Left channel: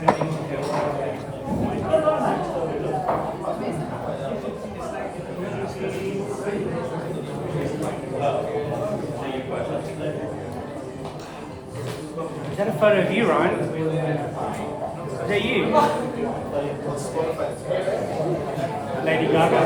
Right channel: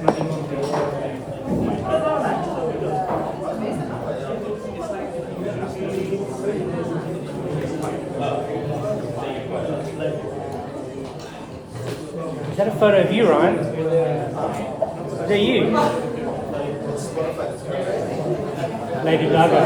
Is that a photo of you, Ryan? Is that you? Lady Gaga.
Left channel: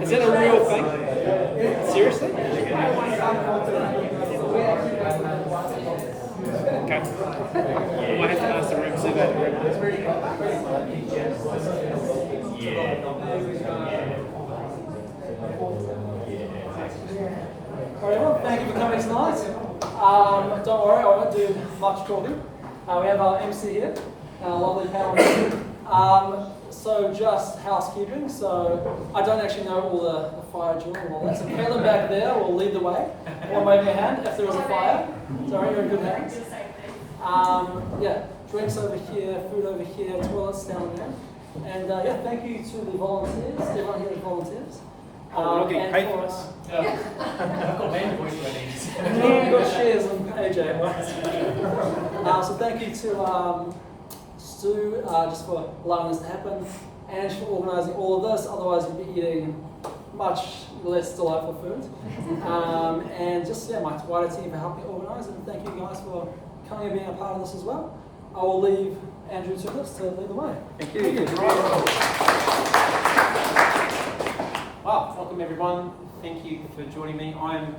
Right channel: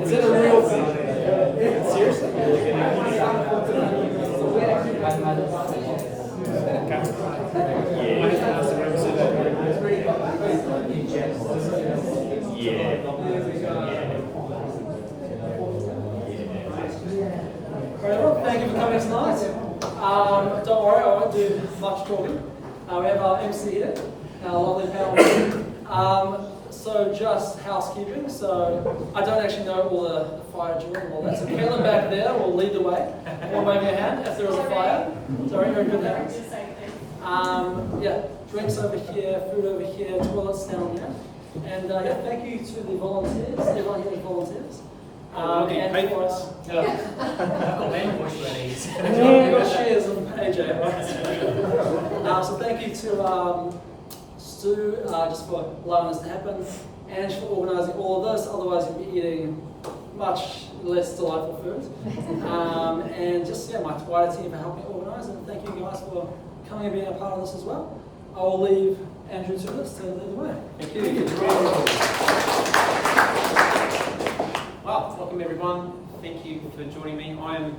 Is it a real thing? Seriously? Okay. I have to ask the rep so that. Yeah. Very well, thank you for coming tonight. Don't worry, I won't do much talking. We have our MC here, our lovely panel. So just housekeeping. So I don't actually know all the fire drill and all that. So Caleb back there will lead the way. Or wave your hand if there was a fire. So you're in good hands. Yeah, drinks over here, food over here, toilets down there. And yeah, thank you to the volunteers, everyone here is volunteers. I've got payment for you, You've got shares in AJ. So thank you to Stu just for allowing this to happen, and for organising all of this. Otherwise, you'd be eating much less delightful food. And just yeah, my wider team for helping organise, and thank you guys for coming and being a part of this as well. I will leave Andrew to this to lead the way. Thank you. Well, welcome everyone. Thank you for joining me. I'm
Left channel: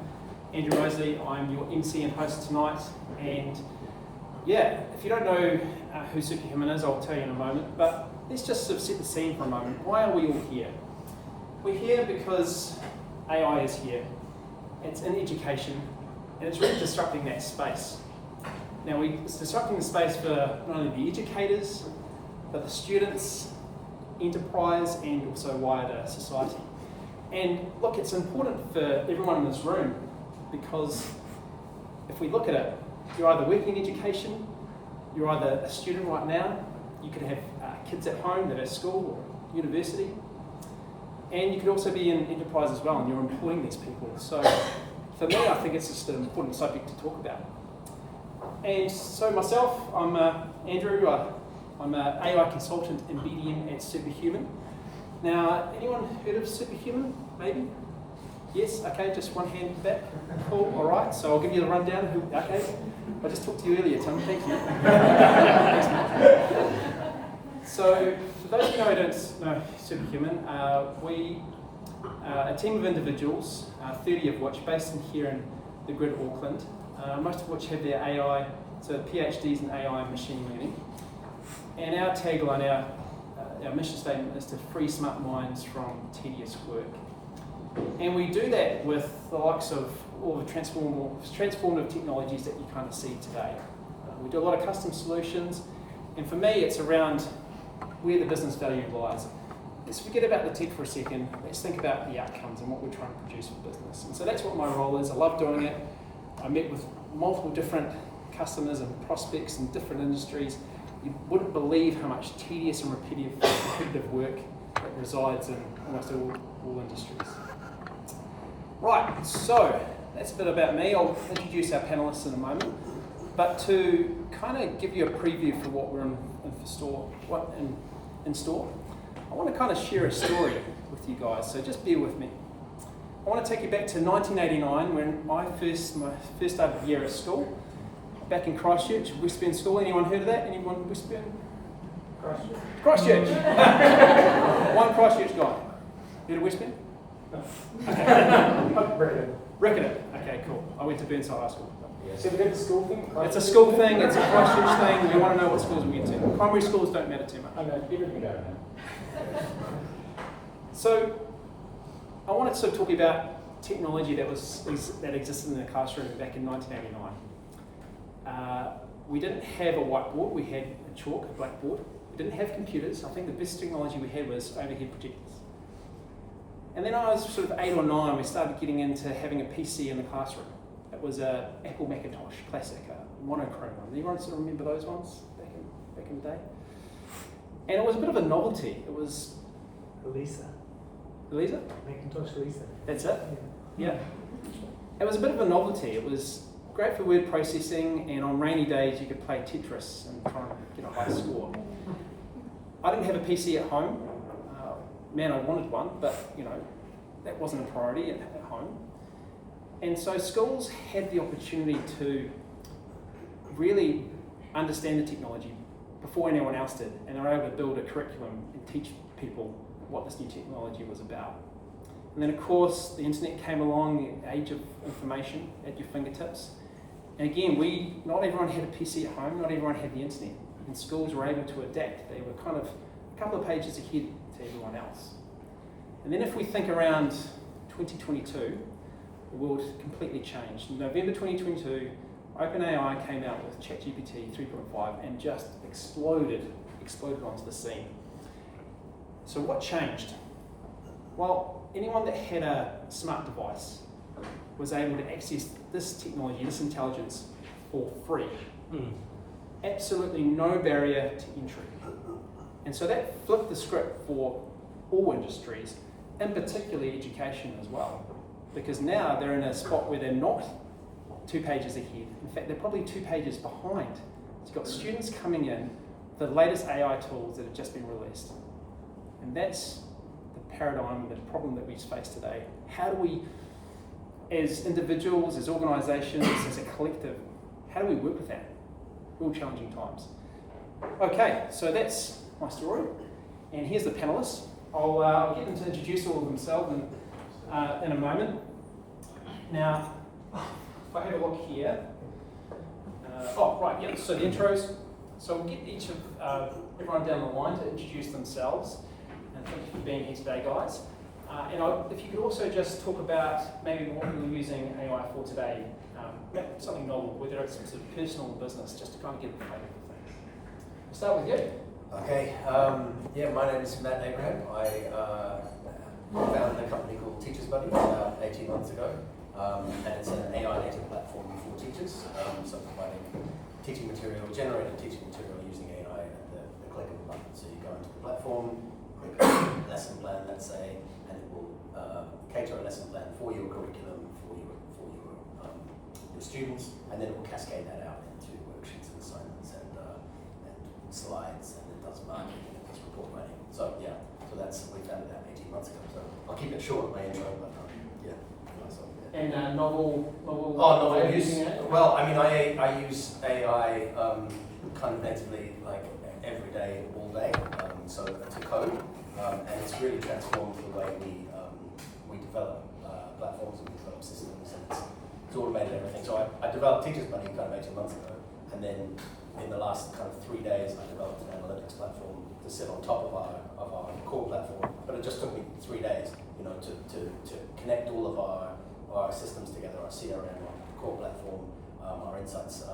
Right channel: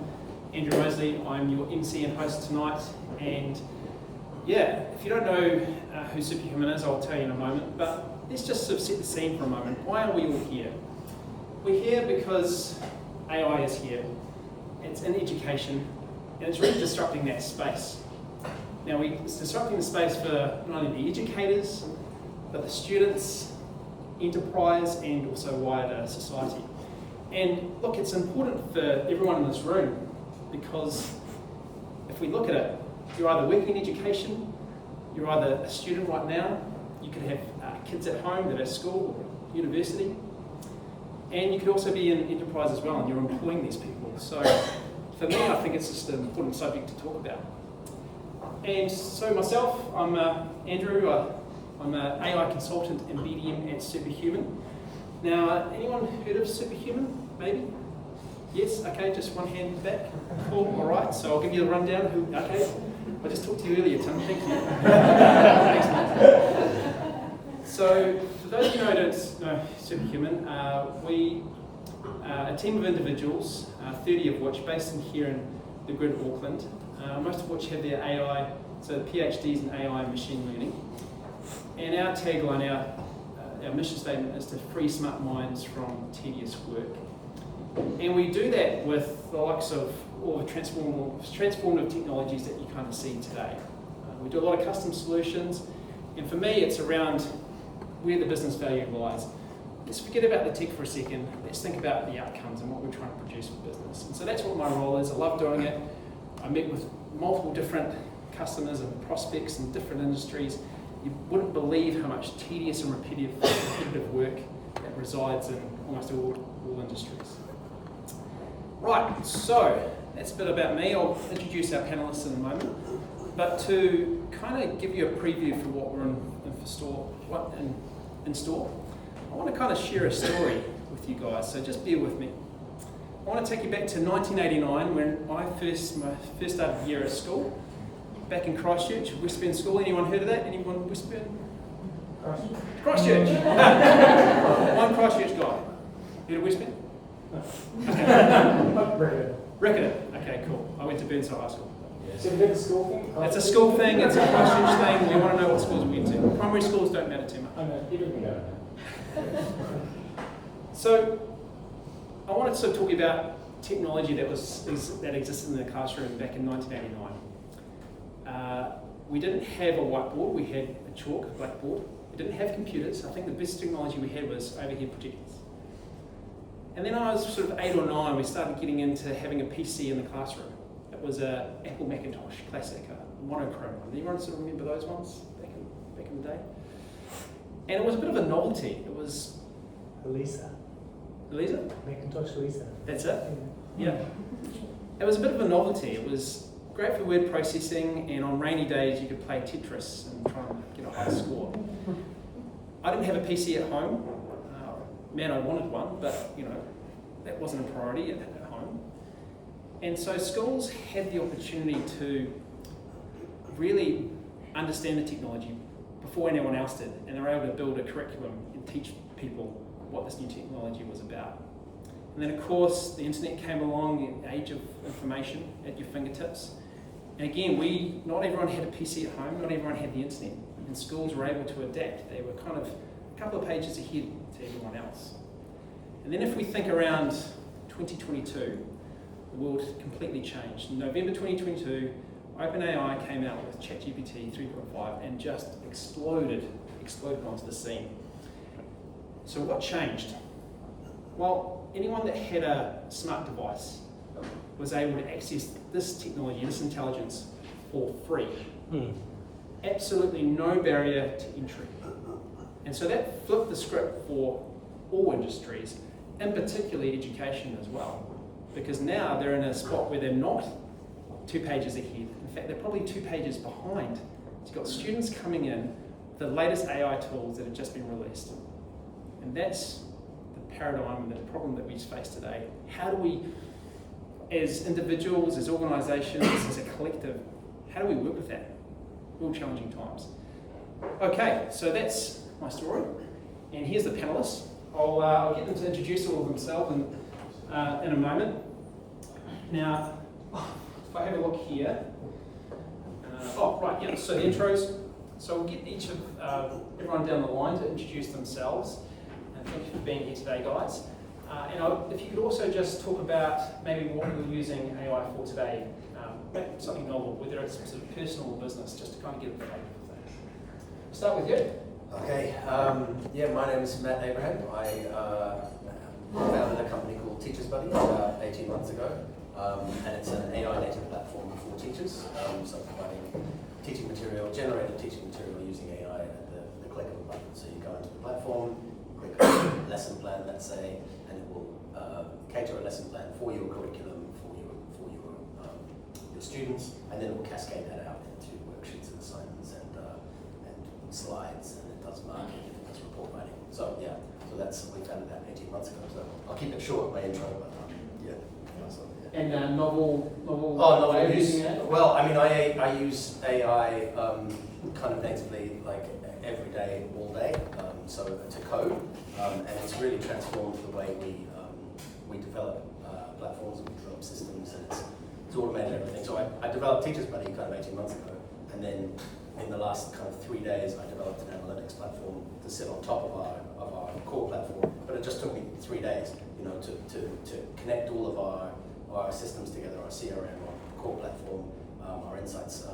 Andrew Mosley. I'm your MC and host tonight. And yeah, if you don't know who Superhuman is, I'll tell you in a moment. But let's just sort of set the scene for a moment. Why are we all here? We're here because AI is here. It's in education, and it's really disrupting that space. Now, it's disrupting the space for not only the educators, but the students, enterprise, and also wider society. And look, it's important for everyone in this room, because if we look at it, you're either working in education, you're either a student right now, you could have kids at home that are at school or university, and you could also be in enterprise as well, and you're employing these people. So for me, I think it's just an important subject to talk about. And so myself, I'm Andrew, I'm an AI consultant in BDM at Superhuman. Now, anyone heard of Superhuman, maybe? Yes, okay, just one hand back. Cool, all right, so I'll give you a rundown. Okay, I just talked to you earlier, Tim, thank you. Thanks, mate. So, for those of you who don't know Superhuman, we a team of individuals, 30 of which based in here in the grid Auckland, most of which have their AI, so PhDs in AI and machine learning. And our tagline, our mission statement is to free smart minds from tedious work. And we do that with the likes of all the transformative technologies that you kind of see today. We do a lot of custom solutions, and for me it's around where the business value lies. Let's forget about the tech for a second, let's think about the outcomes and what we're trying to produce for business. And so that's what my role is. I love doing it. I meet with multiple different customers and prospects in different industries. You wouldn't believe how much tedious and repetitive work that resides in almost all industries. Right, so that's a bit about me. I'll introduce our panelists in a moment. But to kind of give you a preview for what we're in store, I want to kind of share a story with you guys, so just bear with me. I want to take you back to 1989 when my first started the year at school. Back in Christchurch, Westburn School. Anyone heard of that? Anyone Westburn? Christchurch. One Christchurch guy. Heard of Westburn? No. Ricketer. Okay, cool. I went to Burnside High School. So we did the school thing? It's a school thing, it's a Christchurch thing, we want to know what schools we went to. Primary schools don't matter too much. I mean, even we don't. So, I wanted to talk about technology that existed in the classroom back in 1989. We didn't have a whiteboard, we had a chalk, a blackboard. We didn't have computers. I think the best technology we had was overhead projectors. And then I was sort of 8 or 9, we started getting into having a PC in the classroom. It was a Apple Macintosh, classic, a monochrome one. Anyone sort of remember those ones back in the day? And it was a bit of a novelty. It was Lisa. Elisa? Macintosh Lisa. That's it? Yeah. It was a bit of a novelty. It was great for word processing, and on rainy days you could play Tetris and try and get a high score. I didn't have a PC at home. Man, I wanted one, but that wasn't a priority at home. And so schools had the opportunity to really understand the technology before anyone else did, and they were able to build a curriculum and teach people what this new technology was about. And then of course the internet came along, the age of information at your fingertips. And again, not everyone had a PC at home, not everyone had the internet, and schools were able to adapt. They were kind of a couple of pages ahead to everyone else. And then if we think around 2022, the world completely changed. In November 2022, OpenAI came out with ChatGPT 3.5 and just exploded onto the scene. So what changed? Well, anyone that had a smart device was able to access this technology, this intelligence, for free. Absolutely no barrier to entry. And so that flipped the script for all industries, and particularly education as well. Because now they're in a spot where they're not 2 pages ahead. In fact, they're probably 2 pages behind. So you've got students coming in, the latest AI tools that have just been released. And that's the paradigm, the problem that we face today. How do we, as individuals, as organisations, as a collective, how do we work with that? Real challenging times. Okay, so that's my story. And here's the panellists. I'll get them to introduce all of themselves in a moment. Now, if I have a look here, so the intros. So we'll get each of everyone down the line to introduce themselves. And thank you for being here today, guys. If you could also just talk about maybe what you're using AI for today, something novel, whether it's sort of personal or business, just to kind of get the flavour of things. We'll start with you. Okay, my name is Matt Abraham. I founded a company called Teachers Buddy about 18 months ago, and it's an AI native platform for teachers, so providing teaching material, generated teaching material using AI at the click of a button. So you go into the platform, click on lesson plan, let's say, and it will cater a lesson plan for your curriculum, for your students, and then it will cascade that out into worksheets and assignments and slides, and it does marking and it does report writing. So that's we founded that 18 months ago. So I'll keep it short, my intro, but And novel. Novel use. Well, I mean, I use AI kind of natively, like every day, all day. So to code, and it's really transformed the way we develop platforms and we develop systems, and it's automated everything. So I developed Teachers Buddy kind of 18 months ago, and then in the last kind of 3 days, I developed an analytics platform to sit on top of our core platform. But it just took me 3 days, to connect all of our systems together, our CRM, our core platform, our insights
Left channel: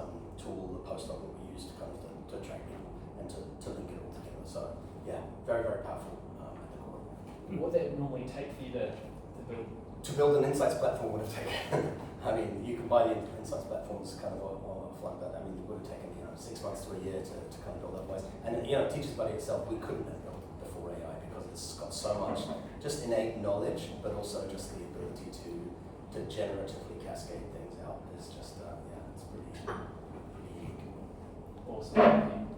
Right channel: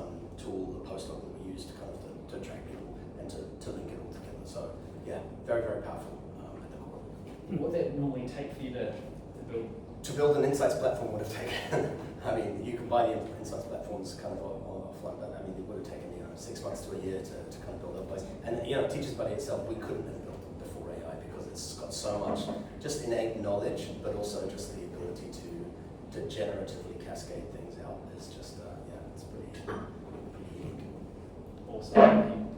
tool, the postdoc that we use to kind of to track people and to link it all together. So very, very powerful at the core. What would that normally take for you to build? To build an insights platform would have taken, I mean, you can buy the insights platforms kind of offline, but I mean, it would have taken 6 months to a year to kind of build that place. And Teachers Buddy itself, we couldn't have built it before AI because it's got so much just innate knowledge, but also just the ability to generatively cascade things out. It's just it's pretty unique. Awesome.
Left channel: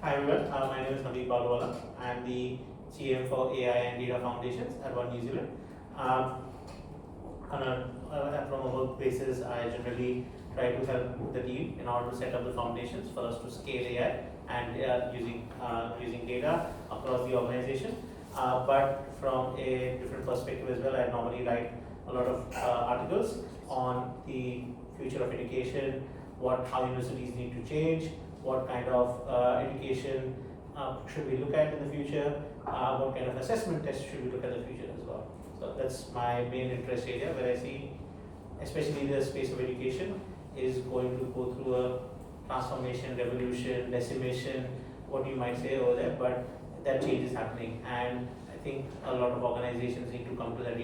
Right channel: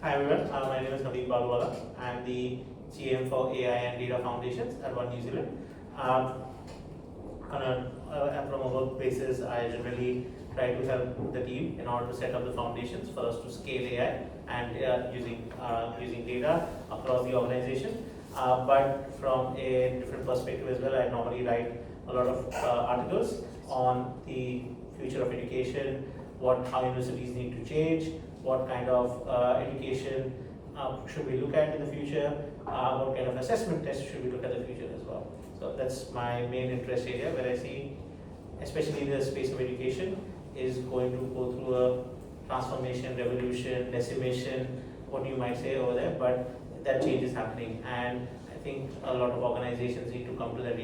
Hi everyone, my name is Naveen Balwala. I am the GM for AI and Data Foundations at One New Zealand. On a promo basis, I generally try to help the team in order to set up the foundations for us to scale AI and using data across the organization. but from a different perspective as well. I normally write a lot of articles on the future of education, how universities need to change, what kind of education should we look at in the future, what kind of assessment tests should we look at in the future as well. So that's my main interest area, where I see, especially the space of education, is going to go through a transformation, revolution, decimation, what you might say over there, but that change is happening, and I think a lot of organizations need to come to that,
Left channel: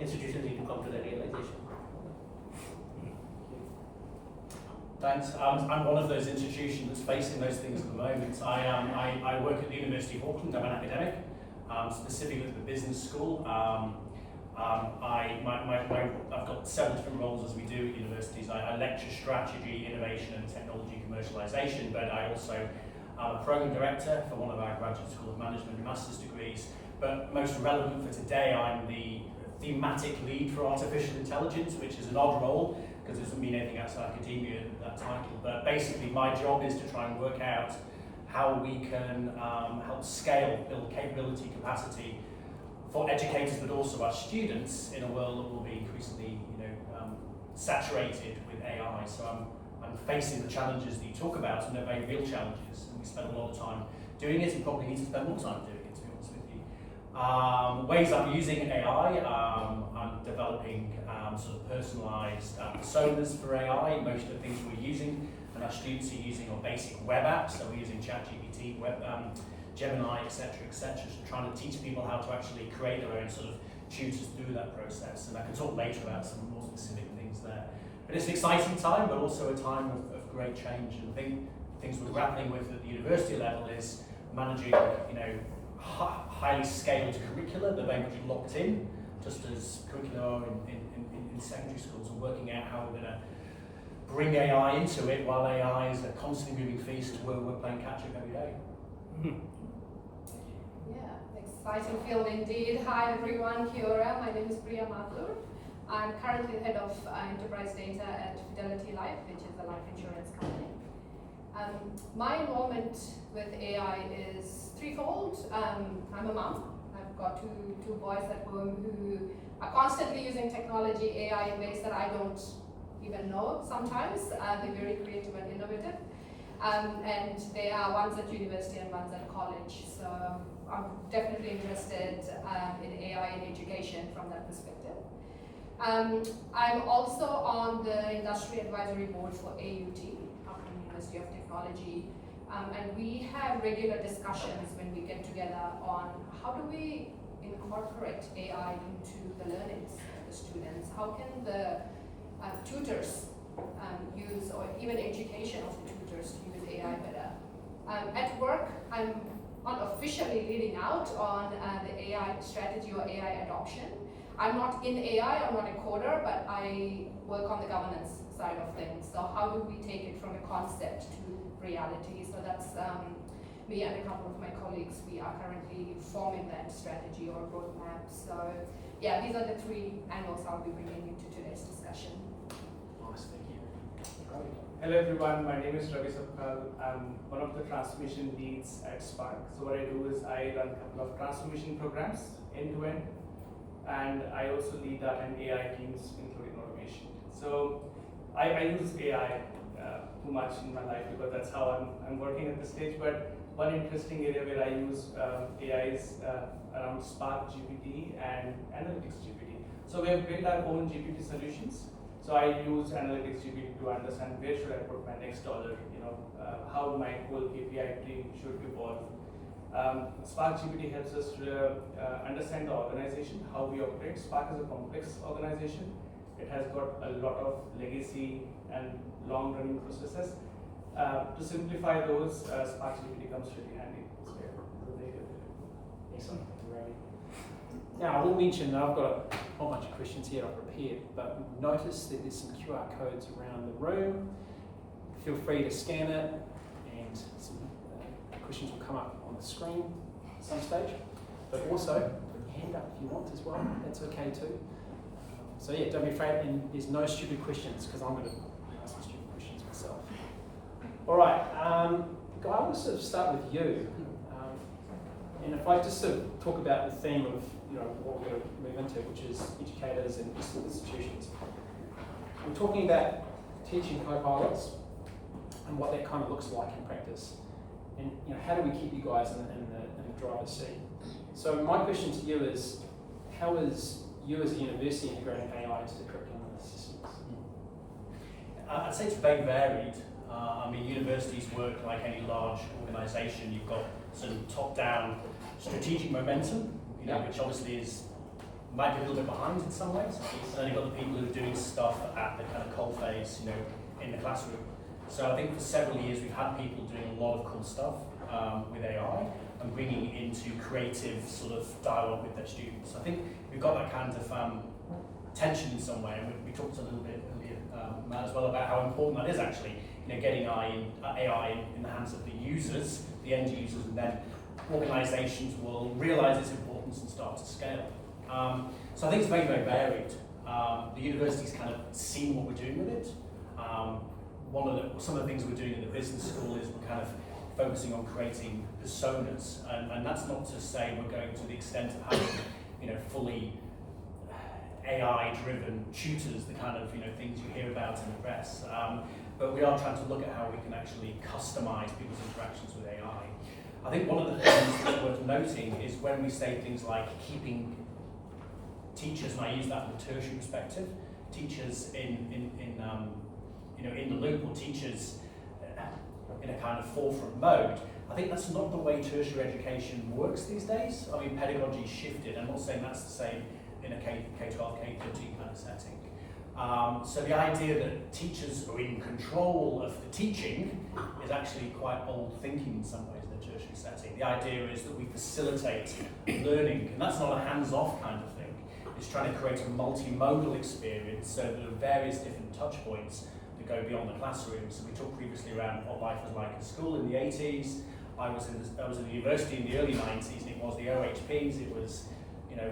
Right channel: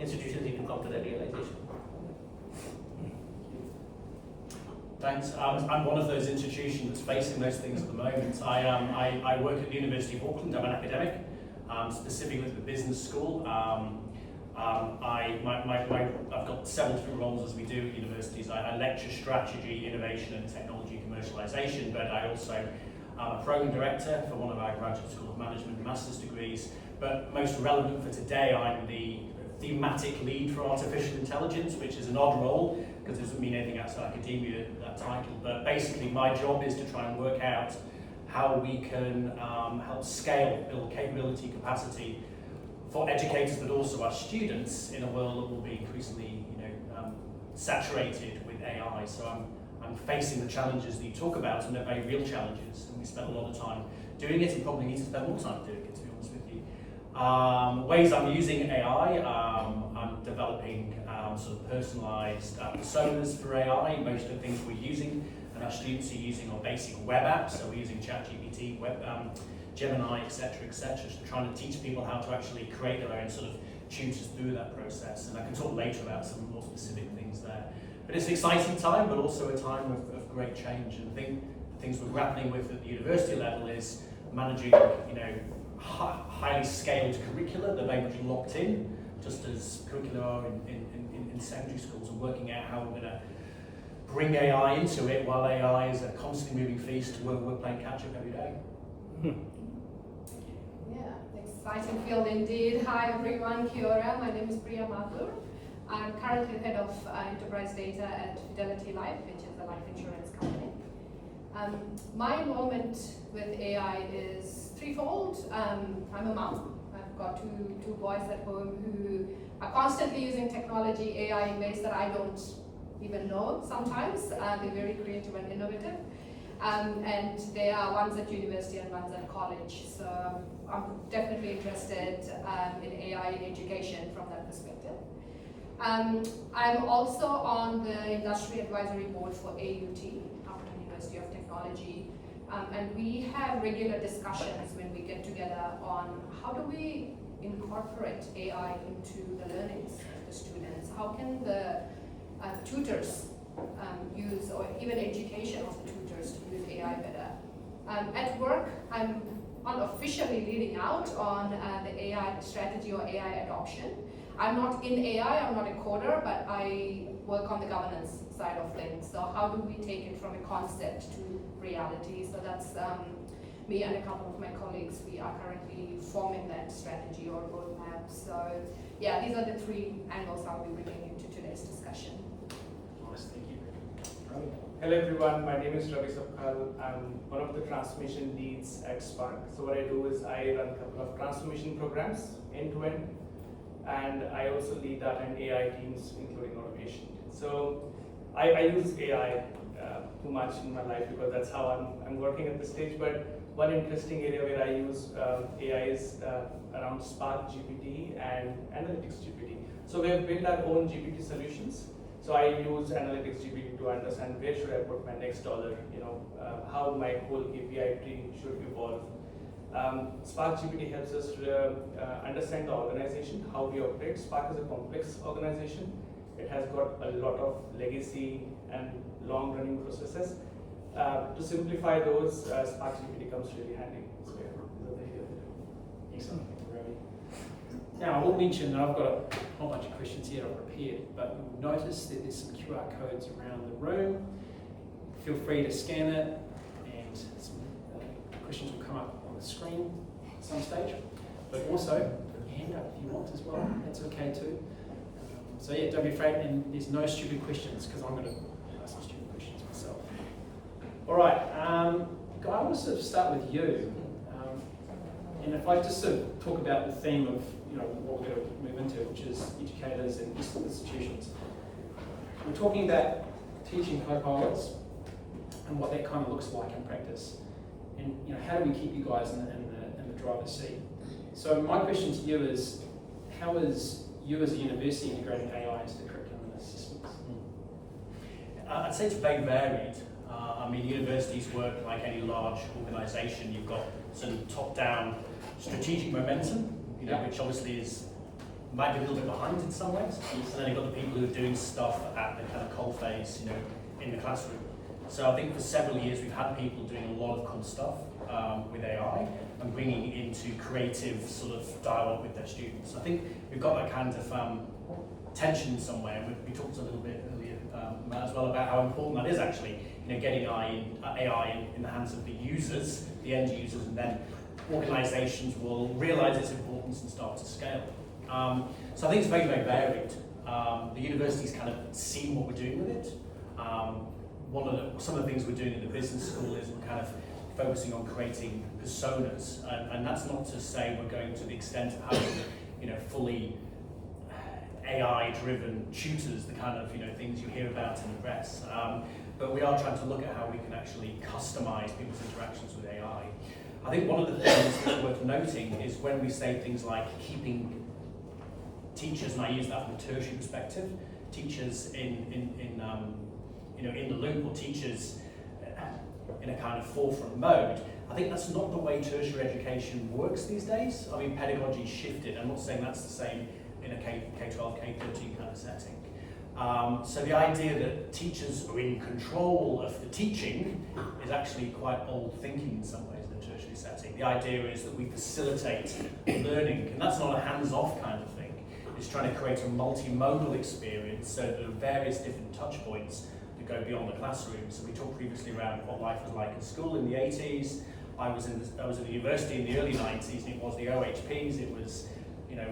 institutions need to come to that realization. Thanks. I'm one of those institutions that's facing those things at the moment. I work at the University of Auckland. I'm an academic, specifically at the business school. I've got several different roles as we do at universities. I lecture strategy, innovation and technology commercialization, but I also am a program director for one of our Graduate School of Management master's degrees. But most relevant for today, I'm the thematic lead for artificial intelligence, which is an odd role because it doesn't mean anything outside academia, that title. But basically my job is to try and work out how we can help scale, build capability, capacity for educators, but also our students in a world that will be increasingly, saturated with AI. So I'm facing the challenges that you talk about, and they're very real challenges. And we spend a lot of time doing it, and probably need to spend more time doing it, to be honest with you. Ways I'm using AI, I'm developing sort of personalized personas for AI. Most of the things we're using and our students are using are basic web apps. So we're using ChatGPT, Gemini, etc., so trying to teach people how to actually create their own sort of tutors through that process. And I can talk later about some more specific things there. But it's an exciting time, but also a time of great change. And I think things we're grappling with at the university level is managing, highly scaled curricula. They're very much locked in, just as curricula are in secondary schools, and working out how we're going to bring AI into it while AI is a constantly moving feast where we're playing catch up every day. Yeah, exciting field indeed. Hi everyone, Kia ora. My name is Priya Mathur. I'm currently head of enterprise data at Fidelity Life, which is a life insurance company. My involvement with AI is threefold. I'm a mom. I've got two boys at home who are constantly using technology, AI in ways that I don't even know sometimes. They're very creative and innovative. And they are one's at university and one's at college. So I'm definitely interested in AI in education from that perspective. I'm also on the Industry Advisory Board for AUT, Auckland University of Technology. And we have regular discussions when we get together on how do we incorporate AI into the learnings of the students? How can the tutors use, or even education of the tutors to use AI better? At work, I'm unofficially leading out on the AI strategy or AI adoption. I'm not in AI, I'm not a coder, but I work on the governance side of things. So how do we take it from a concept to reality? So that's me and a couple of my colleagues, we are currently forming that strategy or roadmap. So yeah, these are the three angles I'll be bringing into today's discussion. Nice, thank you. Great. Hello everyone, my name is Ravi Sapal. I'm one of the transformation leads at Spark. So what I do is I run a couple of transformation programs end-to-end, and I also lead data and AI teams, including automation. So I use AI too much in my life because that's how I'm working at this stage. But one interesting area where I use AI is around Spark GPT and Analytics GPT. So we have built our own GPT solutions. So I use Analytics GPT to understand where should I put my next dollar, how my whole API tree should evolve. Spark GPT helps us to understand the organization, how we operate. Spark is a complex organization. It has got a lot of legacy and long-running processes. To simplify those, Spark GPT comes really handy. So yeah, there you go. Excellent. Now, I will mention that I've got a whole bunch of questions here I've prepared, but you'll notice that there's some QR codes around the room. Feel free to scan it, and some questions will come up on the screen at some stage. But also, put your hand up if you want as well, that's okay too. So yeah, don't be afraid, and there's no stupid questions, because I'm going to ask some stupid questions myself. All right, Guy, I want to sort of start with you. And if I just sort of talk about the theme of what we're going to move into, which is educators and institutions, we're talking about teaching co-pilots and what that kind of looks like in practice. And how do we keep you guys in the driver's seat? So my question to you is, how is you as a university integrating AI into the curriculum and the systems? I'd say it's very varied. I mean, universities work like any large organisation. You've got sort of top-down strategic momentum, which obviously might be a little bit behind in some ways. And then you've got the people who are doing stuff at the kind of coalface, in the classroom. So I think for several years we've had people doing a lot of cool stuff with AI and bringing into creative sort of dialogue with their students. I think we've got that kind of tension somewhere, and we talked a little bit earlier, Matt, as well, about how important that is actually, getting AI in the hands of the users, the end users, and then organisations will realise its importance and start to scale. So I think it's very, very varied. The university's kind of seen what we're doing with it. Some of the things we're doing at the business school is we're kind of focusing on creating personas, and that's not to say we're going to the extent of having, fully AI-driven tutors, the kind of things you hear about in the press. But we are trying to look at how we can actually customise people's interactions with AI. I think one of the things that's worth noting is when we say things like keeping teachers, and I use that from a tertiary perspective, teachers in the loop, or teachers in a kind of forefront mode. I think that's not the way tertiary education works these days. I mean, pedagogy's shifted. I'm not saying that's the same in a K-12, K-13 kind of setting. So the idea that teachers are in control of the teaching is actually quite old thinking in some ways in a tertiary setting. The idea is that we facilitate learning, and that's not a hands-off kind of thing. It's trying to create a multimodal experience, so there are various different touch points that go beyond the classroom. So we talked previously around what life was like in school in the 80s. I was in the university in the early 90s, and it was the OHPs, it was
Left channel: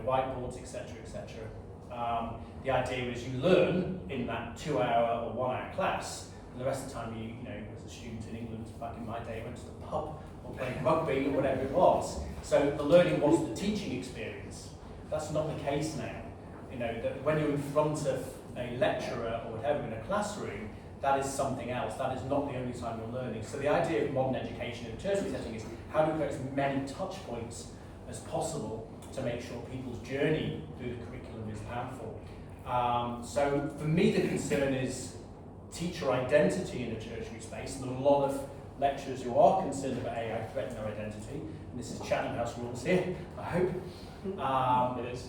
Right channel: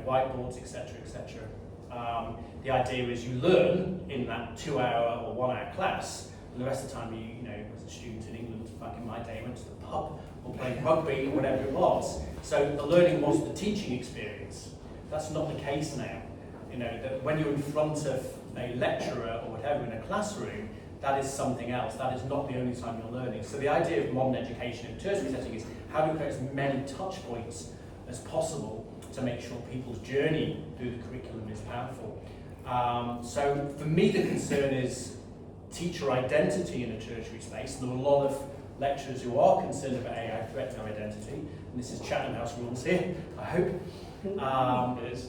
whiteboards, etc., etc. The idea is you learn in that 2-hour or 1-hour class, and the rest of the time you as a student in England back in my day, went to the pub or played rugby or whatever it was. So the learning was the teaching experience. That's not the case now. That when you're in front of a lecturer or whatever in a classroom, that is something else. That is not the only time you're learning. So the idea of modern education in a tertiary setting is how do we create as many touch points as possible to make sure people's journey through the curriculum is powerful. So for me, the concern is teacher identity in a tertiary space. There are a lot of lecturers who are concerned about AI threatening our identity, and this is Chatham House rules here, I hope. It is.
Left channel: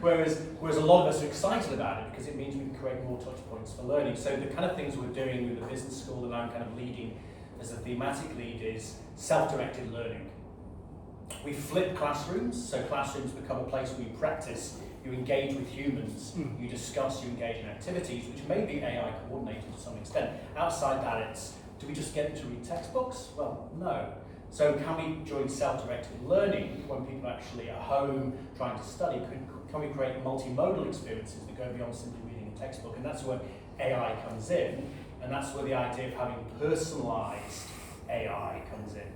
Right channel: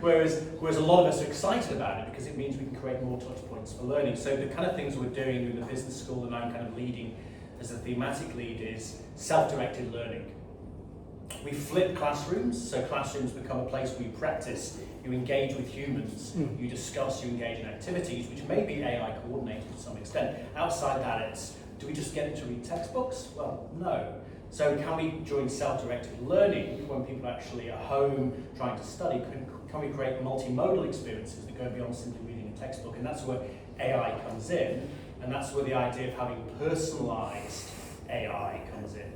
Whereas a lot of us are excited about it because it means we can create more touch points for learning. So the kind of things we're doing in the business school that I'm kind of leading as a thematic lead is self-directed learning. We flip classrooms, so classrooms become a place where you practice, you engage with humans, you discuss, you engage in activities, which may be AI coordinated to some extent. Outside that, it's, do we just get them to read textbooks? Well, no. So can we join self-directed learning when people are actually at home trying to study? Can we create multimodal experiences that go beyond simply reading a textbook? And that's where AI comes in, and that's where the idea of having personalised AI comes in.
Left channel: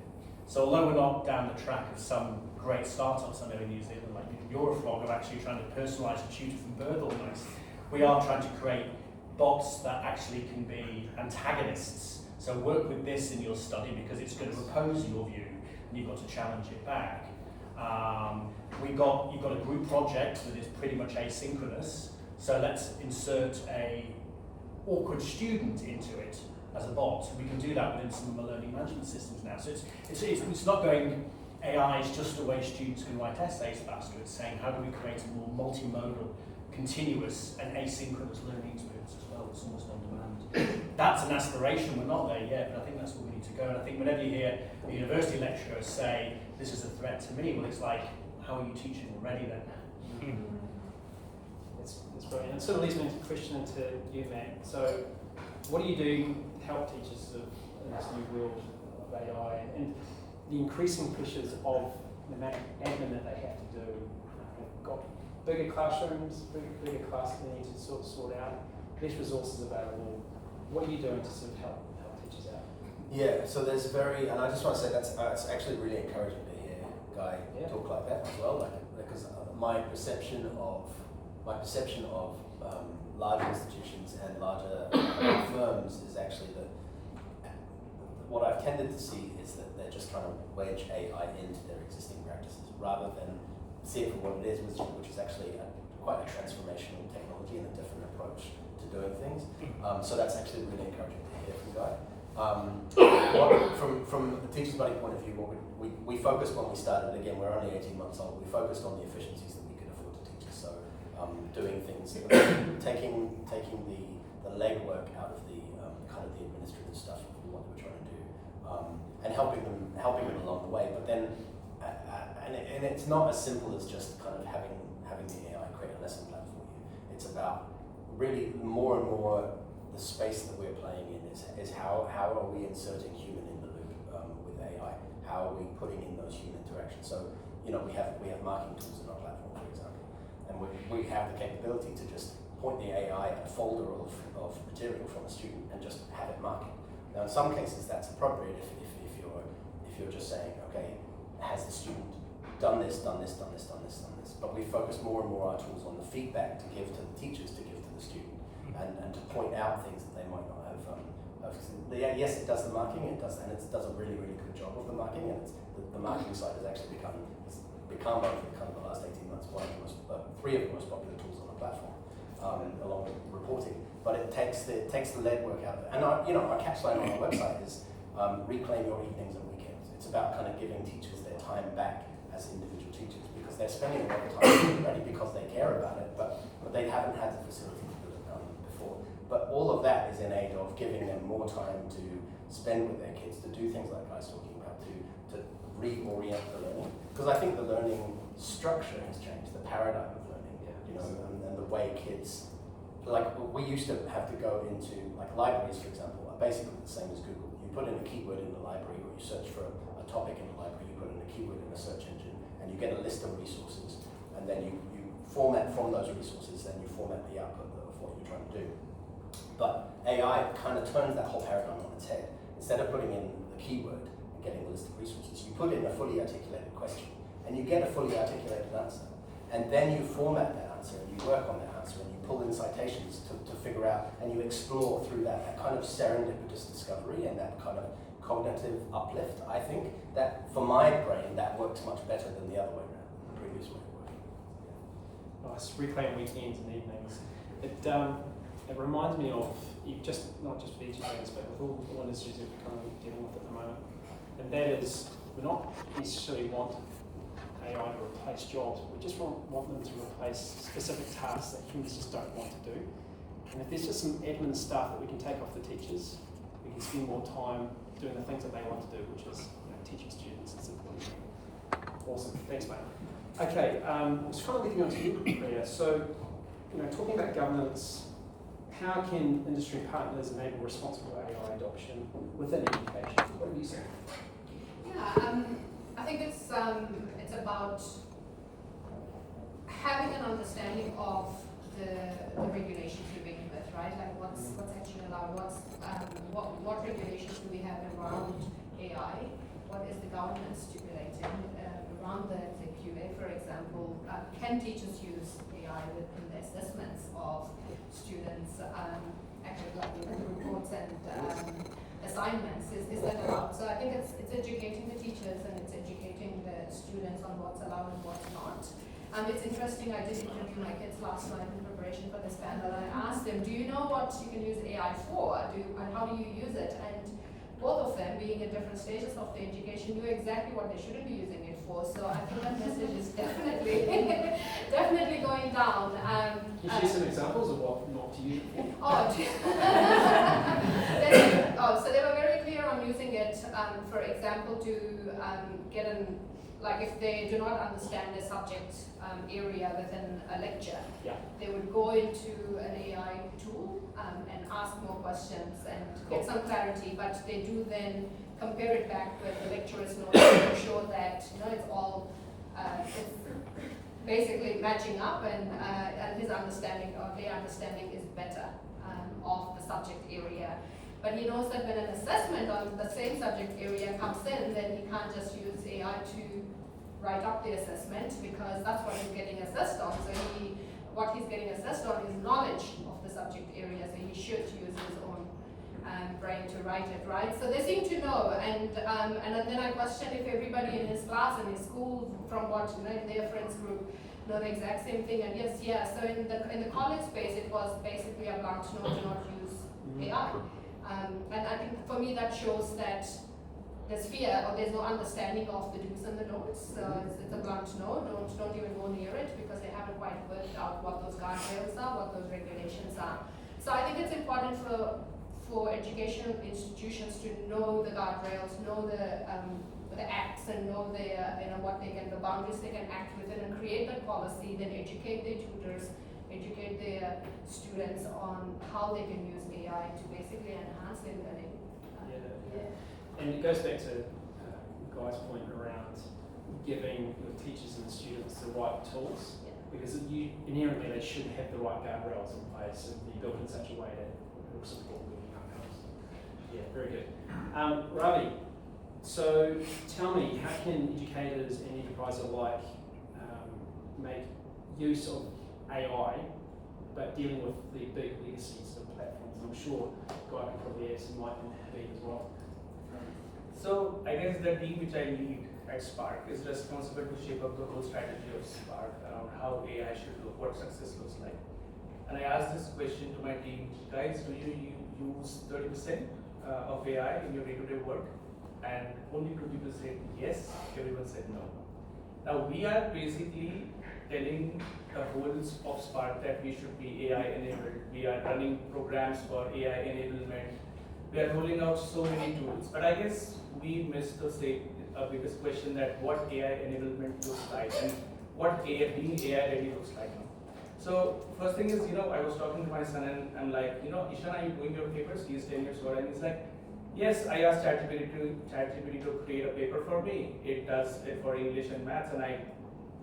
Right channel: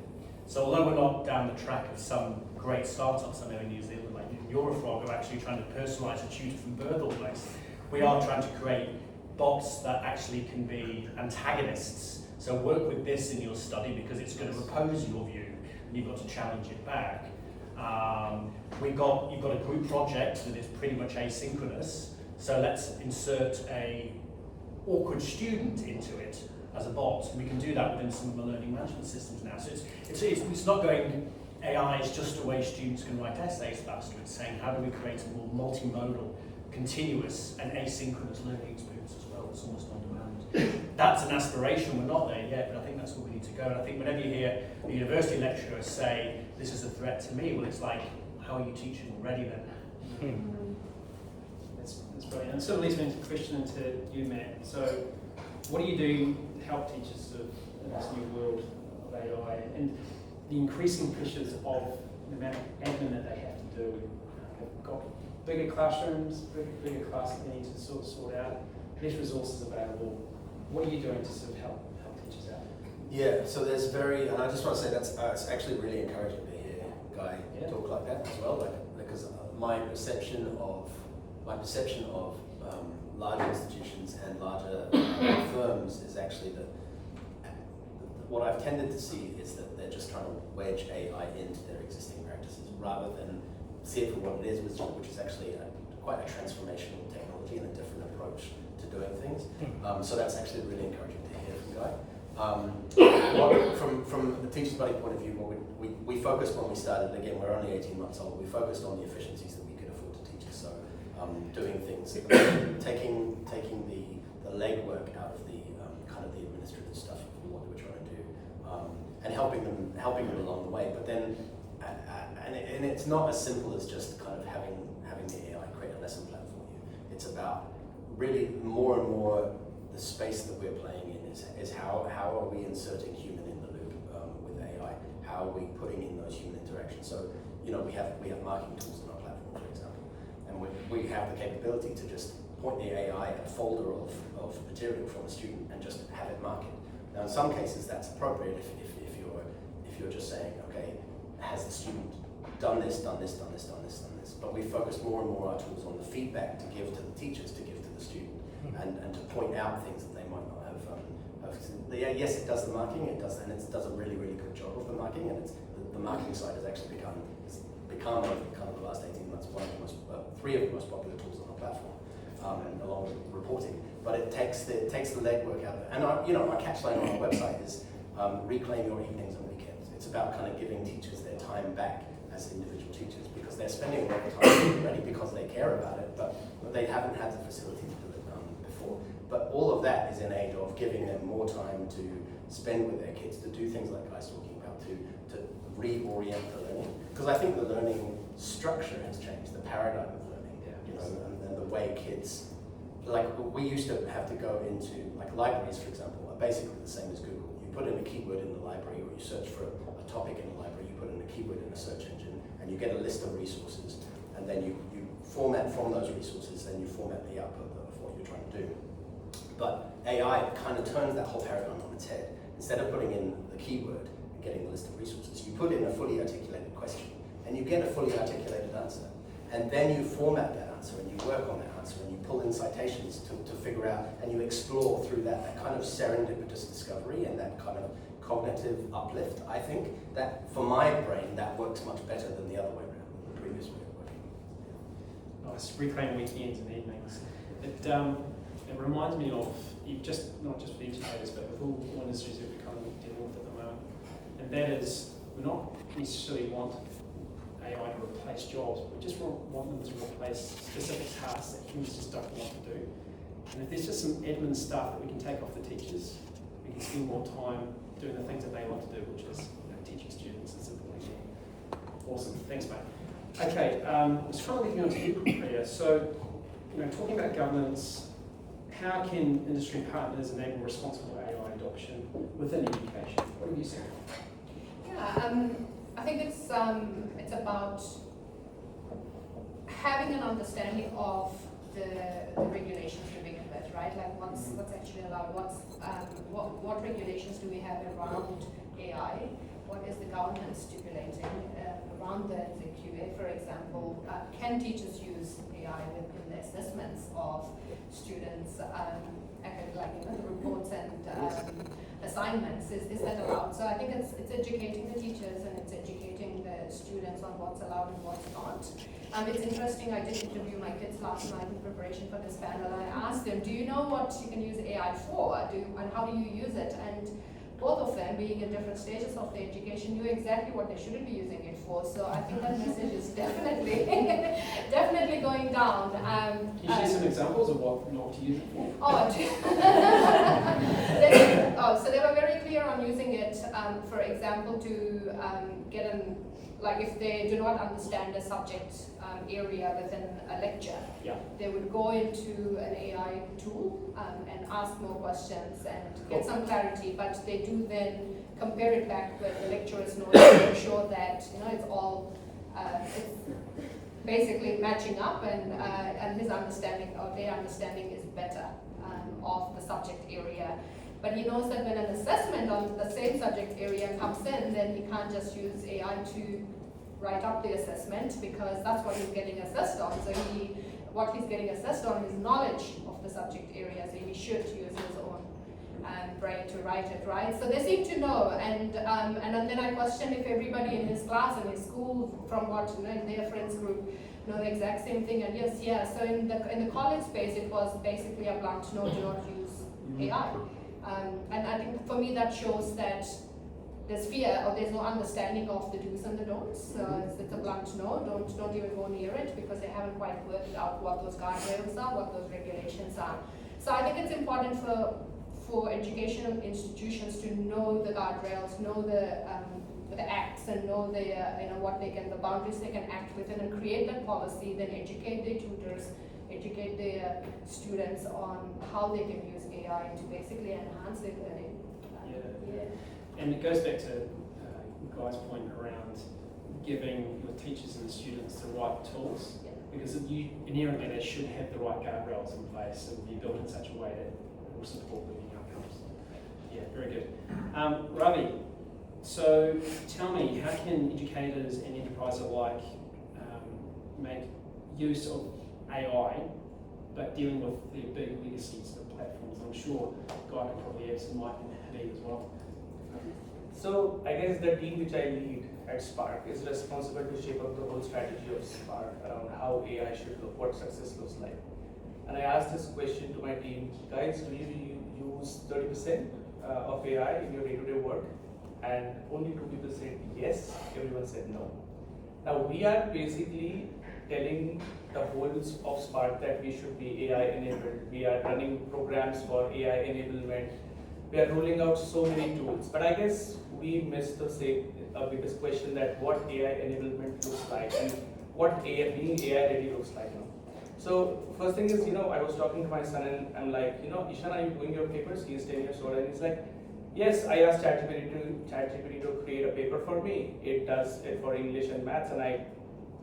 So although we're not down the track of some great startups, I know in New Zealand, like Eurofrog, are actually trying to personalise a tutor from birth almost, we are trying to create bots that actually can be antagonists. So work with this in your study because it's going to oppose your view, and you've got to challenge it back. You've got a group project that is pretty much asynchronous, so let's insert a awkward student into it as a bot. We can do that within some of the learning management systems now. So it's not going, AI is just a way students can write essays faster. It's saying how do we create a more multimodal, continuous and asynchronous learning experience as well that's almost on demand. That's an aspiration, we're not there yet, but I think that's where we need to go. And I think whenever you hear a university lecturer say, this is a threat to me, well it's like, how are you teaching already then? That's brilliant. And it sort of leads me into a question to you, Matt. So what do you do to help teachers sort of in this new world of AI and the increasing pressures of the amount of admin that they have to do? They've got bigger classrooms, bigger class needs to sort out, less resources available. What are you doing to sort of help teachers out? Yeah, so there's and I just want to say that's it's actually really encouraging to hear Guy talk like that as well, because my perception of larger institutions and larger firms is actually that what I've tended to see is that they're just trying to wedge AI into their existing practices rather than see it for what it is, which is actually quite a transformational technology and a different approach to doing things. So that's actually really encouraging to hear from Guy. From the Teachers Buddy point of view, we focused when we started, again, we're only 18 months old, we focused on the efficiencies that we could afford to teach. So doing things, taking the legwork out of the kind of the administrative stuff of what we're trying to do, and helping them along the way. But then, and it's not as simple as just kind of having the AI create a lesson plan for you. It's about really more and more the space that we're playing in is how are we inserting human in the loop with AI? How are we putting in those human interactions? So, you know, we have marking tools in our platform, for example, and we have the capability to just point the AI at a folder of material from a student and just have it mark it. Now, in some cases, that's appropriate if you're just saying, okay, has the student done this? But we focus more and more our tools on the feedback to give to the teachers, to give to the student, and to point out things that they might not have. Yes, it does the marking, and it does a really, really good job of the marking, and the marking side has actually become over kind of the last 18 months three of the most popular tools on our platform, along with reporting. But it takes the legwork out of it. And our catchline on our website is reclaim your evenings and weekends. It's about kind of giving teachers their time back as individual teachers, because they're spending a lot of time already because they care about it, but they haven't had the facility to do it before. But all of that is in aid of giving them more time to spend with their kids, to do things like Guy's talking about, to reorient the learning. Because I think the learning structure has changed, the paradigm of learning, and the way kids, like we used to have to go into, like libraries, for example, are basically the same as Google. You put in a keyword in the library, or you search for a topic in the library, you put in a keyword in a search engine, and you get a list of resources, and then you format from those resources, then you format the output of what you're trying to do. But AI kind of turns that whole paradigm on its head. Instead of putting in the keyword and getting the list of resources, you put in a fully articulated question, and you get a fully articulated answer. And then you format that answer, and you work on that answer, and you pull in citations to figure out, and you explore through that kind of serendipitous discovery and that kind of cognitive uplift. I think that, for my brain, that works much better than the other way around, the previous way of working. Nice, reclaim weekends and evenings. It reminds me of, not just for educators, but with all industries that we're kind of dealing with at the moment. And that is, we don't necessarily want AI to replace jobs, we just want them to replace specific tasks that teachers just don't want to do. And if there's just some admin stuff that we can take off the teachers, we can spend more time doing the things that they want to do, which is teaching students and supporting them. Awesome, thanks mate. Okay, let's try looking on to you, Priya. So, talking about governance, how can industry partners enable responsible AI adoption within education? What have you seen? Yeah, I think it's about having an understanding of the regulations to begin with, right? Like what's actually allowed, what regulations do we have around AI? What is the government stipulating around the QA, for example? Can teachers use AI in the assessments of students, academic reports and assignments? Is that allowed? So I think it's educating the teachers and it's educating the students on what's allowed and what's not. It's interesting, I did interview my kids last night in preparation for this panel, and I asked them, do you know what you can use AI for? And how do you use it? And both of them, being in different stages of their education, knew exactly what they shouldn't be using it for. So I think that message is definitely going down. Can you share some examples of what to use it for? So they were very clear on using it, for example, to get like if they do not understand a subject area within a lecture, they would go into an AI tool and ask more questions and get some clarity, but they do then compare it back with the lecturer's notes to ensure that it's all it's basically matching up, and his understanding or their understanding is better of the subject area. But he knows that when an assessment on the same subject area comes in, then he can't just use AI to write up the assessment, because that's what he's getting assessed on. So what he's getting assessed on is knowledge of the subject area, so he should use his own brain to write it, right? So they seem to know, and then I question if everybody in his class, in his school, from what in their friends group, know the exact same thing. And yes, yeah. So in the college space, it was basically a blunt no, do not use AI. And I think for me that shows that there's fear, or there's no understanding of the do's and the don'ts. So it's a blunt no, don't even go near it, because they haven't quite worked out what those guardrails are, what those regulations are. So I think it's important for educational institutions to know the guardrails, know the acts, and know the the boundaries they can act within, and create that policy, then educate their tutors, educate their students on how they can use AI to basically enhance their learning. And it goes back to Guy's point around giving the teachers and the students the right tools, because inherently they should have the right guardrails in place and be built in such a way that it will support learning outcomes. Yeah, very good. Ravi, so tell me, how can educators and enterprises alike make use of AI, but dealing with the big legacies of platforms? I'm sure Guy can probably add some light in Habib as well. So I guess the team which I lead at Spark is responsible to shape up the whole strategy of Spark around how AI should look, what success looks like. And I asked this question to my team, guys, do you use 30% of AI in your day-to-day work? And only 2 people said yes, everyone said no. Now we are basically telling the wholes of Spark that we should be AI enabled. We are running programs for AI enablement. We are rolling out so many tools, but I guess we missed the biggest question, that what AI enablement looks like and what being AI ready looks like now. So first thing is, I was talking to my son and I'm like, Ishan, are you doing your papers? He's 10 years old, and he's like, yes, I asked ChatGPT to create a paper for me. It does it for English and maths, and I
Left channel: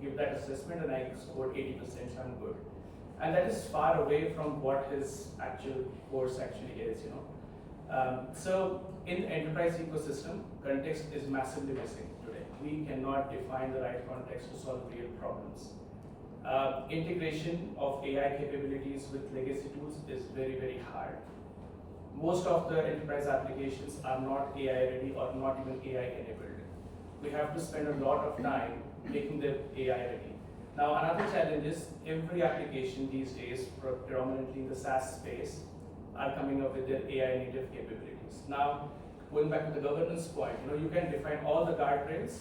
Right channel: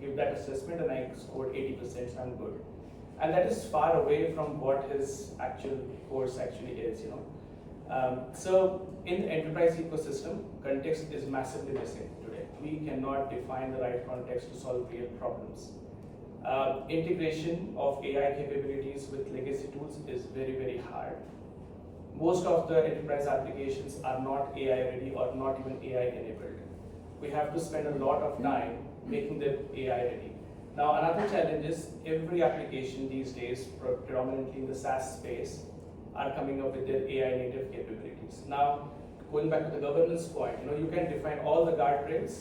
give that assessment and I scored 80%, so I'm good. And that is far away from what his actual course actually is, So in the enterprise ecosystem, context is massively missing today. We cannot define the right context to solve real problems. Integration of AI capabilities with legacy tools is very, very hard. Most of the enterprise applications are not AI ready or not even AI enabled. We have to spend a lot of time making them AI ready. Now, another challenge is every application these days, predominantly in the SaaS space, are coming up with their AI native capabilities. Now, going back to the governance point, you can define all the guardrails,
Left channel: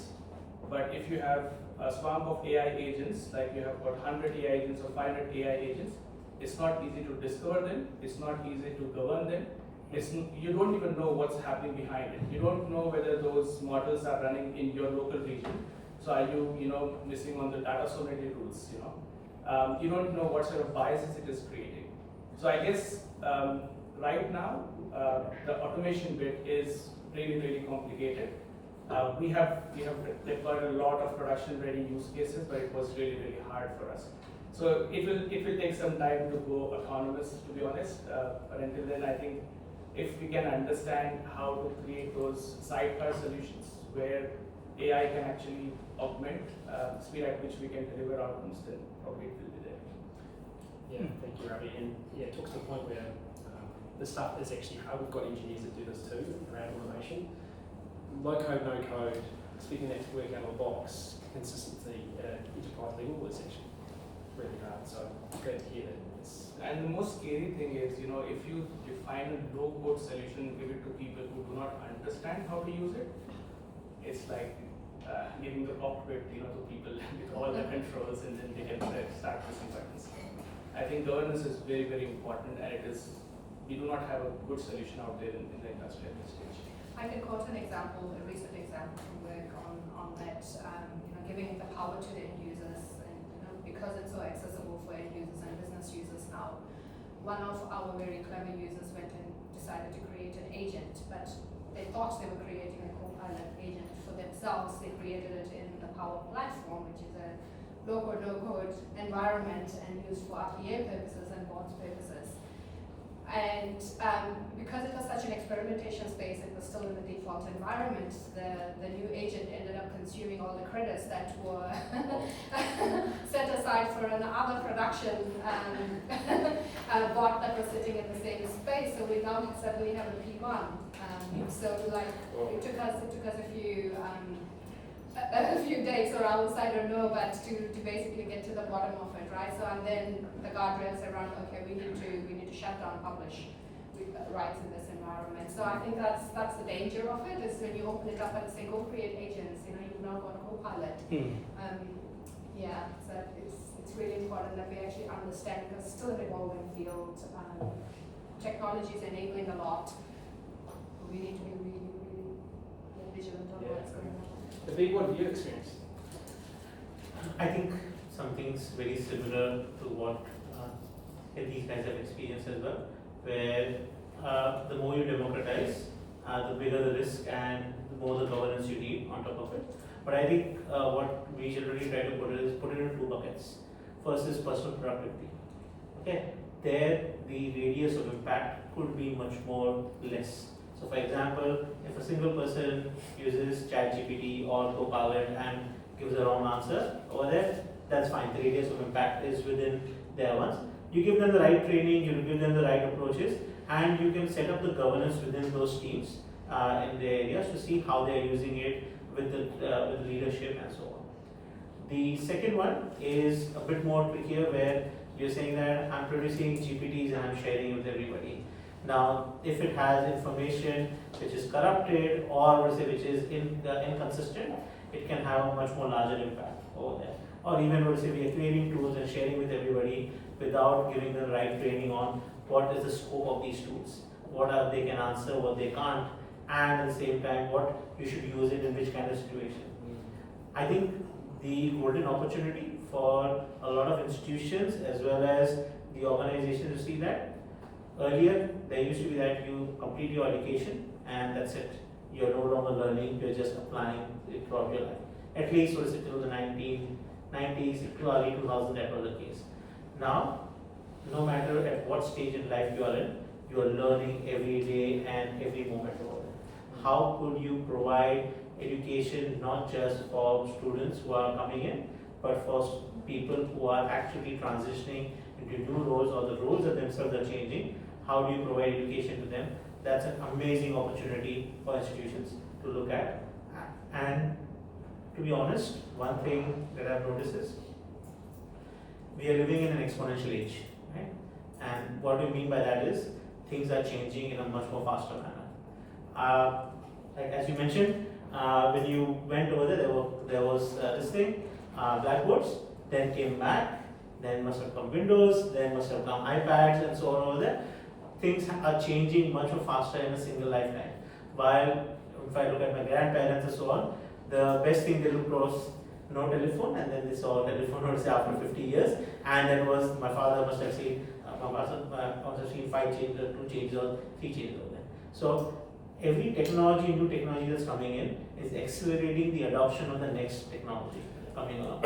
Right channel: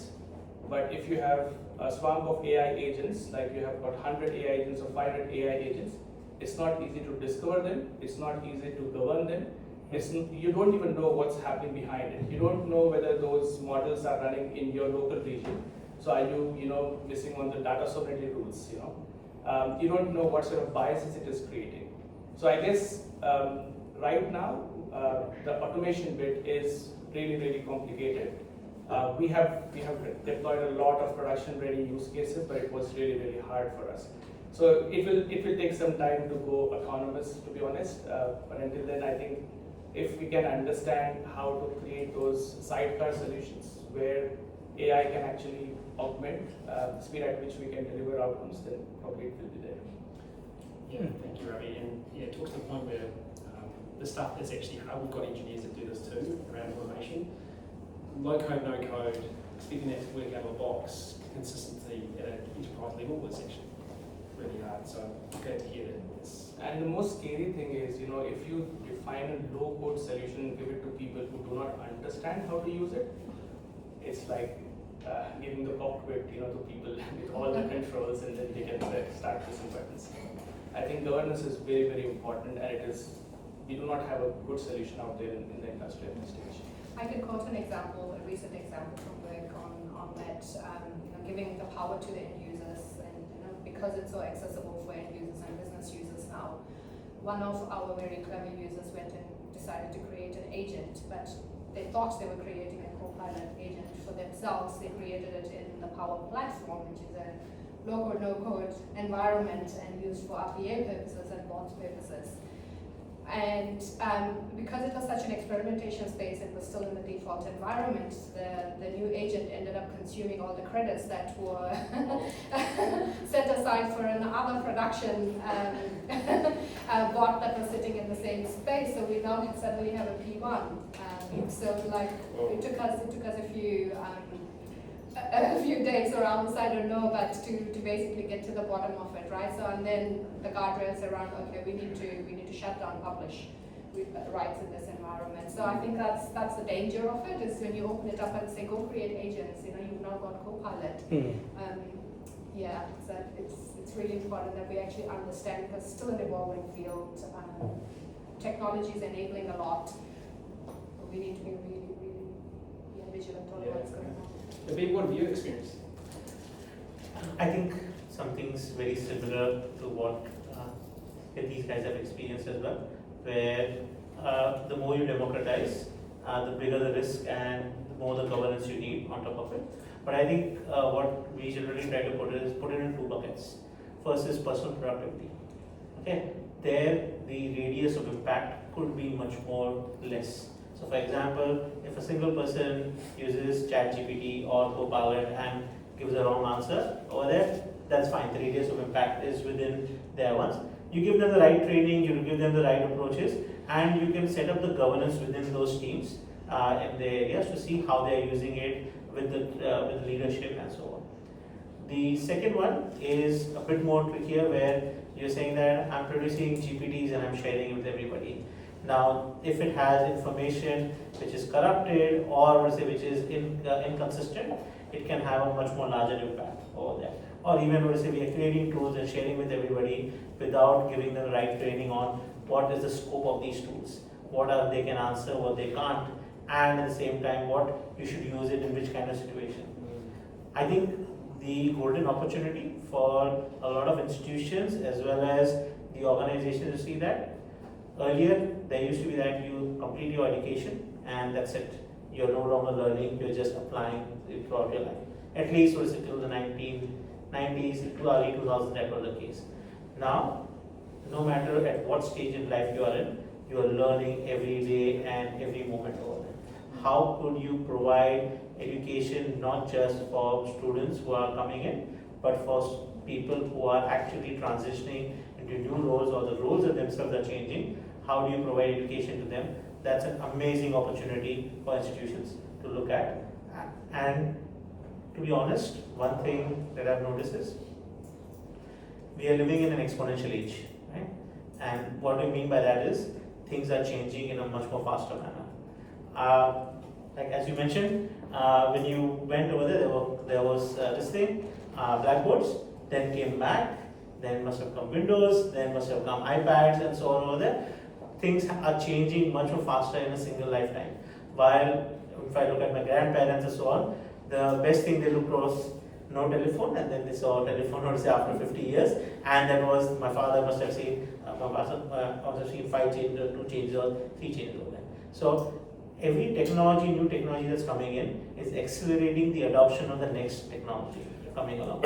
but if you have a swamp of AI agents, like you have about 100 AI agents or 500 AI agents, it's not easy to discover them, it's not easy to govern them, you don't even know what's happening behind it. You don't know whether those models are running in your local region. So are you, missing on the data sovereignty rules, you don't know what sort of biases it is creating. So I guess right now, the automation bit is really, really complicated. We have deployed a lot of production-ready use cases, but it was really, really hard for us. So it will take some time to go autonomous, to be honest. But until then, I think if we can understand how to create those sidecar solutions where AI can actually augment the speed at which we can deliver outcomes, then probably it will be there. Yeah, thank you, Ravi. And yeah, it talks to the point where the stuff is actually hard. We've got engineers that do this too around automation. Low code, no code, expecting that to work out of the box, consistency at an enterprise level was actually really hard. So I'm glad to hear that. And the most scary thing is, if you define a low-code solution and give it to people who do not understand how to use it, it's like giving the cockpit, to people with all the controls, and then they can start pressing buttons. I think governance is very, very important, and we do not have a good solution out there in the industry at this stage. I can quote a recent example from work on that, giving the power to the end users, and because it's so accessible for end users and business users now. One of our very clever users went and decided to create an agent, but they thought they were creating a Copilot agent for themselves. They created it in the Power Platform, which is a low-code, no-code environment and used for RPA purposes and bots purposes. And because it was such an experimentation space and was still in the default environment, the new agent ended up consuming all the credits that were set aside for another production bot that was sitting in the same space. So we now suddenly have a P1. So like it took us a few days, or hours, I don't know, but to basically get to the bottom of it, right? So and then the guardrails around, okay, we need to shut down publish rights in this environment. So I think that's the danger of it, is when you open it up and say go create agents, you've now got Copilot. Yeah, so it's really important that we actually understand, because it's still an evolving field. Technology is enabling a lot. We need to be really vigilant on what's going on. The big one view experience. I think something's very similar to what these guys have experienced as well, where the more you democratize, the bigger the risk and the more the governance you need on top of it. But I think what we generally try to put it in two buckets. First is personal productivity. Okay, there the radius of impact could be much more less. So for example, if a single person uses ChatGPT or Copilot and gives a wrong answer over there, that's fine. The radius of impact is within their ones. You give them the right training, you give them the right approaches, and you can set up the governance within those teams in the areas to see how they're using it with the leadership and so on. The second one is a bit more trickier, where you're saying that I'm producing GPTs and I'm sharing with everybody. Now, if it has information which is corrupted or which is inconsistent, it can have a much more larger impact over there. Or even we are creating tools and sharing with everybody without giving them the right training on what is the scope of these tools, what are they can answer, what they can't, and at the same time what you should use it in which kind of situation. I think the golden opportunity for a lot of institutions as well as the organizations to see that. Earlier, there used to be that you complete your education and that's it. You're no longer learning, you're just applying it throughout your life. At least till the 1990s to early 2000s, that was the case. Now, no matter at what stage in life you are in, you are learning every day and every moment over there. How could you provide education not just for students who are coming in, but for people who are actually transitioning into new roles, or the roles of themselves are changing? How do you provide education to them? That's an amazing opportunity for institutions to look at. And to be honest, one thing that I've noticed is we are living in an exponential age, right? And what we mean by that is things are changing in a much more faster manner. Like as you mentioned, when you went over there was this thing, blackboards, then came Mac, then must have come Windows, then must have come iPads and so on over there. Things are changing much more faster in a single lifetime. While if I look at my grandparents and so on, the best thing they looked was no telephone, and then they saw telephone after 50 years, and that was, my father must have seen, must have seen 5 changes, or 2 changes, or 3 changes over there. So every technology, new technology that's coming in is accelerating the adoption of the next technology coming along.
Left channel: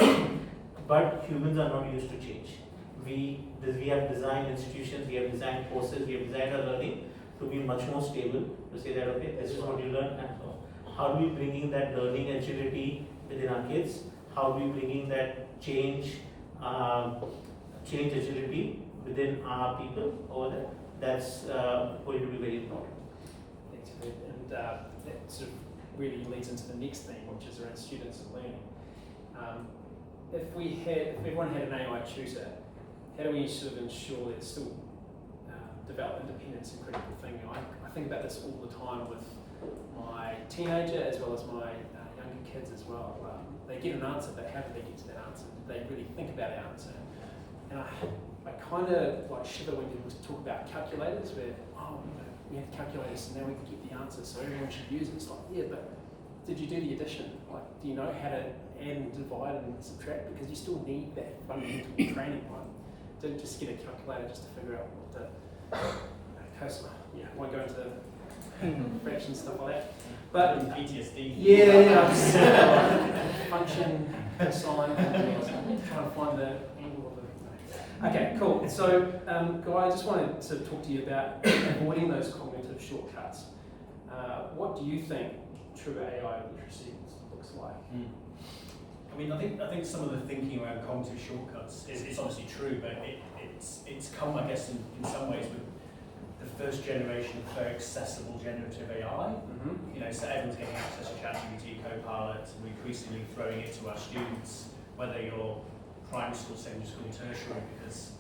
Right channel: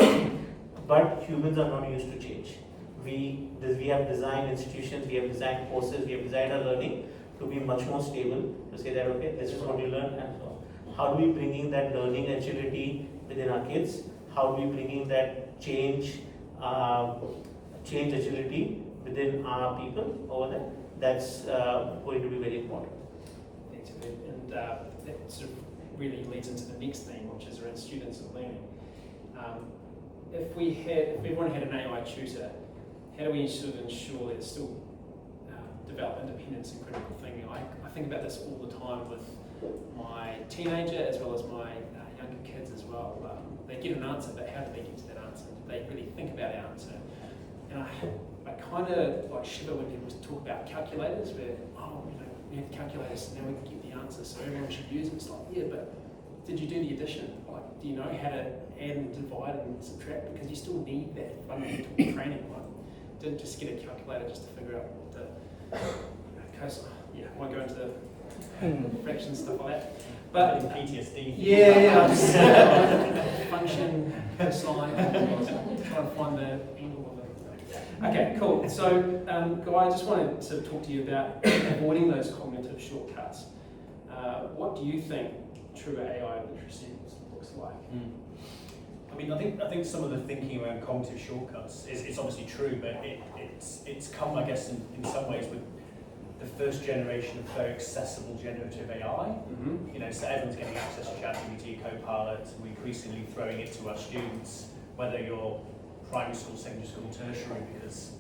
But humans are not used to change. We have designed institutions, we have designed courses, we have designed our learning to be much more stable, to say that, okay, this is what you learn and so on. How do we bring in that learning agility within our kids? How do we bring in that change agility within our people over there? That's going to be very important. And that sort of really leads into the next theme, which is around students and learning. If everyone had an AI tutor, how do we sort of ensure that it's still develop independence and critical thinking? I think about this all the time with my teenager as well as my younger kids as well. They get an answer, but how do they get to that answer? Do they really think about our answer? And I kind of like shiver when people talk about calculators, where we have calculators and now we can get the answer, so everyone should use it. It's like, yeah, but did you do the addition? Like, do you know how to add and divide and subtract? Because you still need that fundamental training, right? Don't just get a calculator just to figure out what the I won't go into fractions, stuff like that. But PTSD. Yeah, function, cosine, trying to find the angle of it. Okay, cool. So, Guy, I just wanted to talk to you about avoiding those cognitive shortcuts. What do you think true AI literacy looks like? I mean, I think some of the thinking around cognitive shortcuts is obviously true, but it's come, I guess, in some ways with the first generation of very accessible generative AI. You know, so everyone's getting access to ChatGPT, Copilot. We're increasingly throwing it to our students, whether you're primary school, secondary school, tertiary, because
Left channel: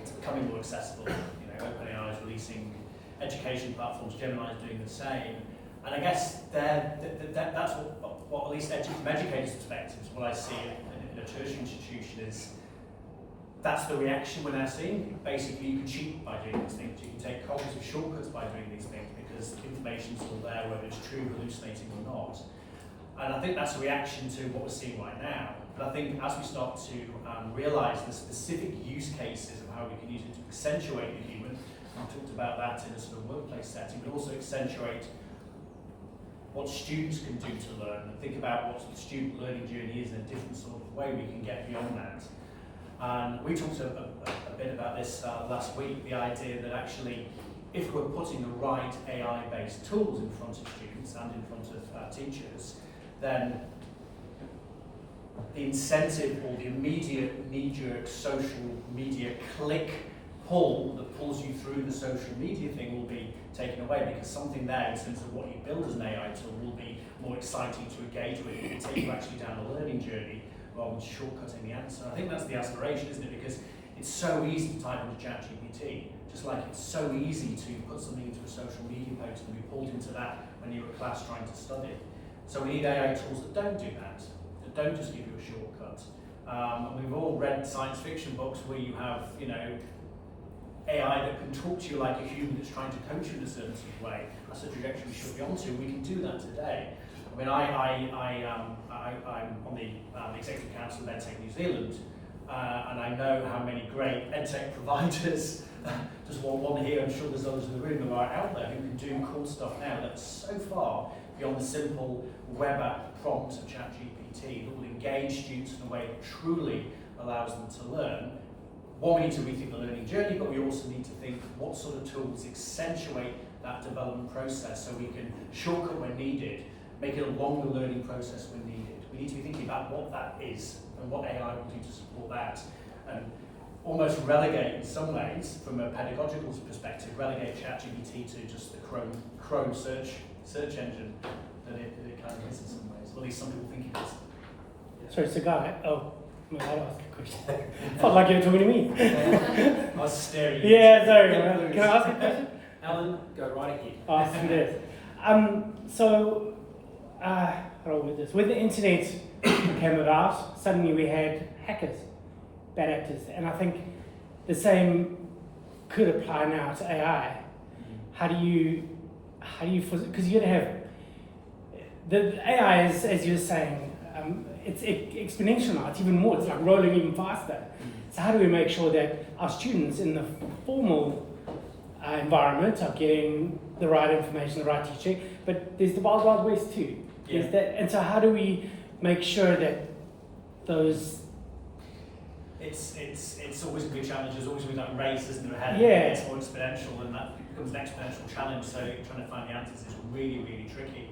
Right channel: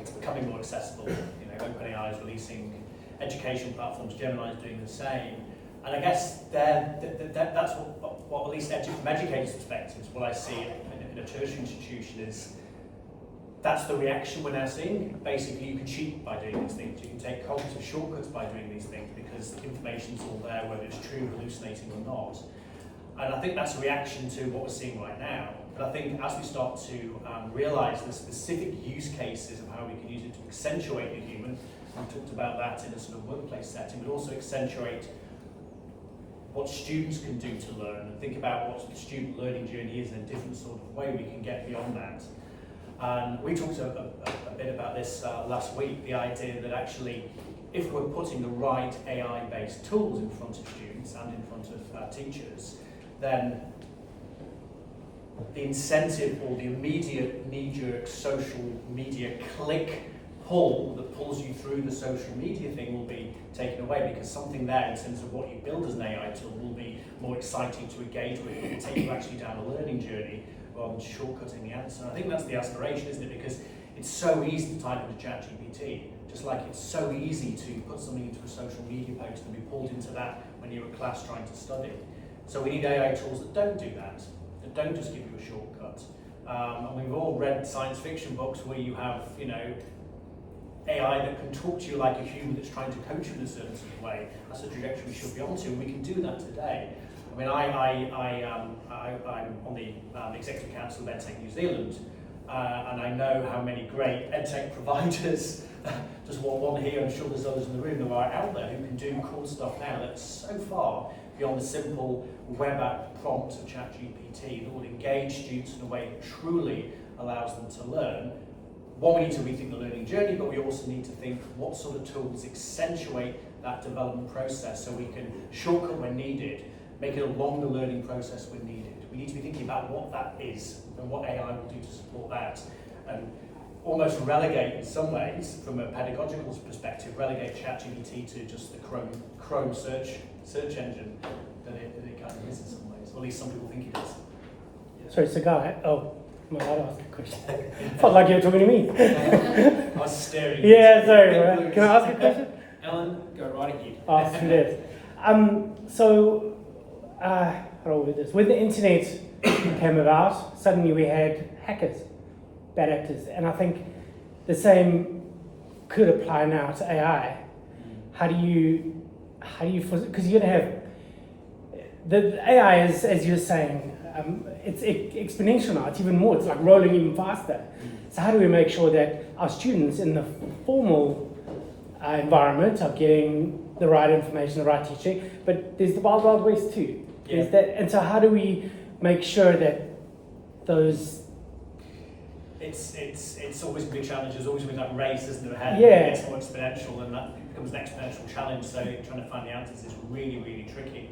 it's becoming more accessible. You know, OpenAI is releasing education platforms, Gemini is doing the same. And I guess that's what at least from educators' perspectives, what I see in a tertiary institution is that's the reaction we're now seeing. Basically, you can cheat by doing these things. You can take cognitive shortcuts by doing these things because information's all there, whether it's true, hallucinating or not. And I think that's a reaction to what we're seeing right now. But I think as we start to realise the specific use cases of how we can use it to accentuate the human, we talked about that in a sort of workplace setting, but also accentuate what students can do to learn, and think about what the student learning journey is in a different sort of way we can get beyond that. And we talked a bit about this last week, the idea that actually if we're putting the right AI-based tools in front of students and in front of teachers, then the incentive or the immediate knee-jerk social media click pull that pulls you through the social media thing will be taken away, because something there in terms of what you build as an AI tool will be more exciting to engage with. It will take you actually down a learning journey rather than shortcutting the answer. I think that's the aspiration, isn't it? Because it's so easy to type into ChatGPT, just like it's so easy to put something into a social media post and be pulled into that when you're at class trying to study. So we need AI tools that don't do that don't just give you a shortcut. And we've all read science fiction books where you have, you know, AI that can talk to you like a human that's trying to coach you in a certain sort of way. That's the trajectory we should be onto. We can do that today. I mean, I'm on the Executive Council of EdTech New Zealand, and I know how many great EdTech providers, just one here, I'm sure there's others in the room that are out there who can do cool stuff now that's so far beyond the simple web app prompts of ChatGPT that will engage students in a way that truly allows them to learn. One, we need to rethink the learning journey, but we also need to think what sort of tools accentuate that development process so we can shortcut when needed, make it a longer learning process when needed. We need to be thinking about what that is and what AI will do to support that, and almost relegate, in some ways, from a pedagogical perspective, relegate ChatGPT to just the Chrome search engine that it kind of is in some ways, or at least some people think it is. Sorry, it's a guy. Oh, no, I asked a question. Felt like you were talking to me. I was staring. Yeah, sorry. Can I ask a question? Alan, go right ahead. Oh, thank you. So, how do I word this? When the internet came about, suddenly we had hackers, bad actors, and I think the same could apply now to AI. How do you, because you're gonna have the AI is, as you're saying, it's exponential now. It's even more. It's like rolling even faster. So how do we make sure that our students in the formal environment are getting the right information, the right teaching? But there's the wild west too. Yeah. And so how do we make sure that those? It's always a big challenge. There's always been that race, isn't there? Ahead. Yeah. It gets more exponential, and that becomes an exponential challenge. So trying to find the answers is really, really tricky.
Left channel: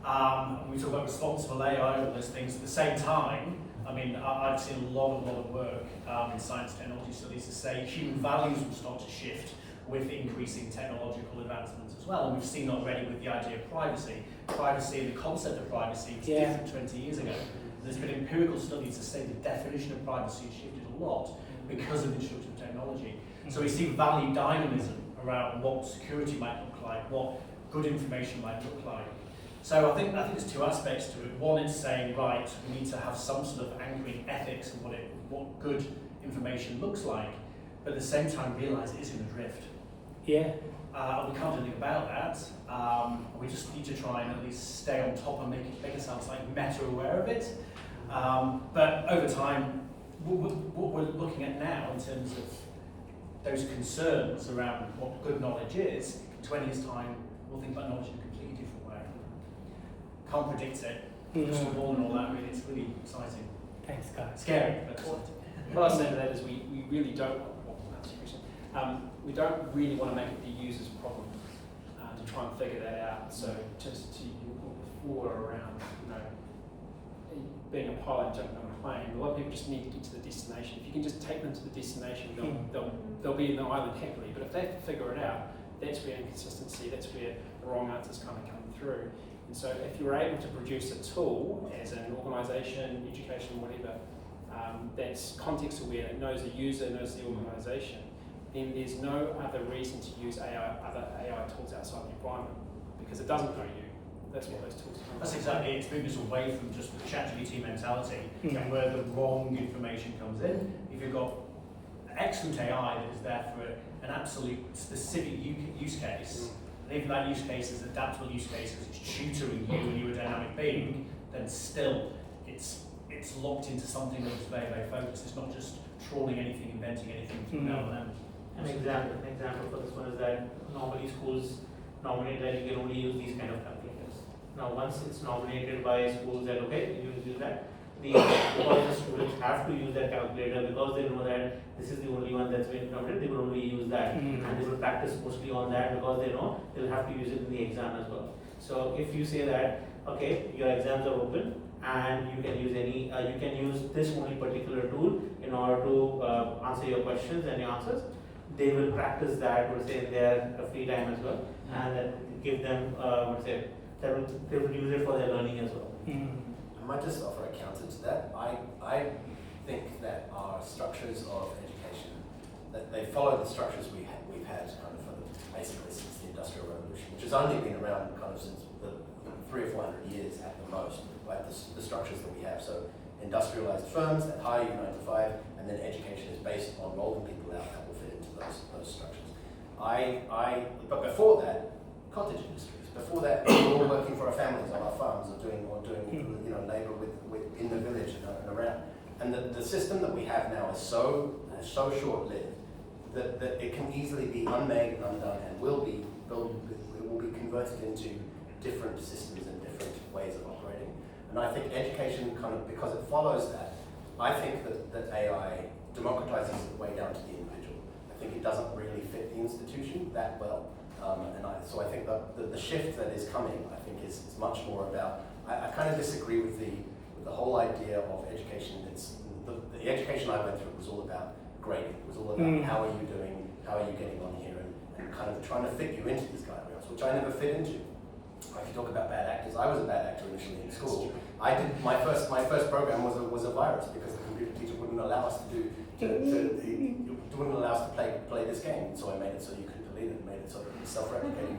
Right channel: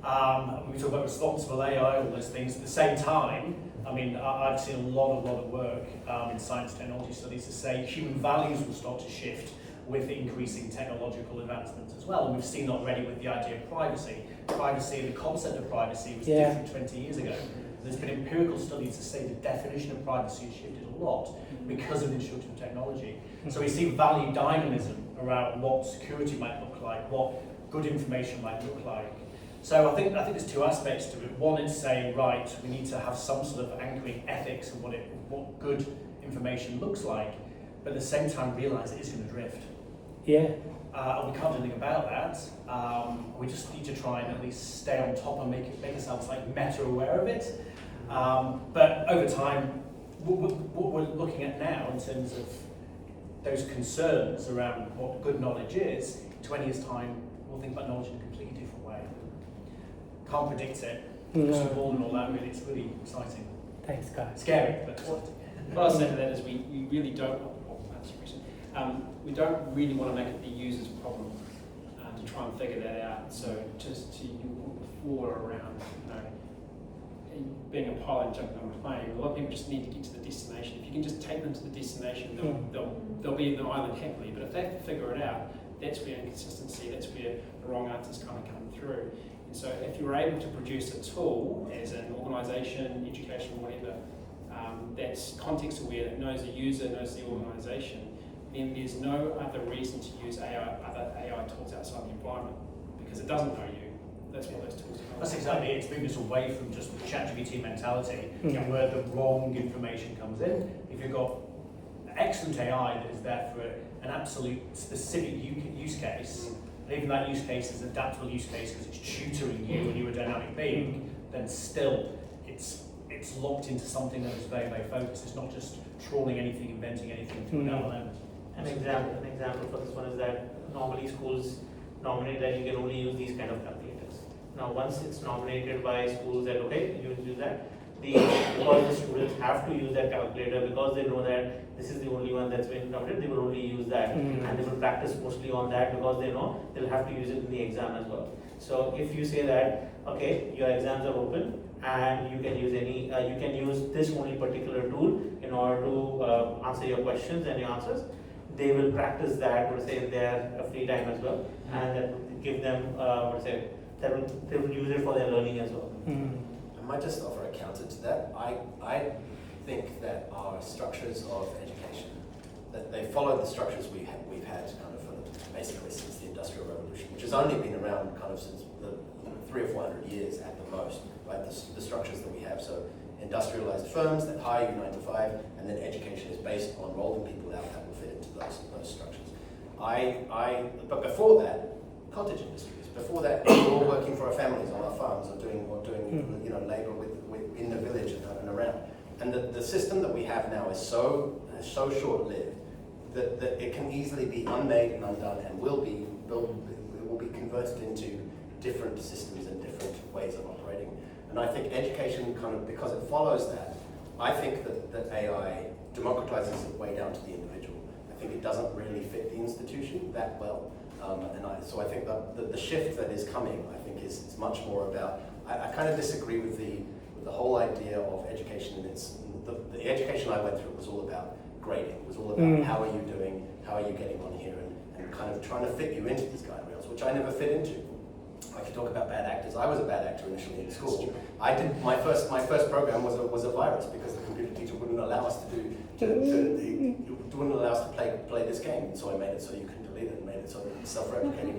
We talk about responsible AI, all those things. At the same time, I mean, I've seen a lot of work in science technology studies to say human values will start to shift with increasing technological advancements as well. And we've seen already with the idea of privacy. Privacy and the concept of privacy was different 20 years ago. There's been empirical studies to say the definition of privacy has shifted a lot because of the introduction of technology. So we see value dynamism around what security might look like, what good information might look like. So I think there's two aspects to it. One is saying, right, we need to have some sort of anchoring ethics of what good information looks like, but at the same time realise it is in a drift. Yeah. We can't do anything about that. We just need to try and at least stay on top and make ourselves like meta aware of it. But over time, what we're looking at now in terms of those concerns around what good knowledge is, in 20 years' time, we'll think about knowledge in a completely different way. Can't predict it. Crystal ball and all that, really, it's really exciting. Thanks, guys. Scary, but exciting. what I was saying to that is we really don't, we don't really want to make it the user's problem to try and figure that out. So just to your before around, being a pilot and jumping on a plane, a lot of people just need to get to the destination. If you can just take them to the destination, they'll be in the island happily. But if they have to figure it out, that's where inconsistency, that's where the wrong answers kind of come through. And so if you're able to produce a tool as an organisation, education, whatever, that's context aware, that knows the user, knows the organisation, then there's no other reason to use other AI tools outside the environment, because it doesn't know you. That's what those tools do. That's exactly it. It's moving us away from just ChatGPT mentality and where the wrong information comes in. If you've got excellent AI that is there for an absolute specific use case, and even that use case is an adaptable use case because it's tutoring you and you're a dynamic being, then still it's locked into something that's very, very focused. It's not just trawling anything, inventing anything through an LLM. An example for this one is that normally schools nominate that you can only use these kind of calculators. Now once it's nominated by schools that okay, you use that, because the students have to use that calculator because they know that this is the only one that's been nominated, they will only use that and they will practice mostly on that because they know they'll have to use it in the exam as well. So if you say that, okay, your exams are open and you can use you can use this only particular tool in order to answer your questions and your answers, they will practice that, would say, in their free time as well, and that will give them, they will use it for their learning as well. I might just offer a counter to that. I think that our structures of education, that they follow the structures we've had kind of basically since the Industrial Revolution, which has only been around kind of since the 300 or 400 years at the most, right? The structures that we have. So industrialized firms that hire you 9 to 5, and then education is based on rolling people out that will fit into those structures. But before that, cottage industries. Before that, we were all working for our families on our farms or doing labor in the village and around. And the system that we have now is so short-lived that it can easily be unmade and undone, and will be converted into different systems and different ways of operating. And I think education kind of, because it follows that, I think that AI democratizes it way down to the individual. I think it doesn't really fit the institution that well. So I think that the shift that is coming, I think, is much more about, I kind of disagree with the whole idea of education. The education I went through was all about grading. It was all about how are you doing, how are you getting on here, and kind of trying to fit you into these guardrails, which I never fit into. I could talk about bad actors. I was a bad actor initially in school. I did my first program was a virus because the computer teacher wouldn't allow us wouldn't allow us to play this game. So I made it so you couldn't delete it, and made it so it was self-replicating.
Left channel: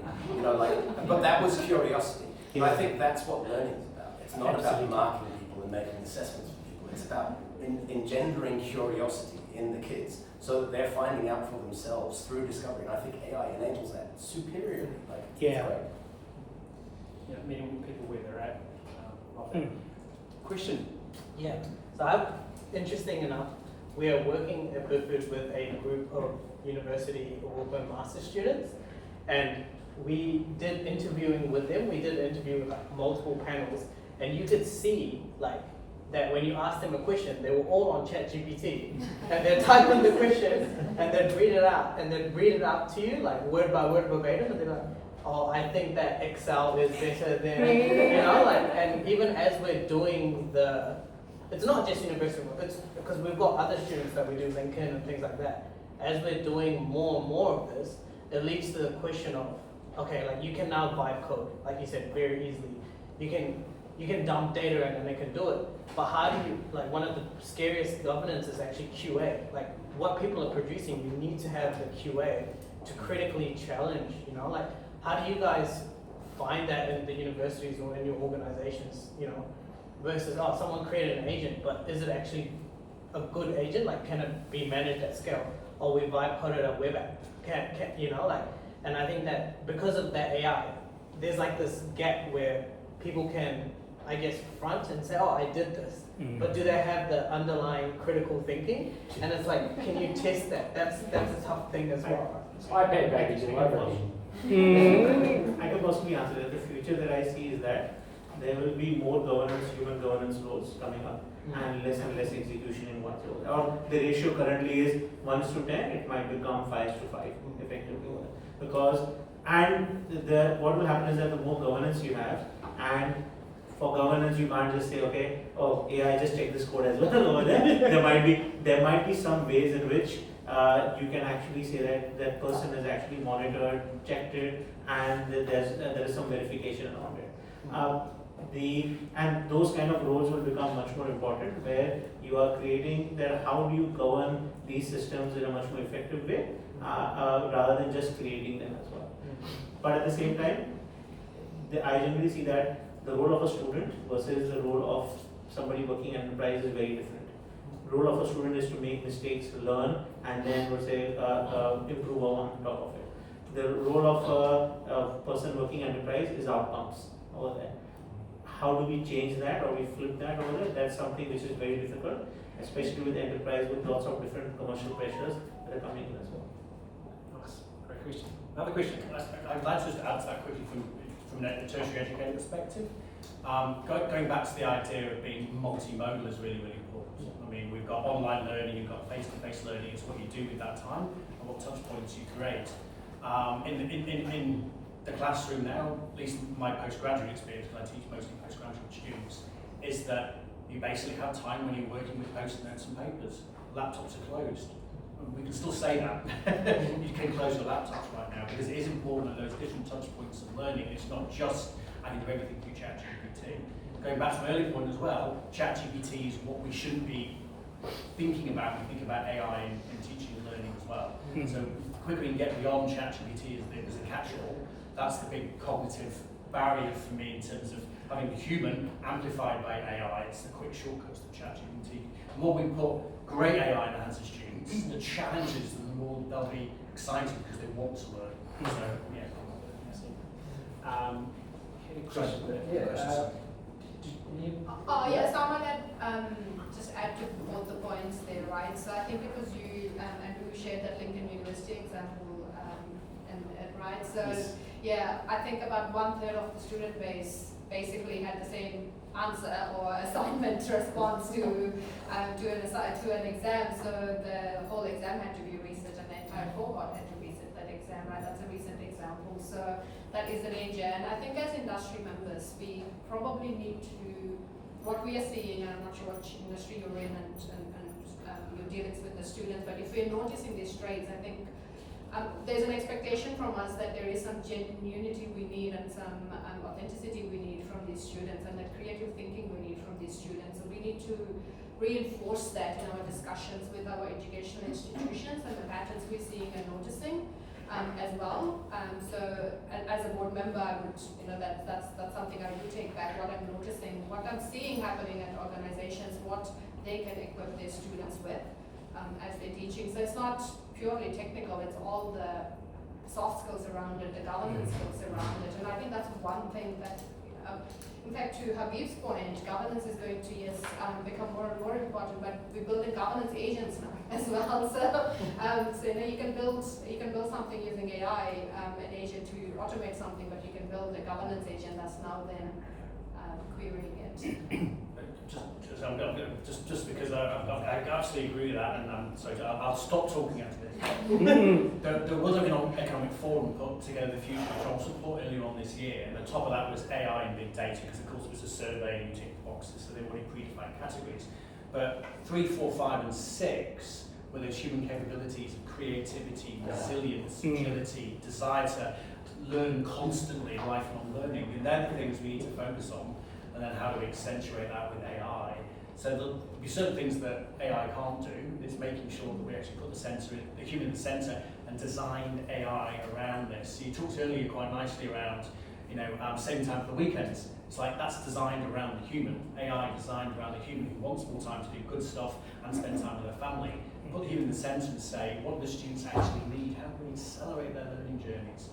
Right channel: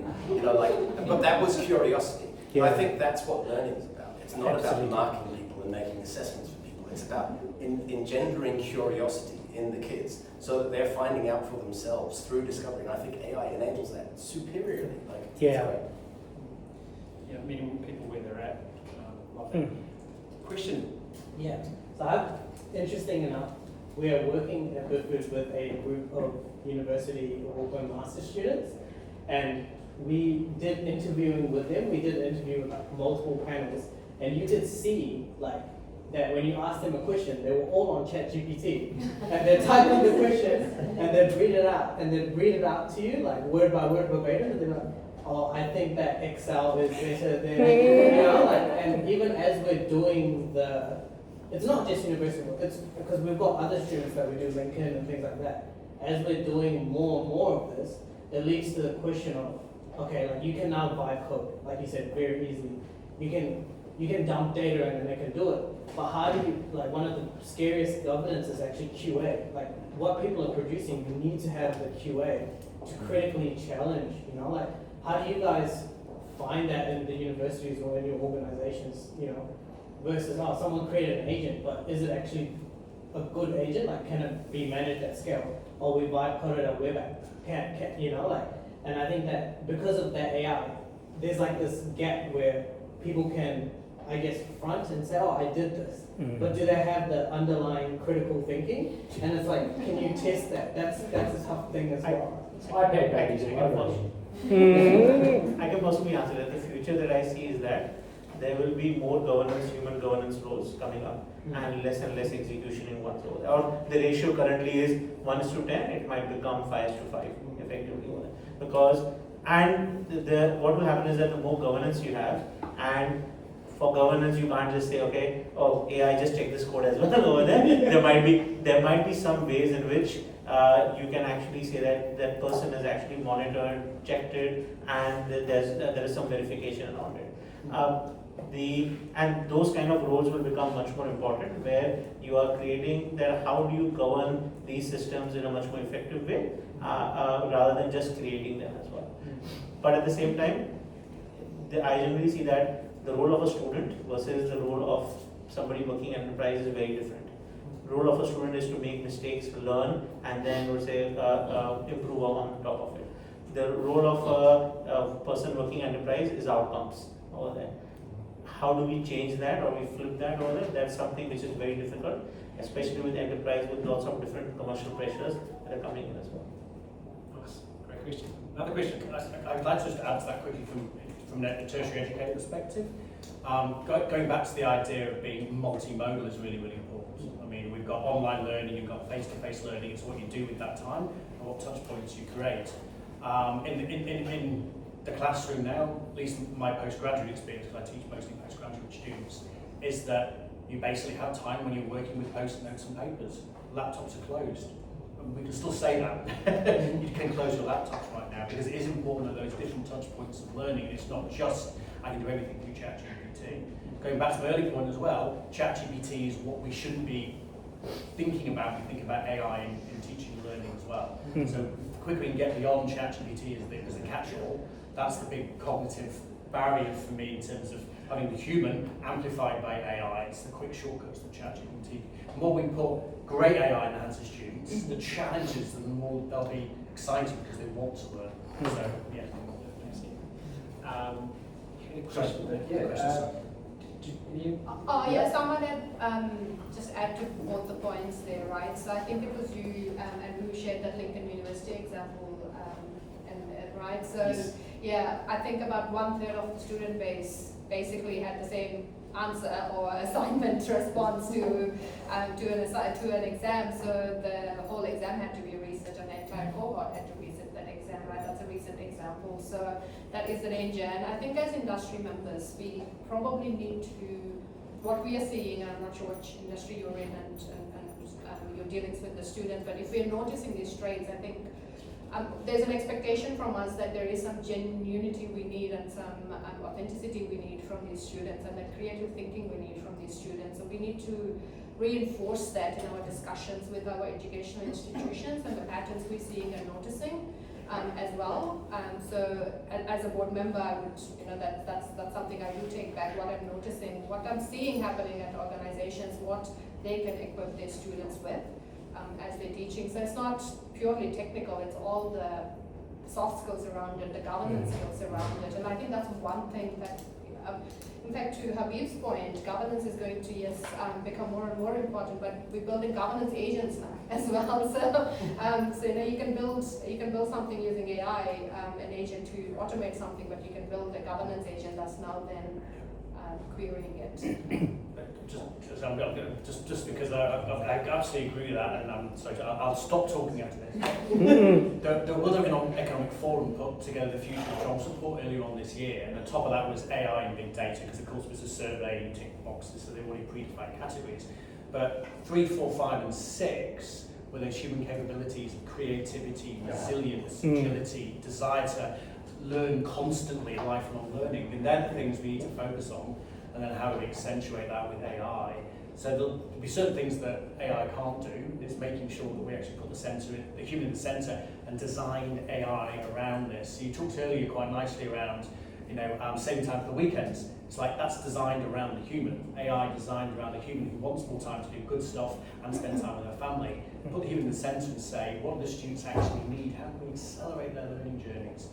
But that was curiosity. Yeah. I think that's what learning is about. It's not about marking people and making assessments for people. It's about engendering curiosity in the kids so that they're finding out for themselves through discovery. And I think AI enables that superiorly. It's great. Yeah, meeting people where they're at. Love that. Question? Yeah, so interesting enough, we are working at Boothbooth with a group of university open master students, and we did interviewing with them. We did interview multiple panels, and you could see that when you asked them a question, they were all on ChatGPT. And they're typing the question, and they'd read it out, and they'd read it out to you, word by word verbatim, and they're like, oh, I think that Excel is better than, and even as we're doing it's not just university work, it's because we've got other students that we do LinkedIn and things like that. As we're doing more and more of this, it leads to the question of, okay, you can now vibe code, like you said, very easily. You can dump data in and it can do it. But how do you, one of the scariest governance is actually QA. What people are producing, you need to have the QA to critically challenge, how do you guys find that in the universities or in your organizations, versus, someone created an agent, but is it actually a good agent? Can it be managed at scale? Or we vibe coded a web app, and I think that because of that AI, there's this gap where people can, I guess, front and say, oh, I did this. But do they have the underlying critical thinking? And it's can you test that? That's a tough thing as well. I can possibly answer that. The future that I see is that there will be more human governance roles coming up. and less execution in one role. Or the ratio currently is 1:10, it might become 5:5 effectively. Because, and what will happen is that the more governance you have, and for governance you can't just say, okay, oh AI just check this code as well over there. There might be some ways in which you can actually say that that person is actually monitored, checked it, and there is some verification around it. And those kind of roles will become much more important, where you are creating that how do you govern these systems in a much more effective way, rather than just creating them as well. But at the same time, I generally see that the role of a student versus the role of somebody working enterprise is very different. The role of a student is to make mistakes, learn, and then would say improve on top of it. The role of a person working enterprise is outcomes over there. How do we change that, or we flip that over there? That's something which is very difficult, especially with enterprise with lots of different commercial pressures that are coming in as well. Nice. Great question. Another question. I'd like to just add to that quickly from a tertiary education perspective. Going back to the idea of being multimodal is really, really important. I mean, we've got online learning, you've got face-to-face learning. It's what you do with that time and what touch points you create. In the classroom now, at least my postgraduate experience, because I teach mostly postgraduate students, is that you basically have time when you're working with post-it notes and papers. Laptops are closed. And we can still say that. You can close your laptops right now, because it is important at those different touch points of learning. It's not just I can do everything through ChatGPT. Going back to my earlier point as well, ChatGPT is what we shouldn't be thinking about when we think about AI in teaching and learning as well. So the quicker we can get beyond ChatGPT as a catch-all, that's the big cognitive barrier for me in terms of having the human amplified by AI. It's the quick shortcuts to ChatGPT. The more we can put great AI in the hands of students, the challenges, the more they'll be excited because they want to learn. So, yeah. Any questions? Yeah, someone that just add to both the points there, right? So I think it was you and who shared that Lincoln University example, right? So Yes. yeah, I think about 1/3 of the student base basically had the same answer or assignment response to an exam. So the whole exam had to be reset, and the entire cohort had to reset that exam, right? That's a recent example. So that is a danger. And I think as industry members, we probably need to, what we are seeing, and I'm not sure which industry you're in and your dealings with the students, but if we're noticing these traits, I think there's an expectation from us that there is some genuinity we need and some authenticity we need from these students, and that creative thinking we need from these students. So we need to reinforce that in our discussions with our educational institutions and the patterns we're seeing and noticing as well. So as a board member, I would, that's something I would take back, what I'm noticing, what I'm seeing happening at organizations, what they can equip their students with as they're teaching. So it's not purely technical, it's all the soft skills around it, the governance skills around it. And I think that's one thing that, in fact, to Habib's point, governance is going to, become more and more important, but we're building governance agents now as well. So you can build something using AI, an agent to automate something, but you can build a governance agent that's now then querying it. Just because I absolutely agree with that, and I'm sorry, I'll stop talking after this. The World Economic Forum put together the Future of Jobs report earlier on this year, and the top of that was AI and big data, because of course it was a survey and you tick boxes, so they already predefined categories. But 3, 4, 5, and 6 were those human capabilities of creativity, resilience, agility, desire to learn constantly, lifelong learning. And they're the things we need to focus on, and then how do we accentuate that with AI. So there'll be certain things that AI can't do. It's making sure that we actually put the human in the centre and design AI around this. So you talked earlier quite nicely around, saving time for the weekends. It's like that's designed around the human. AI designed around the human who wants more time to do good stuff and spend time with their family. Put the human in the centre and say, what do the students actually need? How can we accelerate their learning journeys?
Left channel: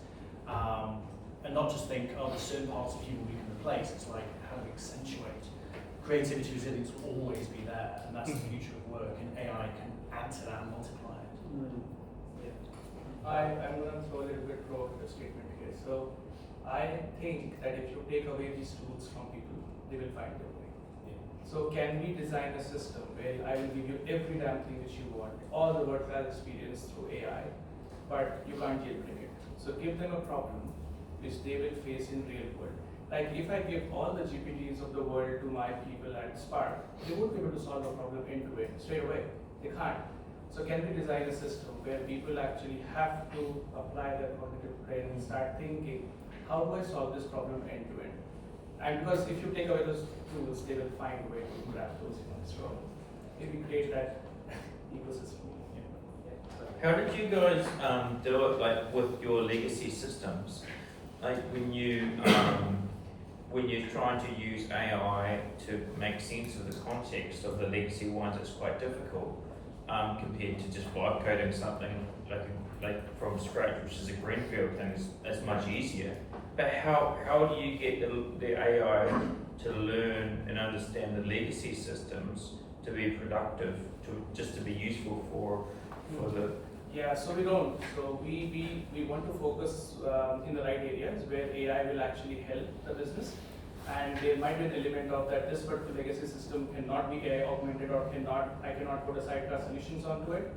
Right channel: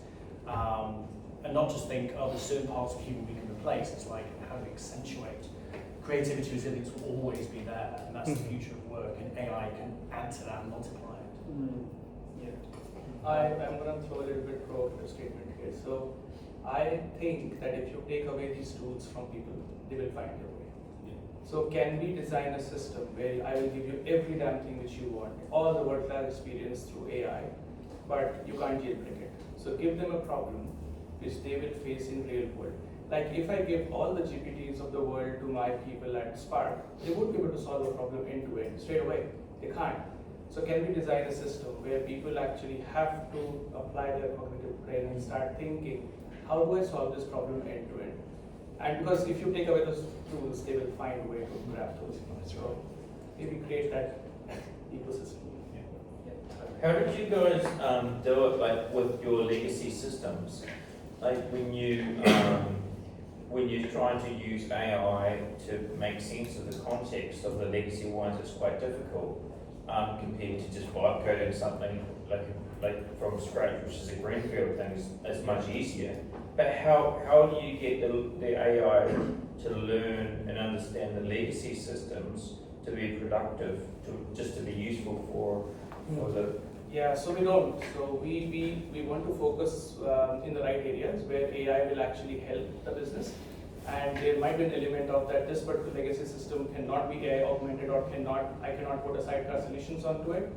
And not just think, there's certain parts of human we can replace. It's like, how do we accentuate? Creativity, resilience will always be there, and that's the future of work, and AI can add to that and multiply it. I'm going to throw a little bit provocative statement here. So I think that if you take away these tools from people, they will find a way. So can we design a system where I will give you every damn thing which you want, all the world-class experience through AI, but you can't jailbreak it. So give them a problem which they will face in real world. Like if I give all the GPTs of the world to my people at Spark, they won't be able to solve a problem end to end straight away. They can't. So can we design a system where people actually have to apply their cognitive brain and start thinking, how do I solve this problem end to end? And because if you take away those tools, they will find a way to grab those. So maybe create that ecosystem. How did you guys do it, like with your legacy systems? Like when you're trying to use AI to make sense of the context of the legacy ones, it's quite difficult compared to just vibe coding something like from scratch, which is a greenfield thing, is much easier. But how do you get the AI to learn and understand the legacy systems to be productive, to be useful for the... Yeah, so we don't. So we want to focus in the right areas where AI will actually help the business. And there might be an element of that this particular legacy system cannot be AI augmented or I cannot put a sidecar solutions onto it.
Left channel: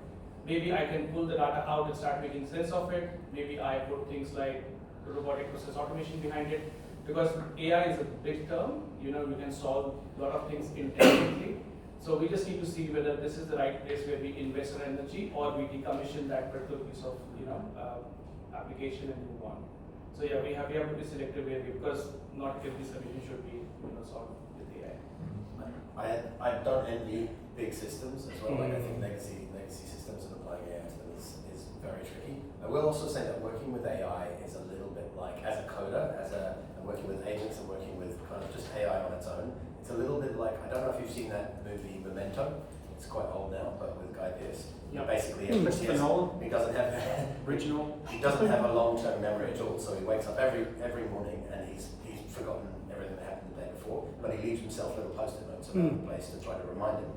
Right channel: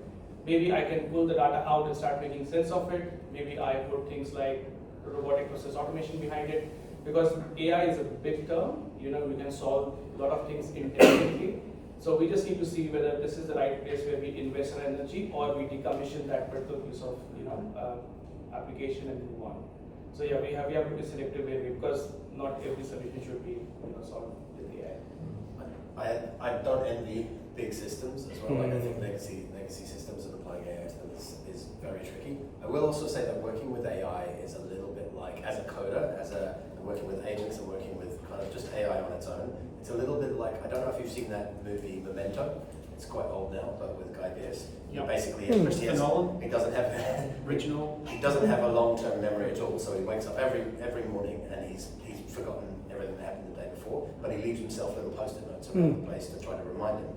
Maybe I can pull the data out and start making sense of it. Maybe I put things like robotic process automation behind it. Because AI is a big term, you can solve a lot of things intelligently. So we just need to see whether this is the right place where we invest our energy or we decommission that particular piece of application and move on. So yeah, we have to be selective because not every solution should be solved with AI. I don't envy big systems as well. Like I think legacy systems and applying AI to them is very tricky. I will also say that working with AI is a little bit like, as a coder, and working with agents and working with kind of just AI on its own, it's a little bit like, I don't know if you've seen that movie Memento. It's quite old now, but with Guy Pearce. Yep. Basically, Christopher Nolan. he doesn't have Original. He doesn't have a long-term memory at all. So he wakes up every morning and he's forgotten everything that happened the day before. But he leaves himself little post-it notes around the place to try to remind him.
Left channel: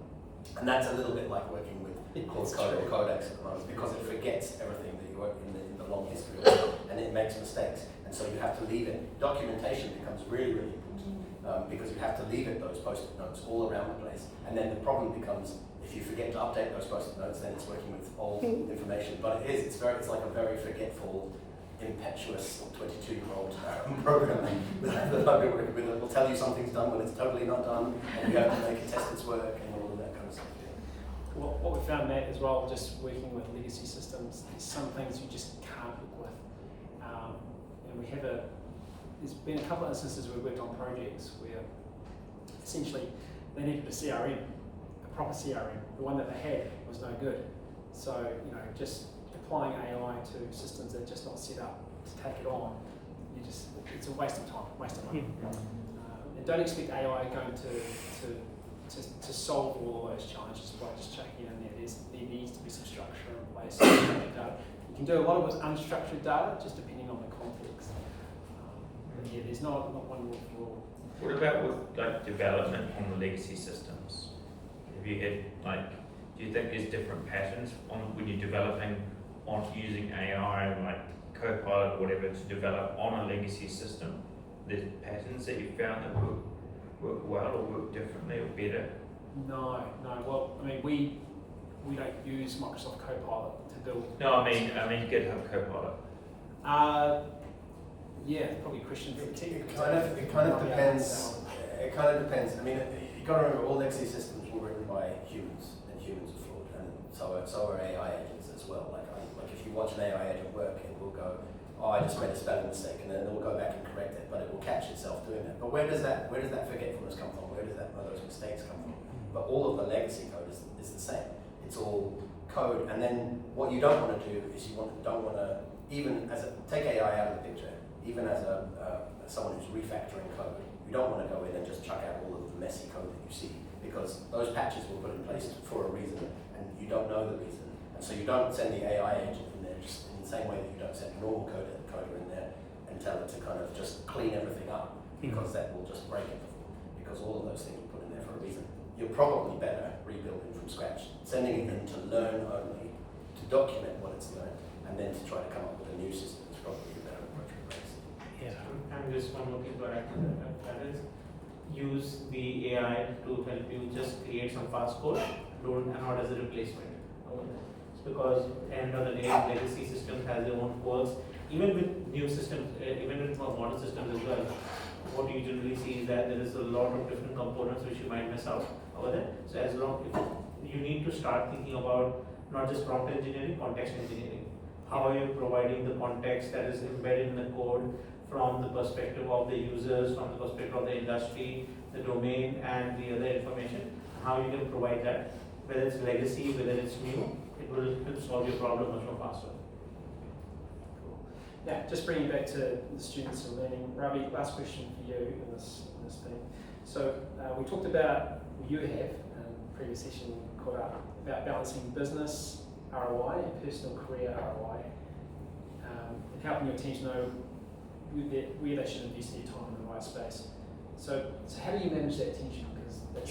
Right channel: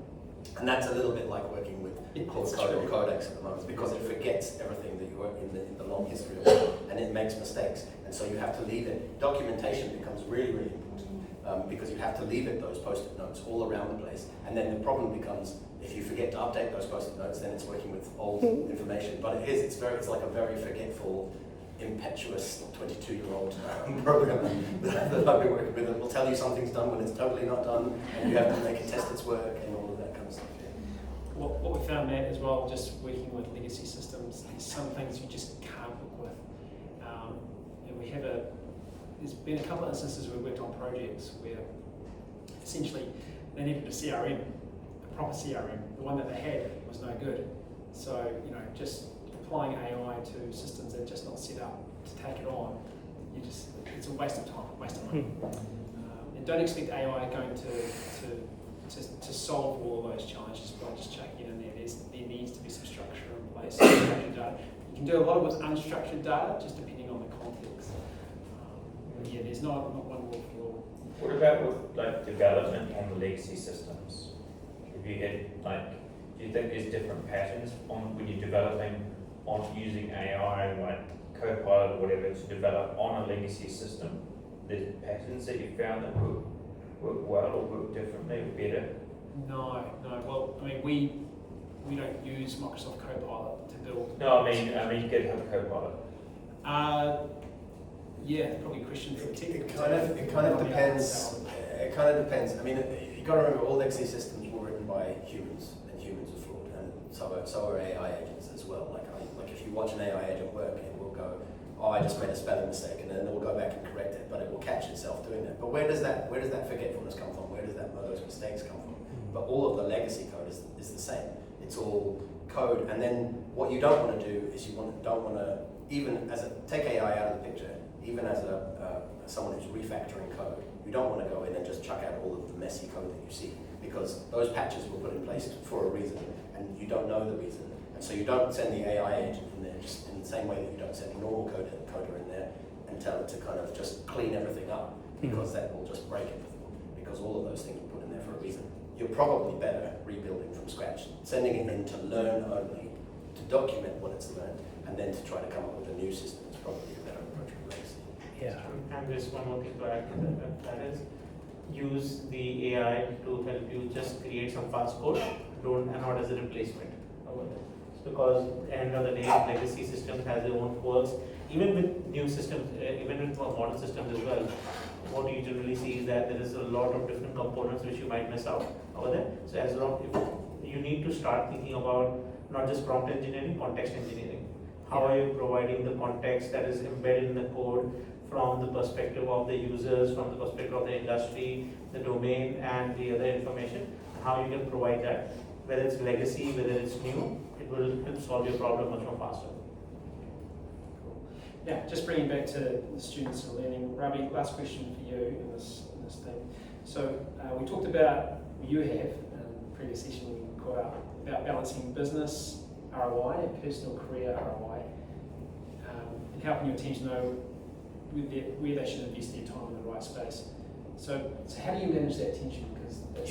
And that's a little bit like working with Claude Code or Codex at the moment, because it forgets everything that you wrote in the long history of it, and it makes mistakes. And so you have to leave it. Documentation becomes really, really important because you have to leave it those post-it notes all around the place. And then the problem becomes, if you forget to update those post-it notes, then it's working with old information. But it's like a very forgetful, impetuous 22-year-old programmer that I've been working with. It will tell you something's done when it's totally not done, and you have to make it test its work and all of that kind of stuff. What we found, Matt, as well, just working with legacy systems, is some things you just can't work with. And there's been a couple of instances where we worked on projects where essentially they needed a CRM, a proper CRM. The one that they had was no good. So, just applying AI to systems that are just not set up to take it on, it's a waste of time, waste of money. And don't expect AI going to solve all of those challenges by just chucking it in there. There needs to be some structure in place. You can do a lot with unstructured data, just depending on the context. But yeah, there's not one rule for all. What about with development on the legacy systems? Have you had do you think there's different patterns on when you're developing on using AI and Copilot or whatever to develop on a legacy system? There's patterns that you found that work well or work differently or better? No. Well, I mean, we don't use Microsoft Copilot to build. No, I mean GitHub Copilot. Yeah, probably a question for the technical. It kind of depends. It kind of depends. I mean, you got to remember, all legacy systems were written by humans, and humans are flawed, and so are AI agents as well. Like if you watch an AI agent work, it will go, "Oh, I just made a spelling mistake," and then it will go back and correct it, but it will catch itself doing that. But where does that forgetfulness come from? Where does those mistakes come from? But all of the legacy code is the same. It's all code, and then what you don't want to do is don't want to even take AI out of the picture. Even as someone who's refactoring code, you don't want to go in and just chuck out all of the messy code that you see, because those patches were put in place for a reason, and you don't know the reason. And so you don't send the AI agent in there just in the same way that you don't send a normal coder in there and tell it to kind of just clean everything up, because that will just break everything, because all of those things were put in there for a reason. You're probably better rebuilding from scratch, sending it in to learn only, to document what it's learned, and then to try to come up with a new system is probably a better approach. And there's one more thing to add to that is, use the AI to help you just create some fast code, and not as a replacement over there. It's because at the end of the day, legacy systems has their own quirks. Even with new systems, even with modern systems as well, what you generally see is that there is a lot of different components which you might miss out over there. So as long if you need to start thinking about not just prompt engineering, context engineering. How are you providing the context that is embedded in the code from the perspective of the users, from the perspective of the industry, the domain, and the other information? How you can provide that, whether it's legacy, whether it's new, it will help solve your problem much more faster. Yeah, just bringing back to the students and learning. Ravi, last question for you in this thing. So we talked about, you have, previous session we caught up, about balancing business ROI and personal career ROI, and helping your teams know where they should invest their time in the right space. So how do you manage that tension? Because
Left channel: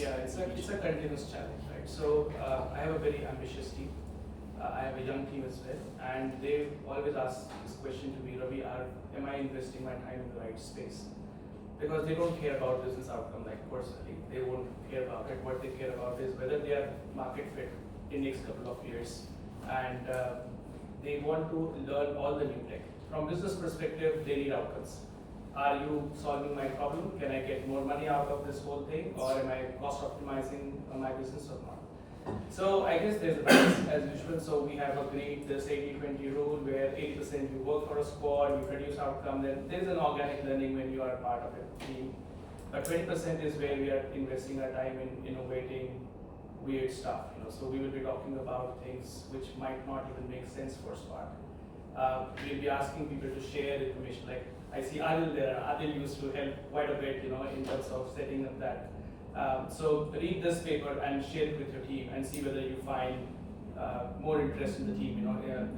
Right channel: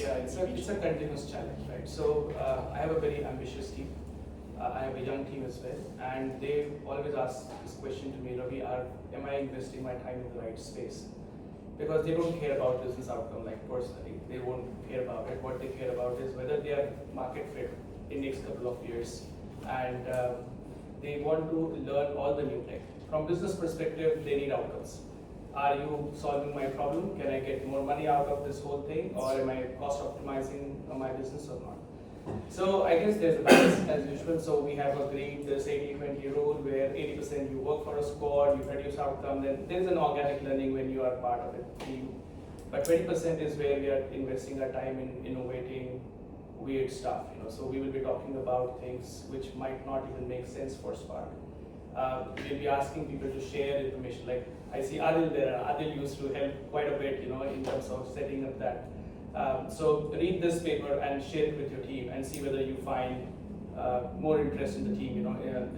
it's a continuous challenge, right? So I have a very ambitious team. I have a young team as well, and they always ask this question to me, Ravi, am I investing my time in the right space? Because they don't care about business outcome, like personally, they won't care about it. What they care about is whether they are market fit in the next couple of years, and they want to learn all the new tech. From business perspective, they need outcomes. Are you solving my problem? Can I get more money out of this whole thing, or am I cost optimizing my business or not? So I guess there's a balance as usual. So we have agreed this 80-20 rule where 80% you work for a squad, you produce outcome, then there's an organic learning when you are part of a team. But 20% is where we are investing our time in innovating weird stuff. So we will be talking about things which might not even make sense for Spark. We'll be asking people to share information. Like I see Adil there. Adil used to help quite a bit, in terms of setting up that. So read this paper and share it with your team and see whether you find more interest in the team,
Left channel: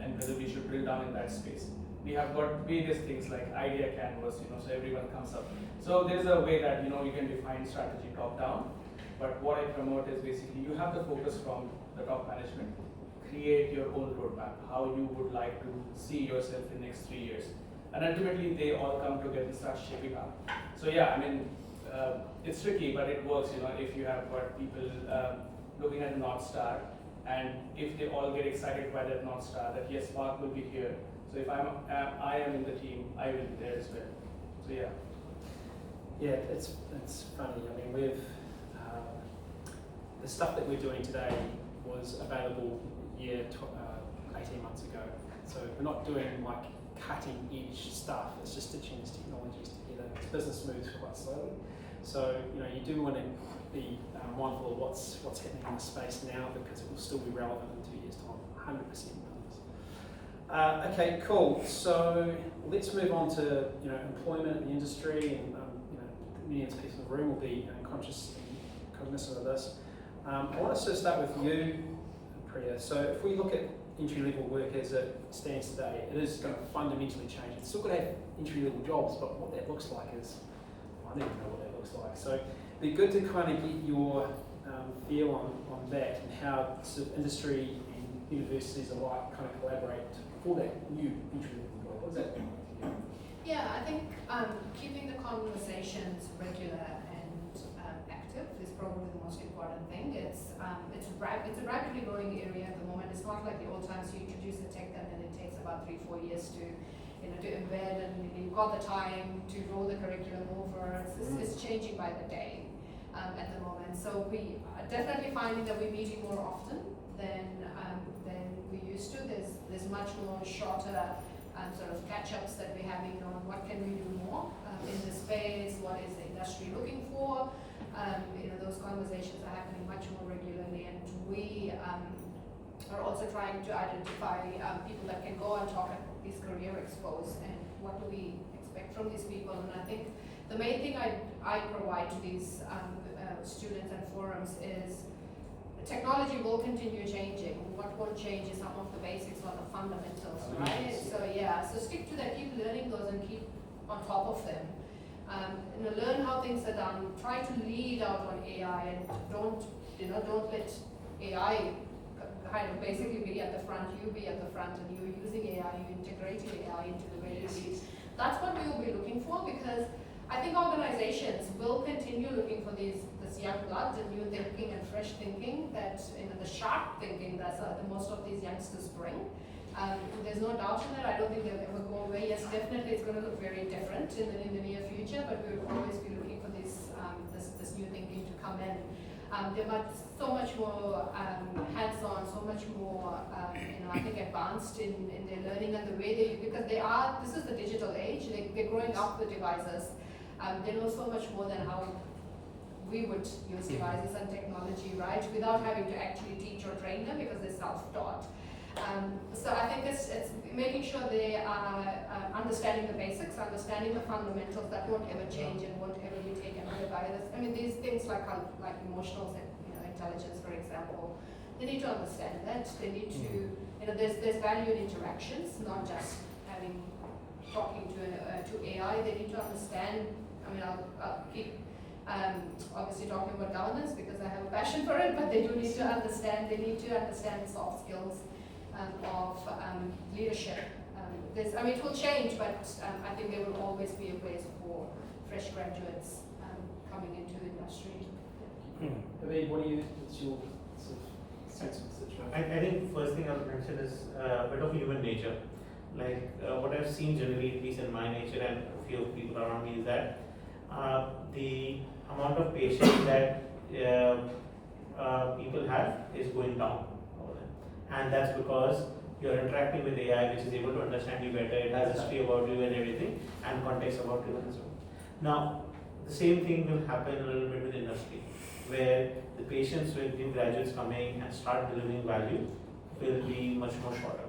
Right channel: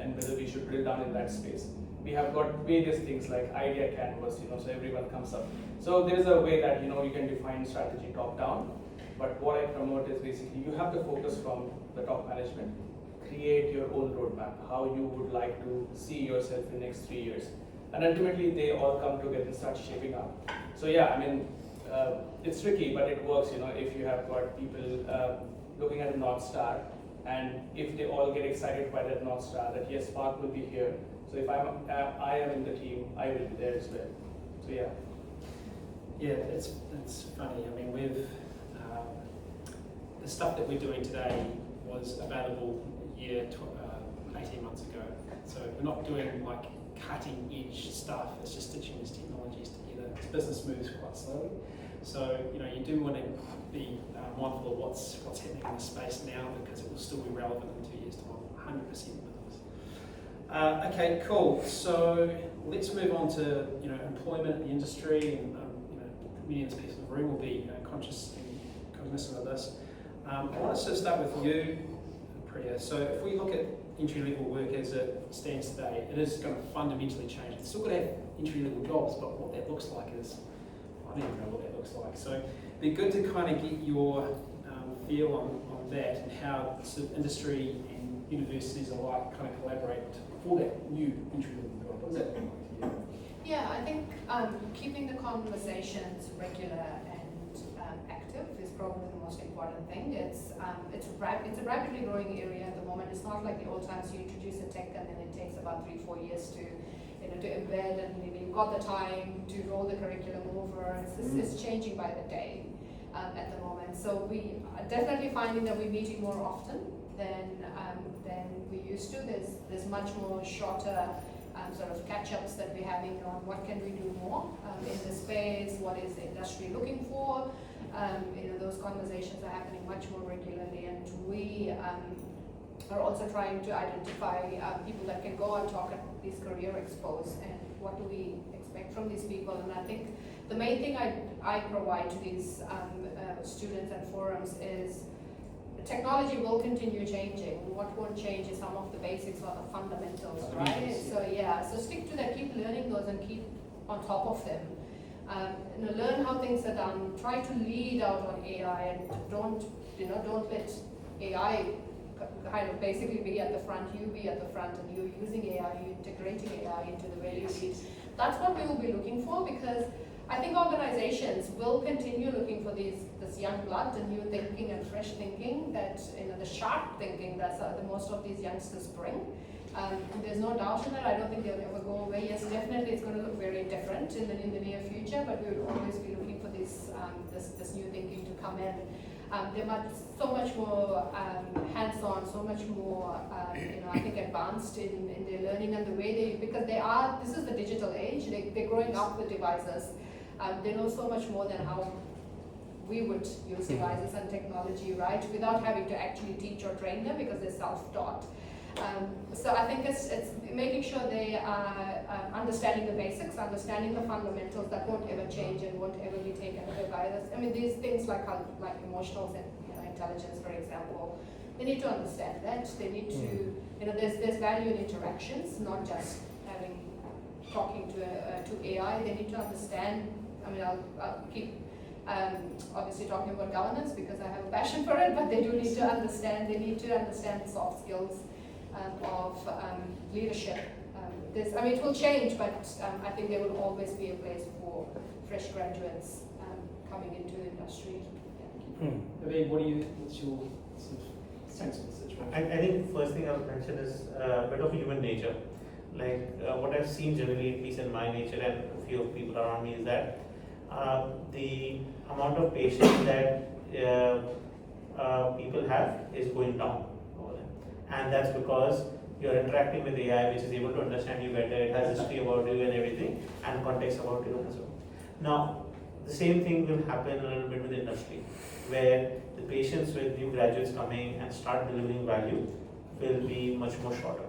and whether we should drill down in that space. We have got various things like idea canvas, so everyone comes up. So there's a way that, you can define strategy top down. But what I promote is basically you have to focus from the top management, create your own roadmap, how you would like to see yourself in the next 3 years. And ultimately they all come together and start shaping up. So yeah, it's tricky, but it works, if you have got people looking at the North Star, and if they all get excited by that North Star, that yes, Spark will be here. So if I am in the team, I will be there as well. So yeah. Yeah, it's funny. We've the stuff that we're doing today was available 18 months ago. So we're not doing like cutting edge stuff. It's just stitching these technologies together. This business moves quite slowly. So you do want to be mindful of what's happening in the space now, because it will still be relevant in 2 years' time. 100%. Okay, cool. So let's move on to employment in the industry, and many of the people in the room will be conscious and cognizant of this. I want to start with you, Priya. So if we look at entry-level work as it stands today, it is going to fundamentally change. It's still going to have entry-level jobs, but what that looks like is, I don't even know what that looks like. So it'd be good to kind of get your feel on that, and how sort of industry and universities alike kind of collaborate for that new entry-level job. What does that look like for you? Yeah, I think keeping the conversations regular and active is probably the most important thing. It's a rapidly growing area at the moment. It's not like the old times you introduce a tech and then it takes about 3-4 years to embed, and you've got the time to roll the curriculum over. It's changing by the day at the moment. So we are definitely finding that we're meeting more often than we used to. There's much more shorter sort of catch-ups that we're having on what can we do more in the space, what is the industry looking for. Those conversations are happening much more regularly, and we are also trying to identify people that can go and talk at these career expos, and what do we expect from these people. And I think the main thing I provide to these students and forums is technology will continue changing. What will change is some of the basics or the fundamentals, right? So yeah, so stick to that, keep learning those and keep on top of them. Learn how things are done, try to lead out on AI, and don't let AI kind of basically be at the front, you be at the front, and you're using AI, you're integrating AI into the way you lead. That's what we will be looking for, because I think organizations will continue looking for this young blood, the new thinking and fresh thinking, that the sharp thinking that most of these youngsters bring. There's no doubt in that. I don't think they'll ever go away. Yes, definitely it's going to look very different in the near future, but we will always be looking for this new thinking to come in. They're so much more hands-on, so much more, I think, advanced in their learning and the way because this is the digital age, they're growing up with devices. They know so much more than how we would use devices and technology, right, without having to actually teach or train them because they're self-taught. So I think it's making sure they are understanding the basics, understanding the fundamentals that won't ever change and won't ever be taken away by this. I mean, these things like emotional intelligence, for example, they need to understand that. They need to, there's value in interactions, not just talking to AI. They need to understand. I mean, I'll keep obviously talking about governance because I have a passion for it, but they do need to understand. They need to understand the soft skills of leadership. It will change, but I think there will always be a place for fresh graduates coming into the industry. Naveen, what's your sort of sense of the situation? I think first thing I would mention is a bit of human nature. Like what I've seen generally, at least in my nature and a few of people around me, is that the amount of patience that people have is going down. And that's because you're interacting with AI, which is able to understand you better, it has history about you and everything, and context about you and so on. Now, the same thing will happen a little bit with industry, where the patience with new graduates coming and start delivering value will be much more shorter.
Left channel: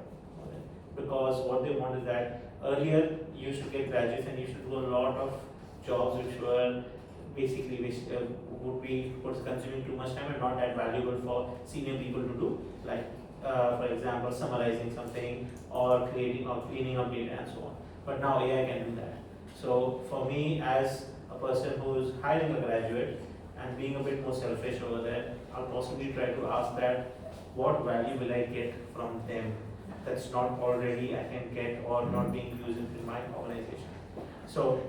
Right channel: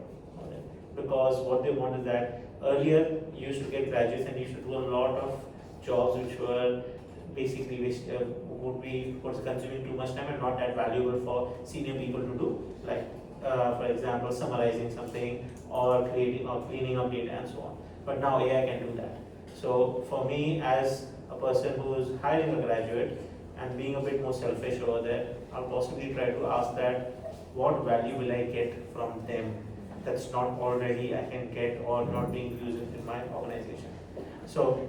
Because what they want is that earlier you used to get graduates and you used to do a lot of jobs which were basically would be consuming too much time and not that valuable for senior people to do, like for example summarizing something or creating or cleaning up data and so on. But now AI can do that. So for me, as a person who is hiring a graduate and being a bit more selfish over there, I'll possibly try to ask that what value will I get from them that's not already I can get or not being used in my organization. So,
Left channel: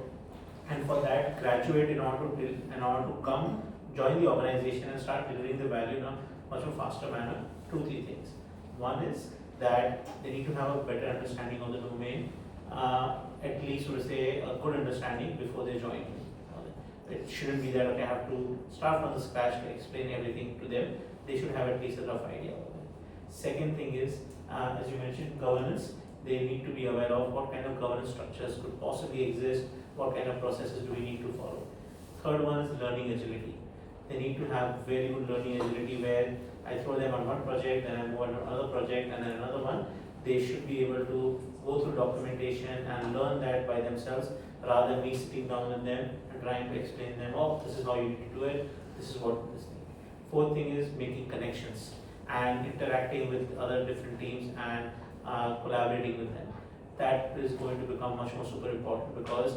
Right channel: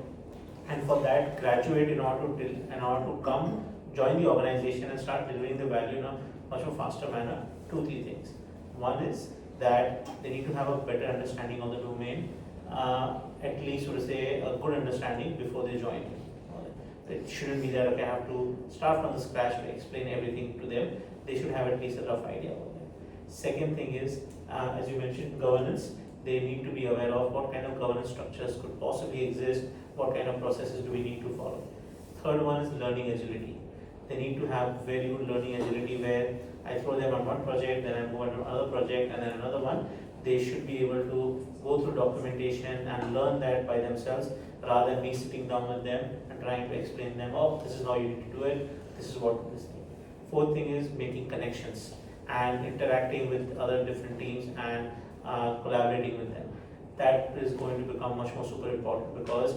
and for that graduate, in order to come join the organization and start delivering the value in a much more faster manner, 2-3 things. One is that they need to have a better understanding of the domain, at least to say a good understanding before they join. It shouldn't be that okay, I have to start from the scratch to explain everything to them. They should have at least a rough idea of them. Second thing is, as you mentioned, governance. They need to be aware of what kind of governance structures could possibly exist, what kind of processes do we need to follow. Third one is learning agility. They need to have very good learning agility where I throw them on one project, then I move on to another project, and then another one. They should be able to go through documentation and learn that by themselves rather than me sitting down with them and trying to explain to them, oh, this is how you need to do it, this is what this thing. Fourth thing is making connections and interacting with other different teams and collaborating with them. That is going to become much more super important because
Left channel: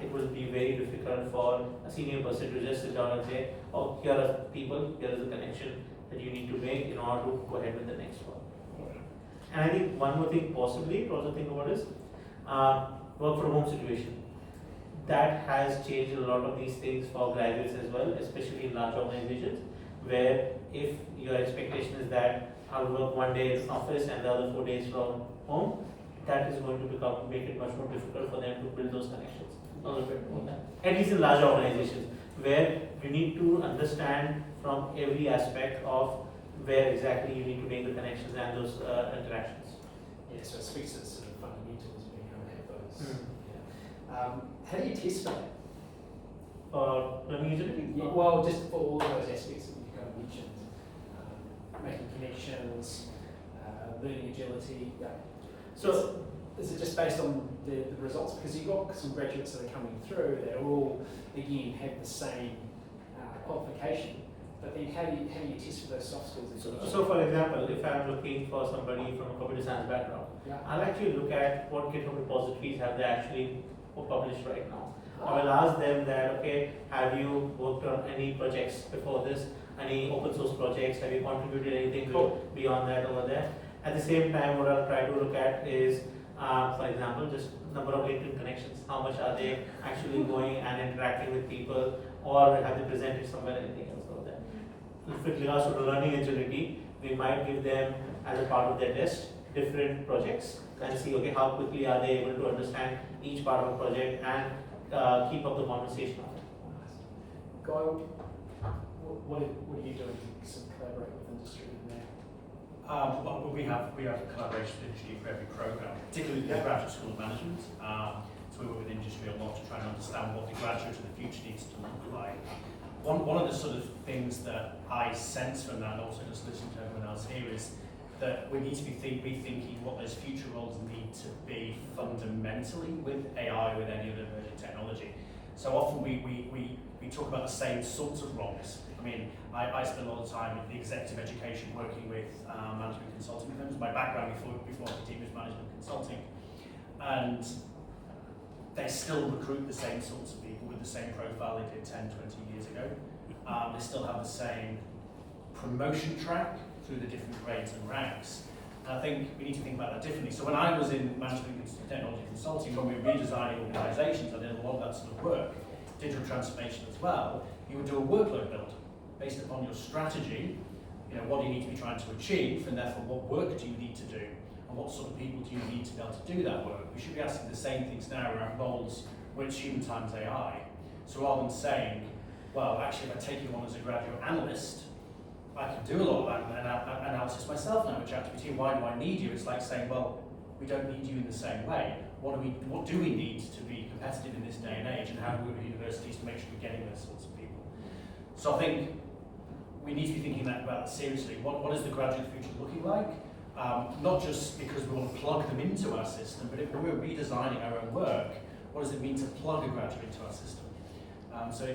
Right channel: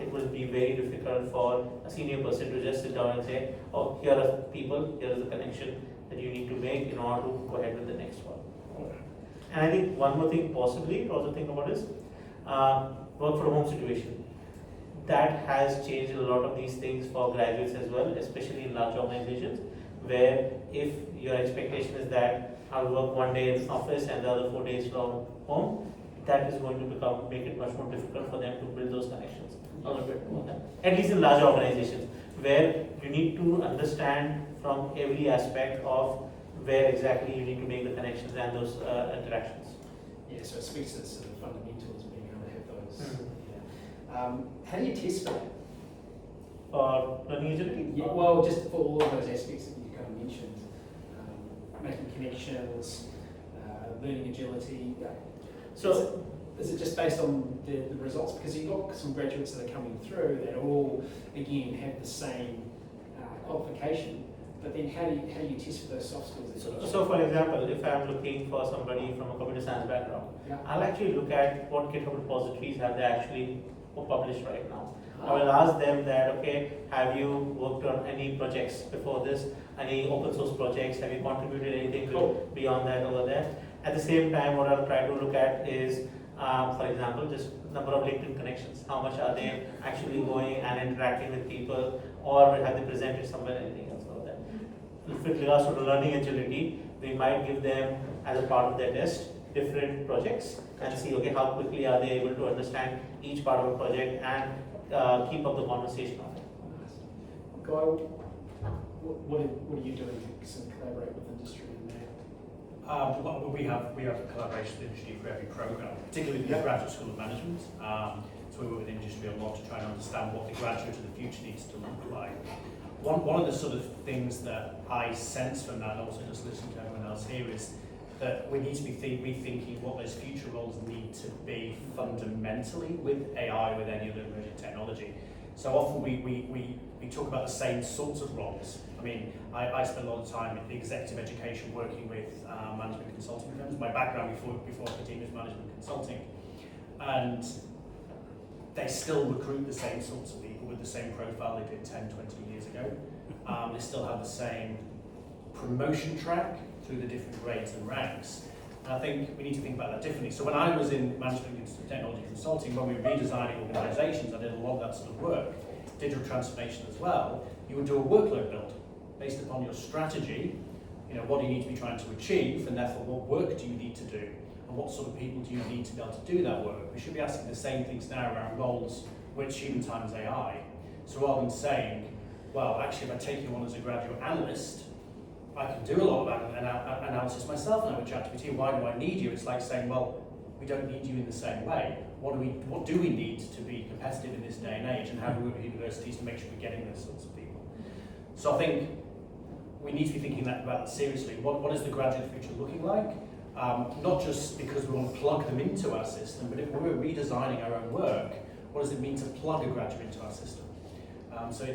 it will be very difficult for a senior person to just sit down and say, oh, here are people, here is a connection that you need to make in order to go ahead with the next one. And I think one more thing possibly to also think about is work from home situation. That has changed a lot of these things for graduates as well, especially in large organizations, where if your expectation is that I'll work one day in office and the other 4 days from home, that is going to make it much more difficult for them to build those connections a little bit more. At least in large organizations, where you need to understand from every aspect of where exactly you need to make the connections and those interactions. Yeah, so it speaks to the sort of fundamentals, being able to have those. How do you test for that? Learning agility? Yeah, well, just for all of those aspects that you kind of mentioned, making connections, learning agility. So is it just based on the results? Because you've got some graduates that are coming through that all, again, have the same qualification, but then how do you test for those soft skills? So for example, if I'm looking for somebody from a computer science background, I'll actually look at what GitHub repositories have they actually published right now. I will ask them that, okay, have you worked on any projects before this, any open source projects, have you contributed anything beyond that over there? At the same time, what I'll try to look at is For example, just number of LinkedIn connections, how much are they actually going and interacting with people, or have they presented somewhere, anything else like that. With regards to the learning agility, we might give them as a part of their test different projects and see, okay, how quickly are they able to understand each part of a project and keep up the conversation of it. Guy, what are you doing to collaborate with industry in there? Well, we have collaboration with industry for every program, particularly with the Graduate School of Management. So we work with industry a lot to try and understand what the graduate of the future needs to look like. One of the sort of things that I sense from that, and also just listening to everyone else here, is that we need to be rethinking what those future roles need to be fundamentally with AI, with any other emerging technology. So often we talk about the same sorts of roles. I mean, I spend a lot of time in executive education working with management consulting firms. My background before academia was management consulting. And they still recruit the same sorts of people with the same profile they did 10, 20 years ago. They still have the same promotion track through the different grades and ranks. And I think we need to think about that differently. So when I was in management technology consulting, when we were redesigning organisations, I did a lot of that sort of work, digital transformation as well. You would do a workload build based upon your strategy. You know, what do you need to be trying to achieve, and therefore what work do you need to do, and what sort of people do you need to be able to do that work? We should be asking the same things now around roles which human times AI. So rather than saying, well, actually, if I take you on as a graduate analyst, I can do a lot of that analysis myself now with ChatGPT. Why do I need you? It's like saying, well, we don't need you in the same way. What do we need to be competitive in this day and age, and how do we work with universities to make sure we're getting those sorts of people? So I think we need to be thinking about that seriously. What is the graduate future looking like? Not just because we want to plug them into our system, but if we're redesigning our own work, what does it mean to plug a graduate into our system? So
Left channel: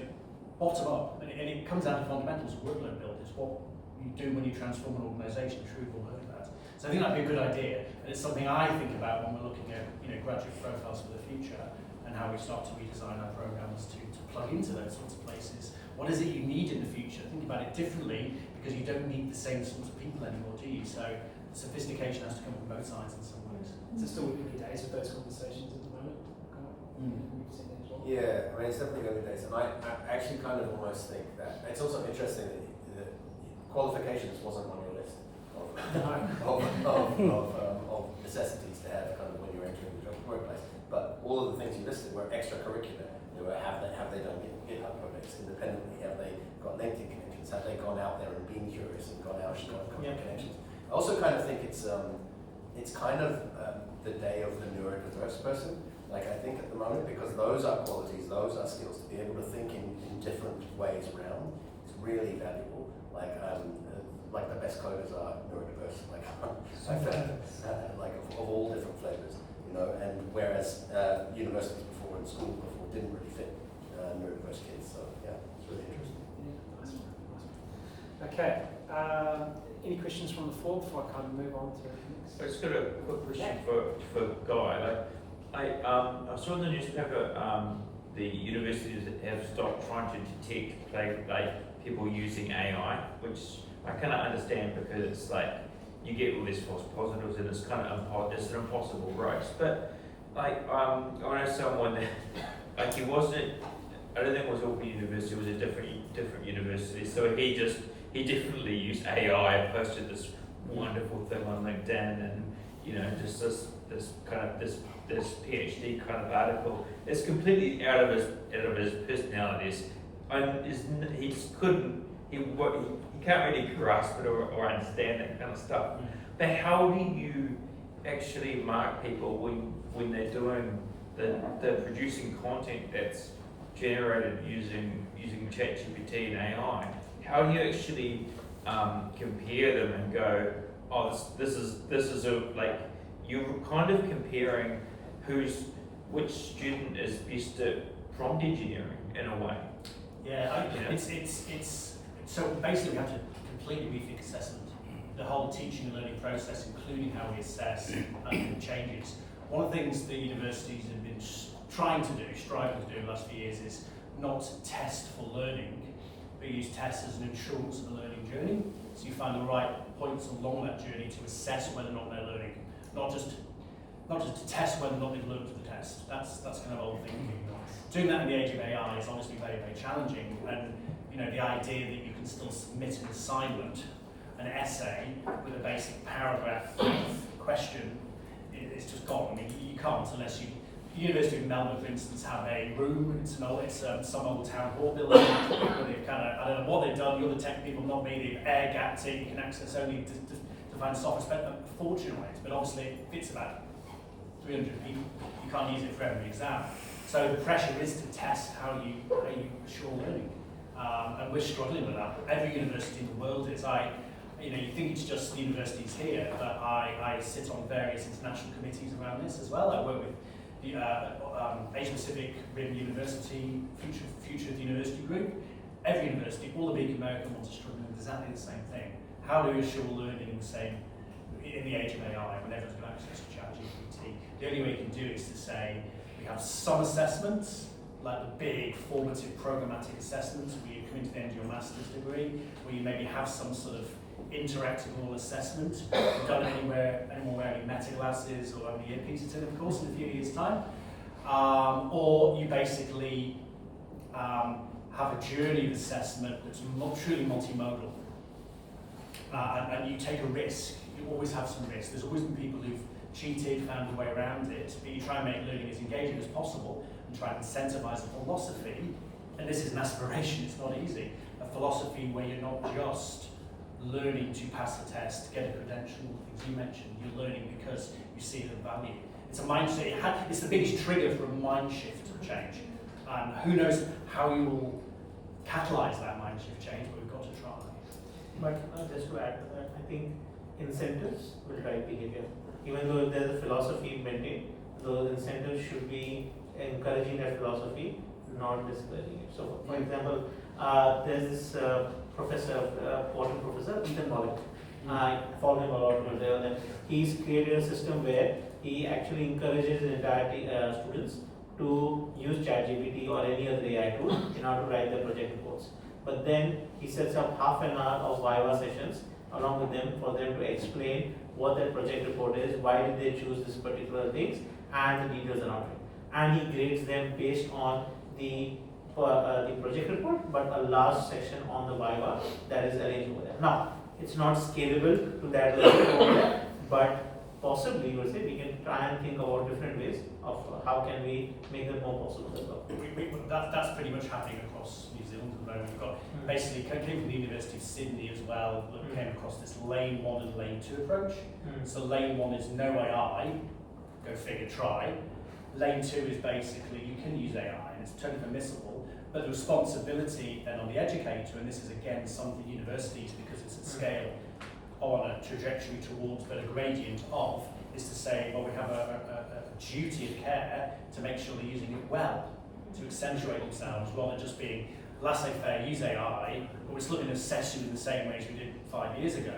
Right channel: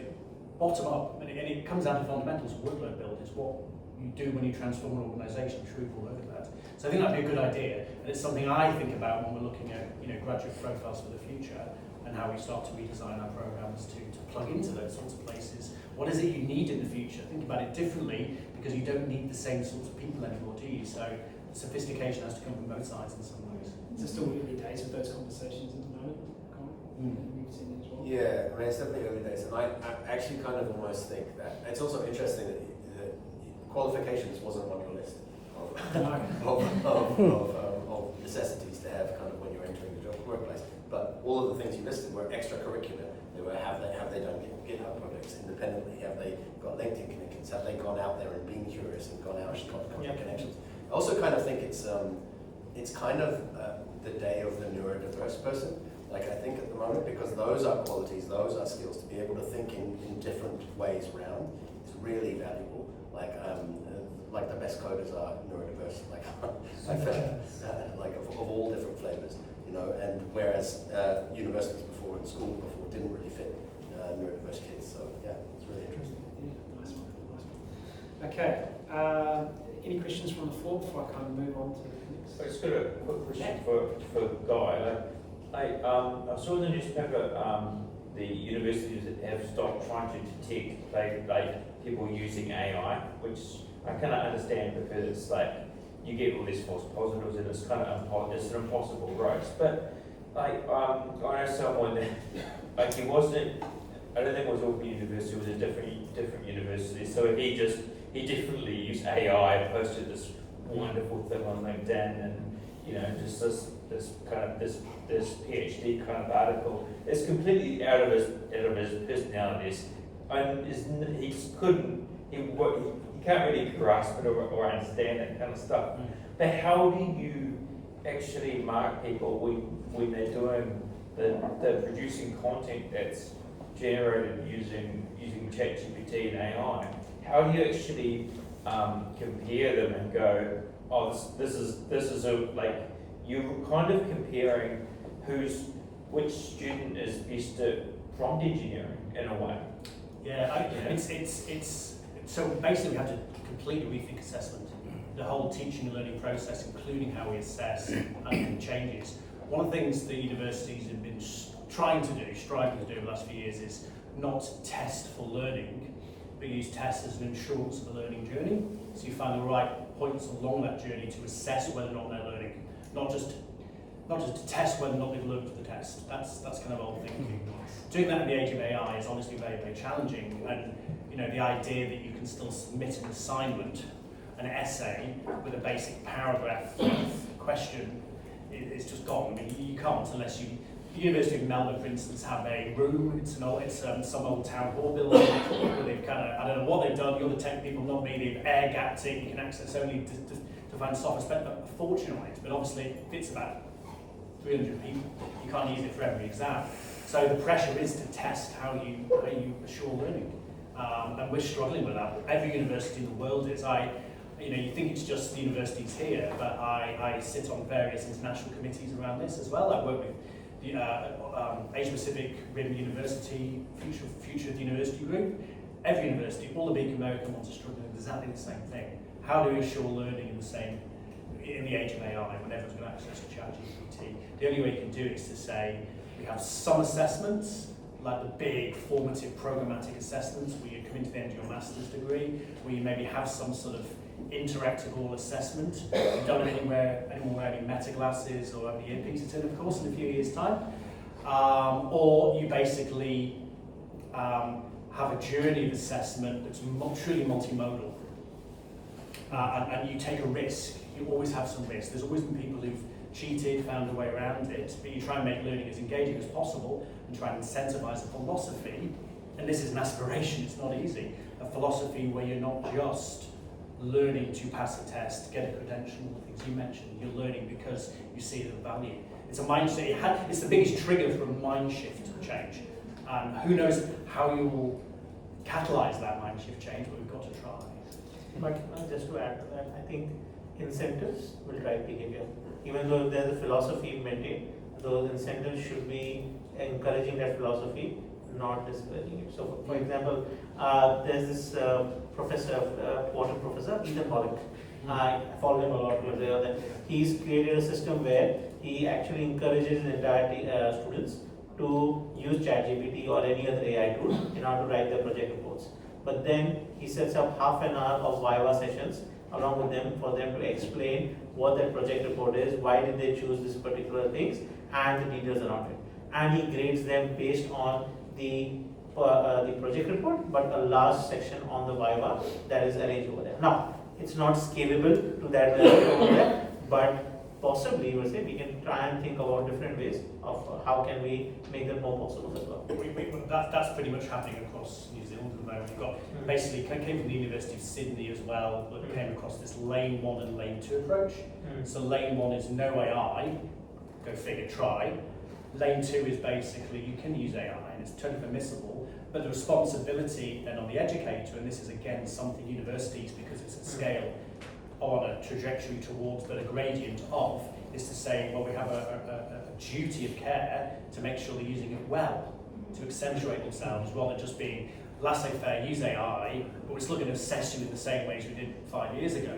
bottom up, and it comes down to fundamentals. Workload build is what you do when you transform an organisation. I'm sure you've all heard of that. So I think that'd be a good idea, and it's something I think about when we're looking at graduate profiles for the future and how we start to redesign our programs to plug into those sorts of places. What is it you need in the future? Think about it differently, because you don't need the same sorts of people anymore, do you? So sophistication has to come from both sides in some ways. Is it still early days with those conversations at the moment? You've seen that as well? Yeah, I mean, it's definitely early days, and I actually kind of almost think that it's also interesting that qualifications wasn't on your list of necessities to have kind of when you're entering the job workplace. But all of the things you listed were extracurricular. They were have they done GitHub projects independently? Have they got LinkedIn connections? Have they gone out there and been curious and gone out and got connections? I also kind of think it's kind of the day of the neurodiverse person. Like, I think at the moment, because those are qualities, those are skills, to be able to think in different ways around is really valuable. Like the best coders are neurodiverse, like I found, like of all different flavors, and whereas universities before and school before didn't really fit neurodiverse kids, so yeah, it's really interesting. Yeah, nice one. Okay, any questions from the floor before I kind of move on to the next? I've just got a quick question for Guy. I saw in the newspaper the universities have stopped trying to detect people using AI, which I cannot understand, because it's like you get all these false positives and it's kind of it's an impossible race. But I know someone that he wasn't. I don't think it was Auckland University. It was a different university. So he definitely used AI and posted this wonderful thing on LinkedIn, and just this PhD kind of article. It's completely out of his personalities, and he can't really grasp it or understand that kind of stuff. But how do you actually mark people when they're doing they're producing content that's generated using ChatGPT and AI? How do you actually compare them and go, oh, this is you're kind of comparing which student is best at prompt engineering in a way. Yeah, it's so basically we have to completely rethink assessment. The whole teaching and learning process, including how we assess and changes. One of the things the universities have been striving to do in the last few years is not test for learning, but use tests as an insurance of the learning journey. So you find the right points along that journey to assess whether or not they're learning. Not not just to test whether or not they've learned for the test. That's kind of old thinking. Doing that in the age of AI is obviously very, very challenging, and the idea that you can still submit an assignment, an essay with a basic paragraph question, it's just gone. I mean, you can't unless the University of Melbourne, for instance, have a room. It's some old town hall building where they've kind of, I don't know what they've done. The other tech people, not me, they've air gapped it. You can access only to find software. Spent a fortune on it, but obviously it fits about 300 people. You can't use it for every exam. So the pressure is to test how you assure learning, and we're struggling with that. Every university in the world is. You think it's just the universities here, but I sit on various international committees around this as well. I work with the Asia Pacific Rim University, Future of the University Group. Every university, all the big American ones are struggling with exactly the same thing. How do you assure learning in the age of AI when everyone's got access to ChatGPT? The only way you can do it is to say, we have some assessments, like the big formative programmatic assessments where you come into the end of your master's degree, where you maybe have some sort of interactable assessment. We've done it anyone wearing meta glasses or having earpieces in, of course, in a few years' time. Or you basically have a journey of assessment that's truly multimodal. And you take a risk. You always have some risk. There's always been people who've cheated, found a way around it, but you try and make learning as engaging as possible and try and incentivize a philosophy, and this is an aspiration, it's not easy, a philosophy where you're not just learning to pass a test, get a credential, things you mentioned, you're learning because you see it of value. It's a mindset, it's the biggest trigger for a mind shift change, and who knows how you will catalyze that mind shift change, but we've got to try. But just to add to that, I think incentives will drive behavior. Even though there's a philosophy maintained, those incentives should be encouraging that philosophy, not discouraging it. So, for example, there's this professor, water professor, Ethan Mollick. I follow him a lot over there. And he's created a system where he actually encourages his entire students to use ChatGPT or any other AI tool in order to write their project reports. But then he sets up half an hour of Viva sessions along with them for them to explain what that project report is, why did they choose this particular things, and the details around it. And he grades them based on the project report, but a large section on the Viva that is arranged over there. Now, it's not scalable to that level over there, but possibly we can try and think about different ways of how can we make them more possible as well. That's pretty much happening across New Zealand at the moment. We've got basically came from the University of Sydney as well, that came across this lane 1 and lane 2 approach. So lane 1 is no AI, go figure, try. Lane 2 is basically you can use AI and it's totally permissible, but the responsibility then on the educator, and this is again something universities, because it's at scale, on a trajectory towards, but a gradient of, is to say, well, we have a duty of care to make sure they're using it well, to accentuate themselves, rather than just being laissez-faire, use AI, but we're still going to assess you in the same way as we did 5 years ago,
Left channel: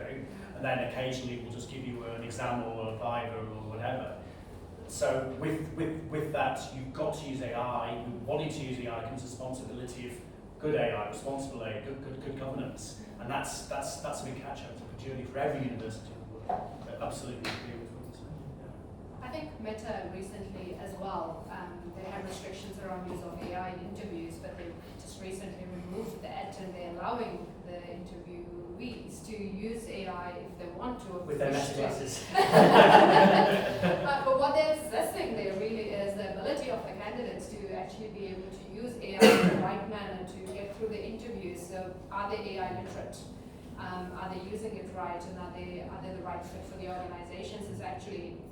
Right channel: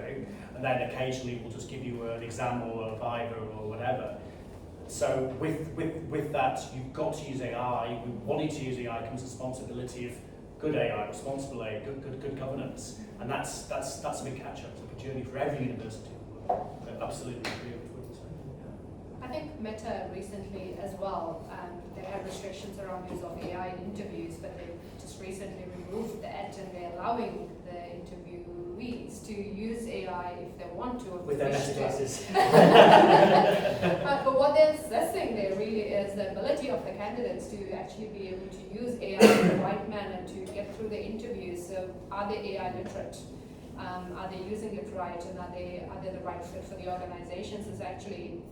and then occasionally we'll just give you an exam or a Viva or whatever. So with that, you've got to use AI. Wanting to use AI comes responsibility of good AI, responsible AI, good governance, and that's a big catch-up. It's a journey for every university. So absolutely agree with what you're saying. I think Meta recently as well, they have restrictions around use of AI in interviews, but they just recently removed that, and they're allowing the interviewees to use AI if they want to. With their meta glasses. But what they're assessing there really is the ability of the candidates to actually be able to use AI in the right manner to get through the interviews. So are they AI literate? Are they using it right, and are they the right fit for the organizations? Is actually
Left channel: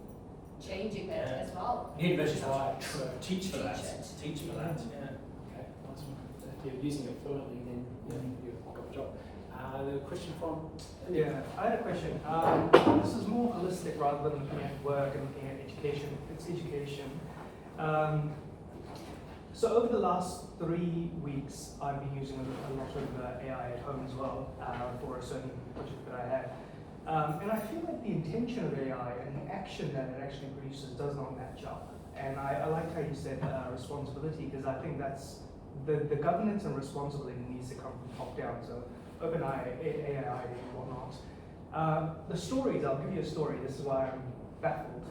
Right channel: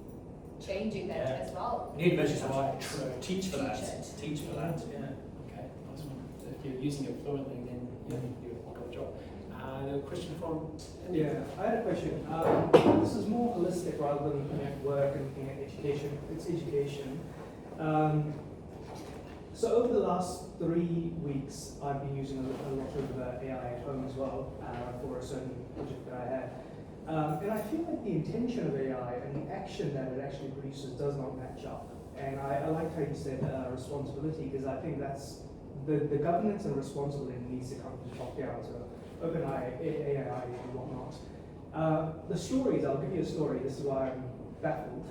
changing that as well. Universities have to teach for that. Teach for that. Yeah. Okay. Awesome. If you're using it fluently, then you do a good job. A question from Yeah, I had a question. This is more holistic rather than looking at work and looking at education. It's education. So over the last 3 weeks, I've been using a lot of AI at home as well for a certain project that I had. And I feel like the intention of AI and the action that it actually produces does not match up. And I like how you said responsibility, because I think that's the governance and responsibility needs to come from top down. So OpenAI, AI, and whatnot. The stories, I'll give you a story. This is why I'm baffled.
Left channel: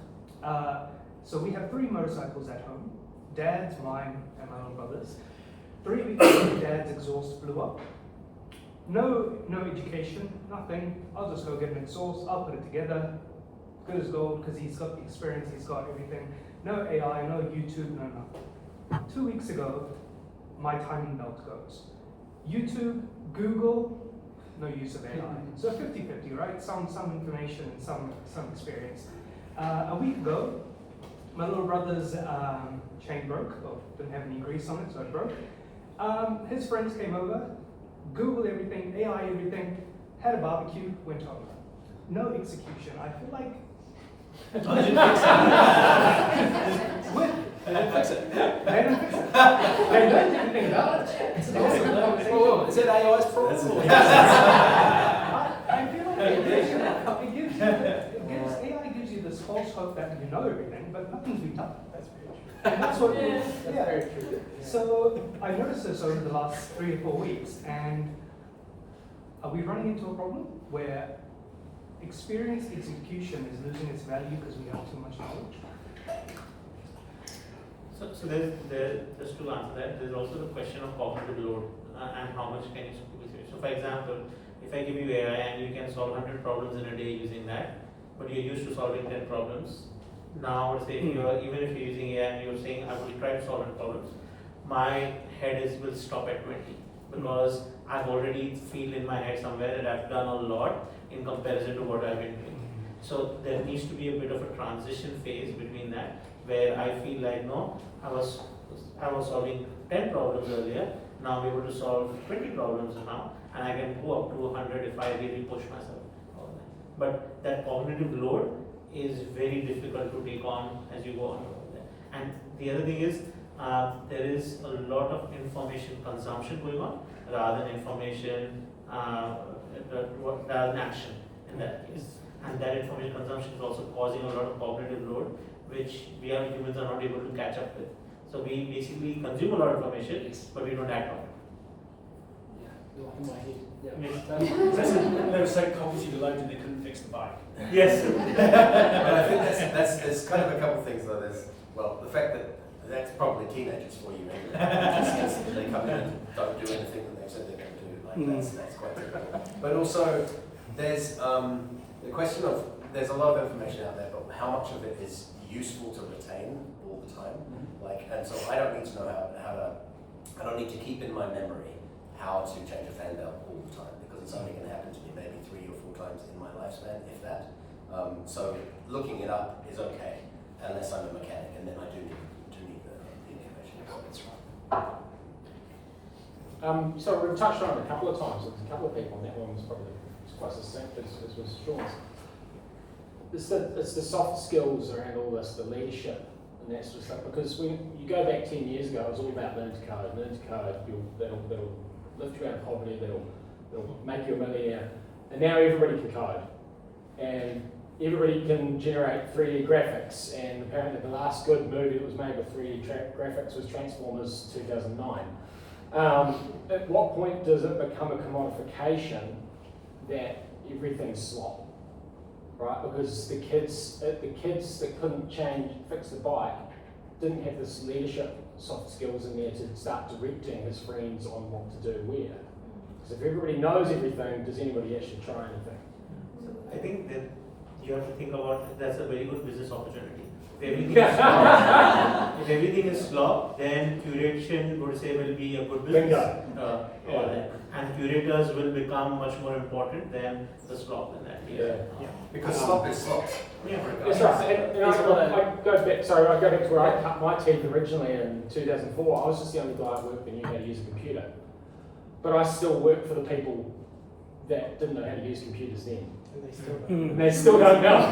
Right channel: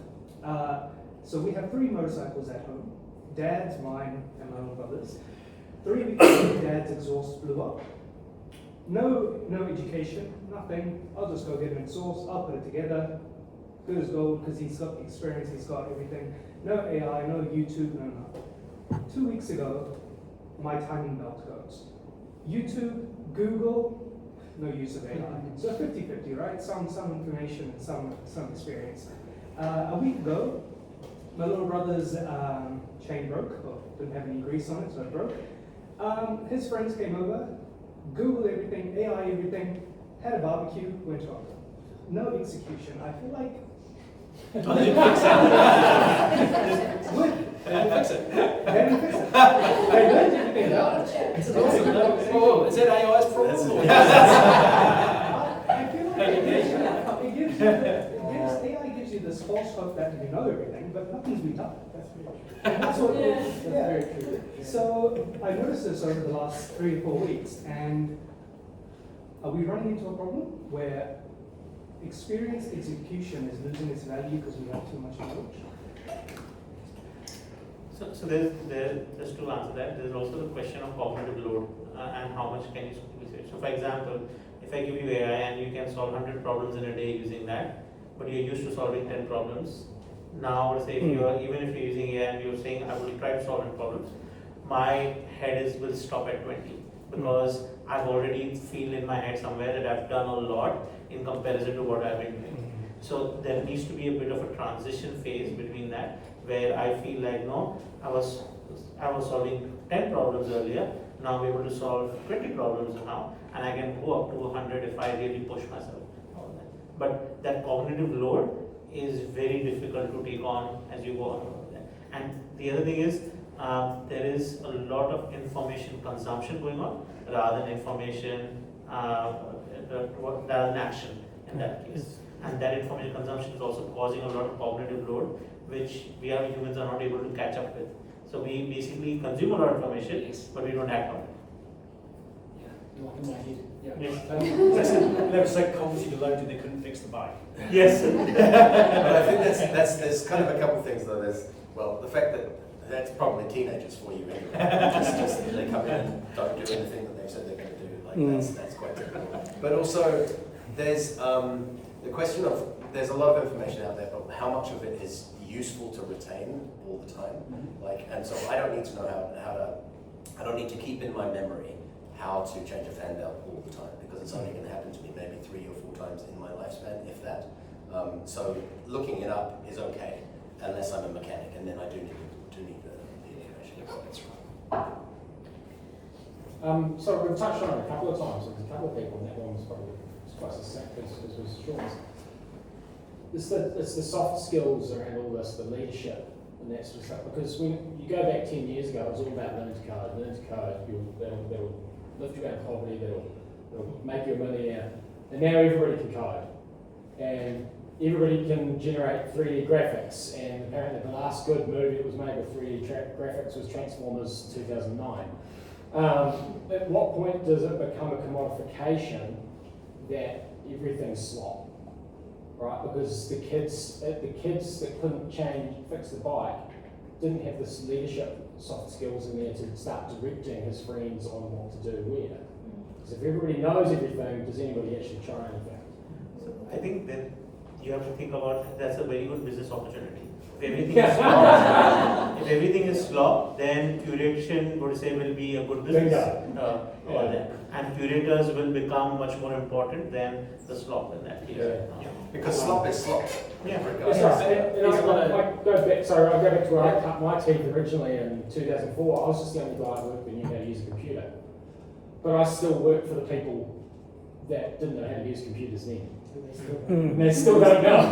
So we have 3 motorcycles at home, Dad's, mine, and my little brother's. 3 weeks ago, Dad's exhaust blew up. No education, nothing. I'll just go get an exhaust, I'll put it together. Good as gold, because he's got the experience, he's got everything. No AI, no YouTube, no nothing. 2 weeks ago, my timing belt goes. YouTube, Google, no use of AI. So 50-50, right? Some information and some experience. A week ago, my little brother's chain broke, well, didn't have any grease on it, so it broke. His friends came over, Googled everything, AI everything, had a barbecue, went home. No execution. I feel like They didn't fix it. They didn't fix it. They didn't fix it. They learned everything about it. It's an awesome conversation. Well, is that AI's problem? Or I feel like AI gives you this false hope that you know everything, but nothing's been done. That's what yeah. So I noticed this over the last 3 or 4 weeks, and are we running into a problem where experienced execution is losing its value because we have too much knowledge? So there's to answer that. There's also the question of cognitive load and how much can you squeeze it. So for example, if I give you AI and you can solve 100 problems in a day using that, but you're used to solving 10 problems. Now, say if you are, even if you're using AI and you're saying I will try to solve 100 problems, my head will stop at 20 because I've already feel in my head somewhere that I've done a lot in comparison to what I've been doing. So there needs to be a bit of a transition phase between that, where I feel like no, I was solving 10 problems earlier. Now I'm able to solve 20 problems now, and I can go up to 100 if I really push myself. But that cognitive load is very difficult to take on as you go on. And the other thing is, there is a lot of information consumption going on rather than information, rather than action in that case. And that information consumption is also causing a lot of cognitive load, which we humans are not able to catch up with. So we basically consume a lot of information, but we don't act on it. You're like in my head. Yeah. Yes. They were so cognitively loaded they couldn't fix the bike. Yes. But I think there's kind of a couple things though. There's, well, the fact that that's probably teenagers for you anyway. just they come in and don't do anything that they've said they're going to do. Like that's quite typical. But also there's the question of, there's a lot of information out there, but how much of it is useful to retain all the time? Like, and so I don't need to know I don't need to keep in my memory how to change a fan belt all the time, because it's only going to happen to me maybe 3 or 4 times in my lifespan, if that. So looking it up is okay, unless I'm a mechanic, and then I do need the information. So we've touched on it a couple of times. There's a couple of people, and that one was probably quite succinct as was Sean's. It's the soft skills around all this, the leadership and that sort of stuff. Because when you go back 10 years ago, it was all about learning to code. Learning to code, that'll lift you out of poverty, that'll make you a millionaire. And now everybody can code. And everybody can generate 3D graphics. And apparently the last good movie that was made with 3D graphics was Transformers 2009. At what point does it become a commodification that everything's slop? Right, because the kids that couldn't fix the bike, didn't have this leadership soft skills in there to start directing his friends on what to do where. Because if everybody knows everything, does anybody actually try anything? So I think that you have to think about that's a very good business opportunity. If everything is slop, then curation would say will be a good business. And curators will become much more important than the slop in that case. Because slop is slop. Yeah. That's right. I go back to where I cut my teeth originally in 2004. I was just the only guy I worked that knew how to use a computer. But I still work for the people that didn't know how to use computers then. They still don't know.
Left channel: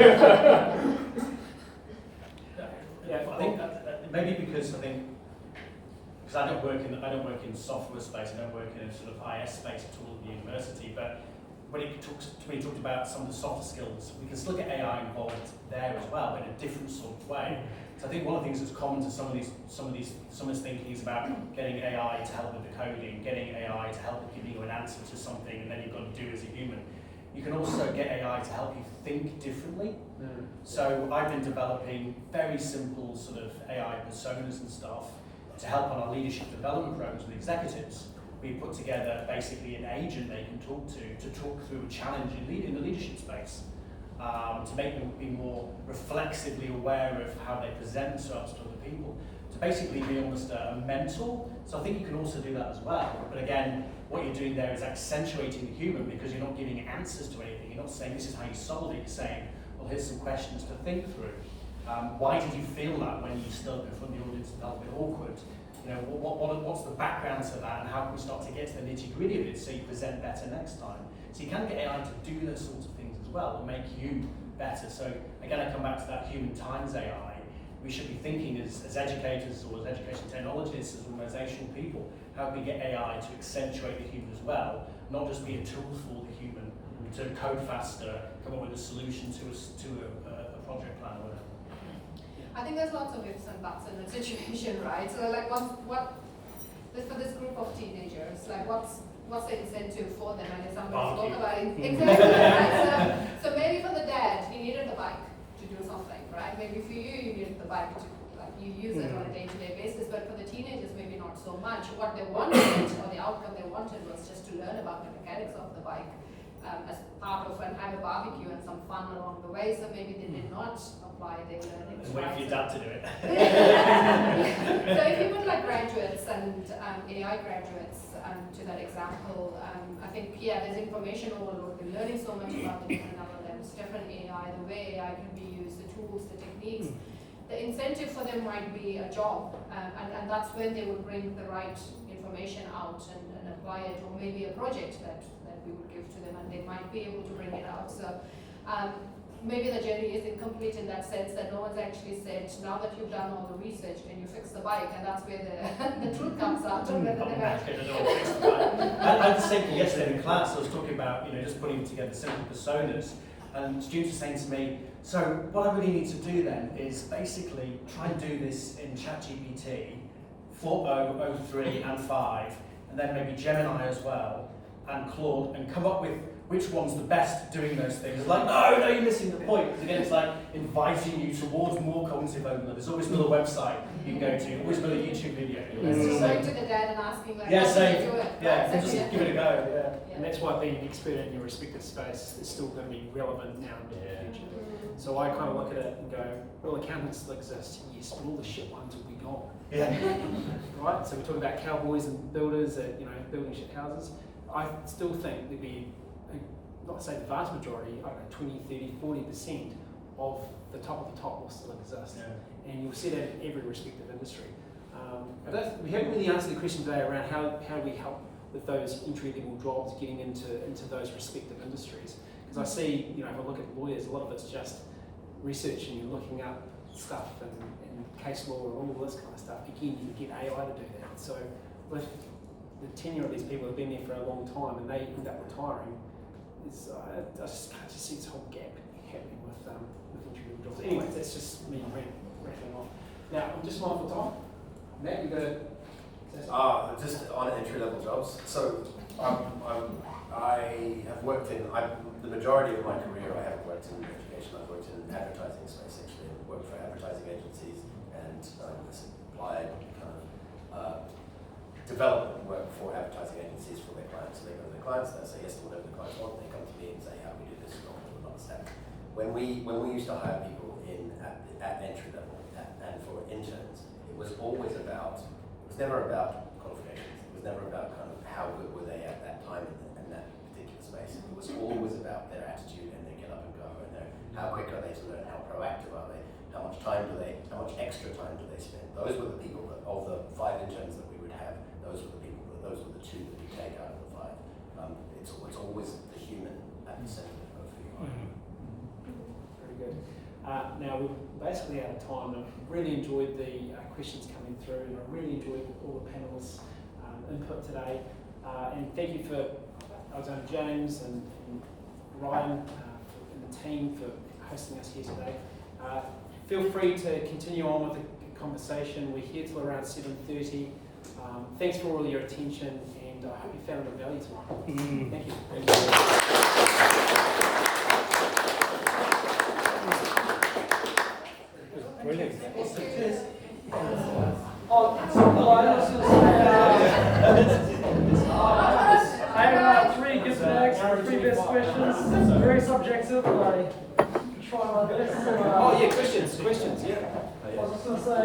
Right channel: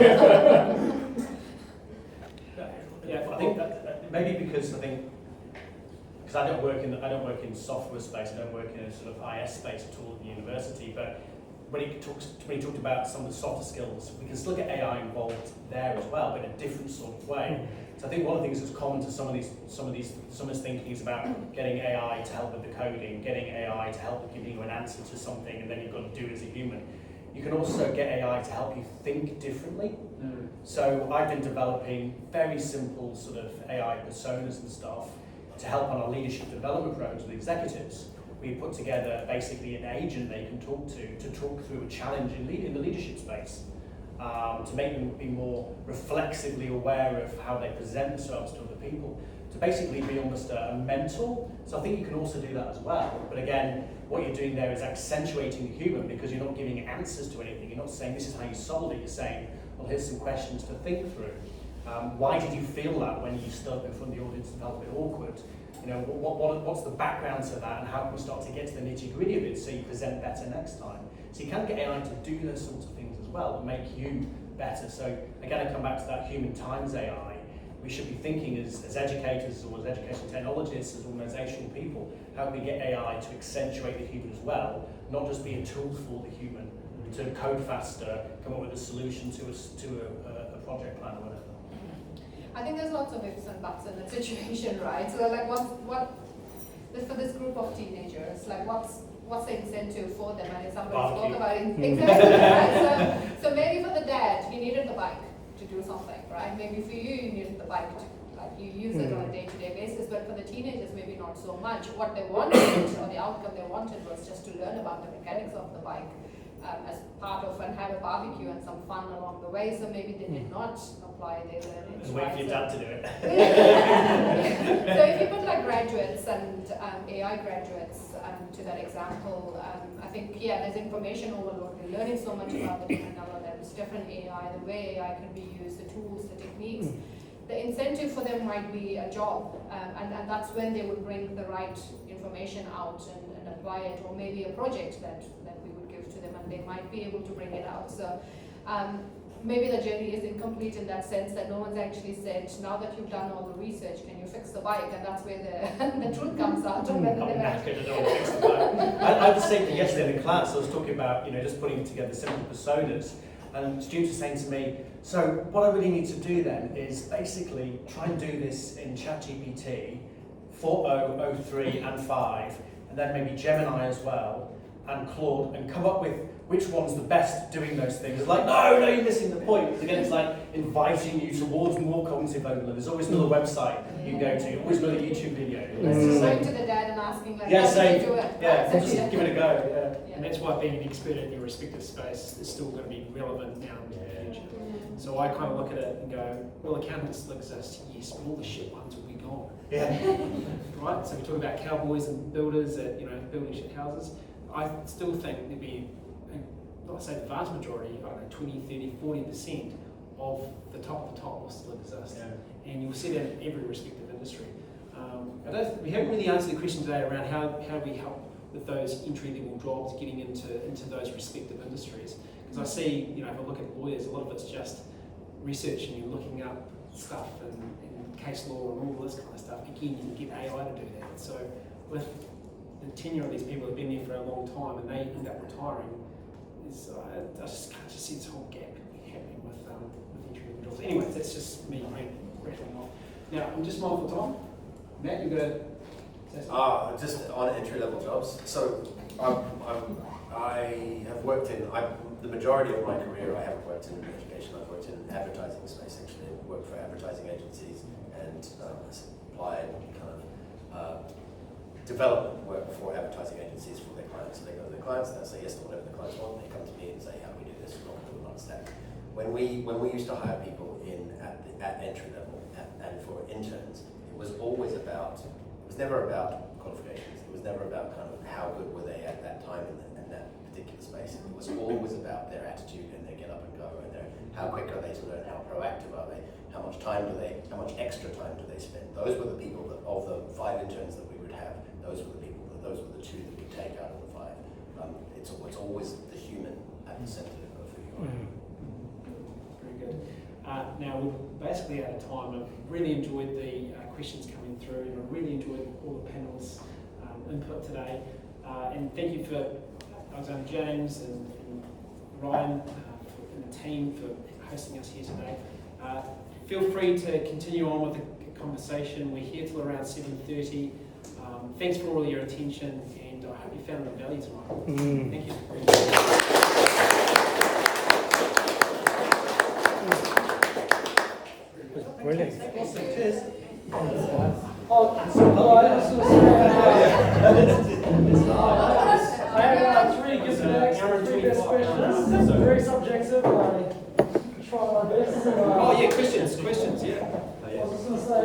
Yeah, I think that maybe because I don't work in software space, I don't work in a sort of IS space at all at the university, but when he talked about some of the softer skills, we can still get AI involved there as well, but in a different sort of way. So I think one of the things that's common to some of this thinking is about getting AI to help with the coding, getting AI to help with giving you an answer to something, and then you've got to do it as a human. You can also get AI to help you think differently. So I've been developing very simple sort of AI personas and stuff to help on our leadership development programs with executives. We put together basically an agent they can talk to talk through a challenge in the leadership space, to make them be more reflexively aware of how they present themselves to other people, to basically be almost a mentor. So I think you can also do that as well. But again, what you're doing there is accentuating the human, because you're not giving answers to anything. You're not saying this is how you solve it. You're saying, well, here's some questions to think through. Why did you feel that when you stood in front of the audience and felt a bit awkward? You know, what's the background to that, and how can we start to get to the nitty-gritty of it so you present better next time? So you can get AI to do those sorts of things as well, and make you better. So again, I come back to that human times AI. We should be thinking as educators or as education technologists, as organisational people, how can we get AI to accentuate the human as well, not just be a tool for the human to code faster, come up with a solution to a project plan or whatever. I think there's lots of ifs and buts in the situation, right? So like what for this group of teenagers, like what's the incentive for them? And somebody spoke about it. Exactly, right? So maybe for the dad, he needed the bike to do something, right? Maybe for you needed the bike to, like, you use it on a day-to-day basis, but for the teenagers, maybe not so much. What they wanted, or the outcome they wanted, was just to learn about the mechanics of the bike as part of, and have a barbecue and some fun along the way. So maybe they did not apply their learning. Just wait for your dad to do it. So if you put like graduates and AI graduates to that example, I think, yeah, there's information overload. They're learning so much about the different LLMs, different AI, the way AI can be used, the tools, the techniques. The incentive for them might be a job, and that's when they would bring the right information out and apply it, or maybe a project that we would give to them, and they might be able to bring it out. So maybe the journey is incomplete in that sense, that no one's actually said, now that you've done all the research, can you fix the bike? And that's where the truth comes out. I had the same thing yesterday in class. I was talking about, just putting together simple personas, and students were saying to me, so what I really need to do then is basically try and do this in ChatGPT 4.0, 03 and 5, and then maybe Gemini as well, and Claude, and come up with which one's the best doing those things. It's like, no, you're missing the point. Because again, it's like inviting you towards more cognitive overload. There's always another website you can go to, always another YouTube video. It's just going to the dad and asking, like, yeah, how do you do it? Yeah, just give it a go. Yeah. And that's why being an expert in your respective space is still going to be relevant now and in the future. So I kind of look at it and go, well, accountants still exist, yes, but all the shit ones will be gone. Yeah. Right? So we talk about cowboys and builders that, building shit houses. I still think there'd be, not say the vast majority, I don't know, 20, 30, 40% of the top will still exist. Yeah. And you'll see that in every respective industry. We haven't really answered the question today around how do we help with those entry-level jobs getting into those respective industries. Because I see, if I look at lawyers, a lot of it's just research and you're looking up stuff and case law and all this kind of stuff. Again, you can get AI to do that. So with the tenure of these people who've been there for a long time and they end up retiring, I just can't see this whole gap happening with entry-level jobs. Anyways, that's just me rattling off. Now, I'm just mindful of time. Matt, you're going to say something? Just on entry-level jobs. So I have worked in, the majority of my career I haven't worked in education. I've worked in advertising space actually. I've worked for advertising agencies and applied kind of development work for advertising agencies for their clients. So they go to their clients, they say yes to whatever the clients want, they come to me and say, how do we do this? Not going to understand. When we used to hire people at entry level and for interns, it was always about, it was never about qualifications. It was never about kind of how good were they at that time in that particular space. It was always about their attitude and their get up and go and how quick are they to learn, how proactive are they, how much extra time do they spend. Those were the people that, of the 5 interns that we would have, those were the 2 that we take out of the 5. It's always the human at the center of who you are. Very good. Now we're basically out of time. I've really enjoyed the questions coming through, and I've really enjoyed all the panelists' input today. And thank you for Alexander James and Ryan and the team for hosting us here today. Feel free to continue on with the conversation. We're here till around 7:30. Thanks for all your attention, and I hope you found the value tonight. Thank you. I have three gift bags for three best questions. Very subjective, but I try my best. Oh yeah, questions, yeah. I was just going to say,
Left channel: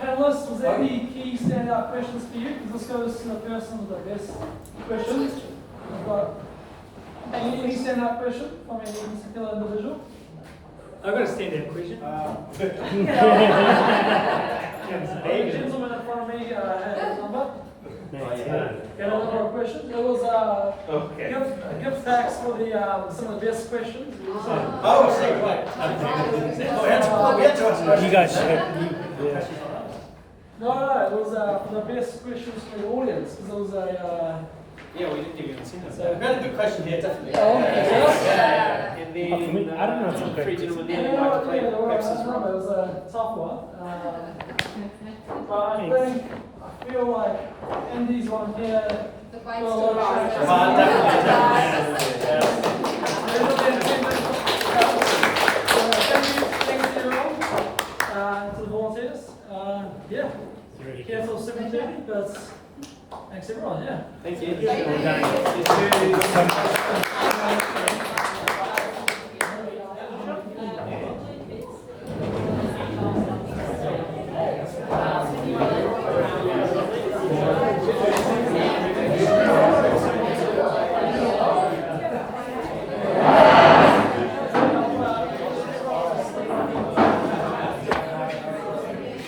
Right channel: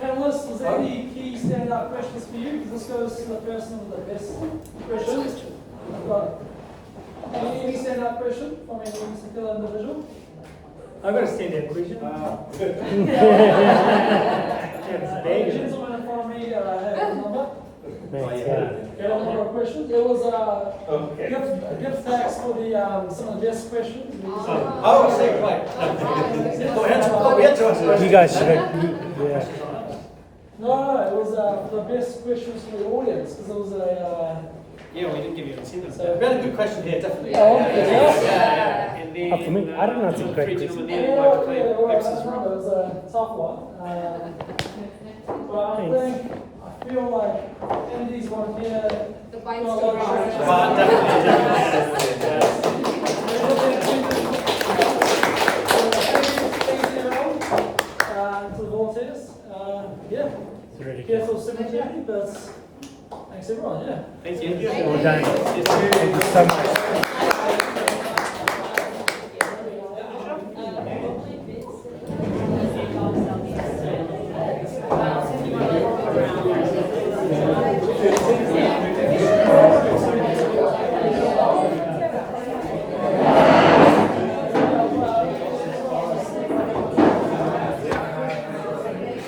panelists, was there any key standout questions for you? Because this goes to the person with the best questions. Any standout question from any particular individual? I've got a standard question. The gentleman in front of me had a number. Oh yeah. There was a number of questions. There was gift facts for the some of the best questions. Oh, I see, right. We had to answer. You guys should have. No, it was for the best questions for the audience because it was a. Yeah, we did give you an incentive. We had a good question here, definitely. Yeah. And For me, I don't know then if the three gentlemen Yeah, there might yeah, play it papers as well. was a tough one. But I feel like Andy's one here. The white Well, to the volunteers. Yeah. Careful secretary, but thanks everyone, yeah. Thank you. Thank you. Yes,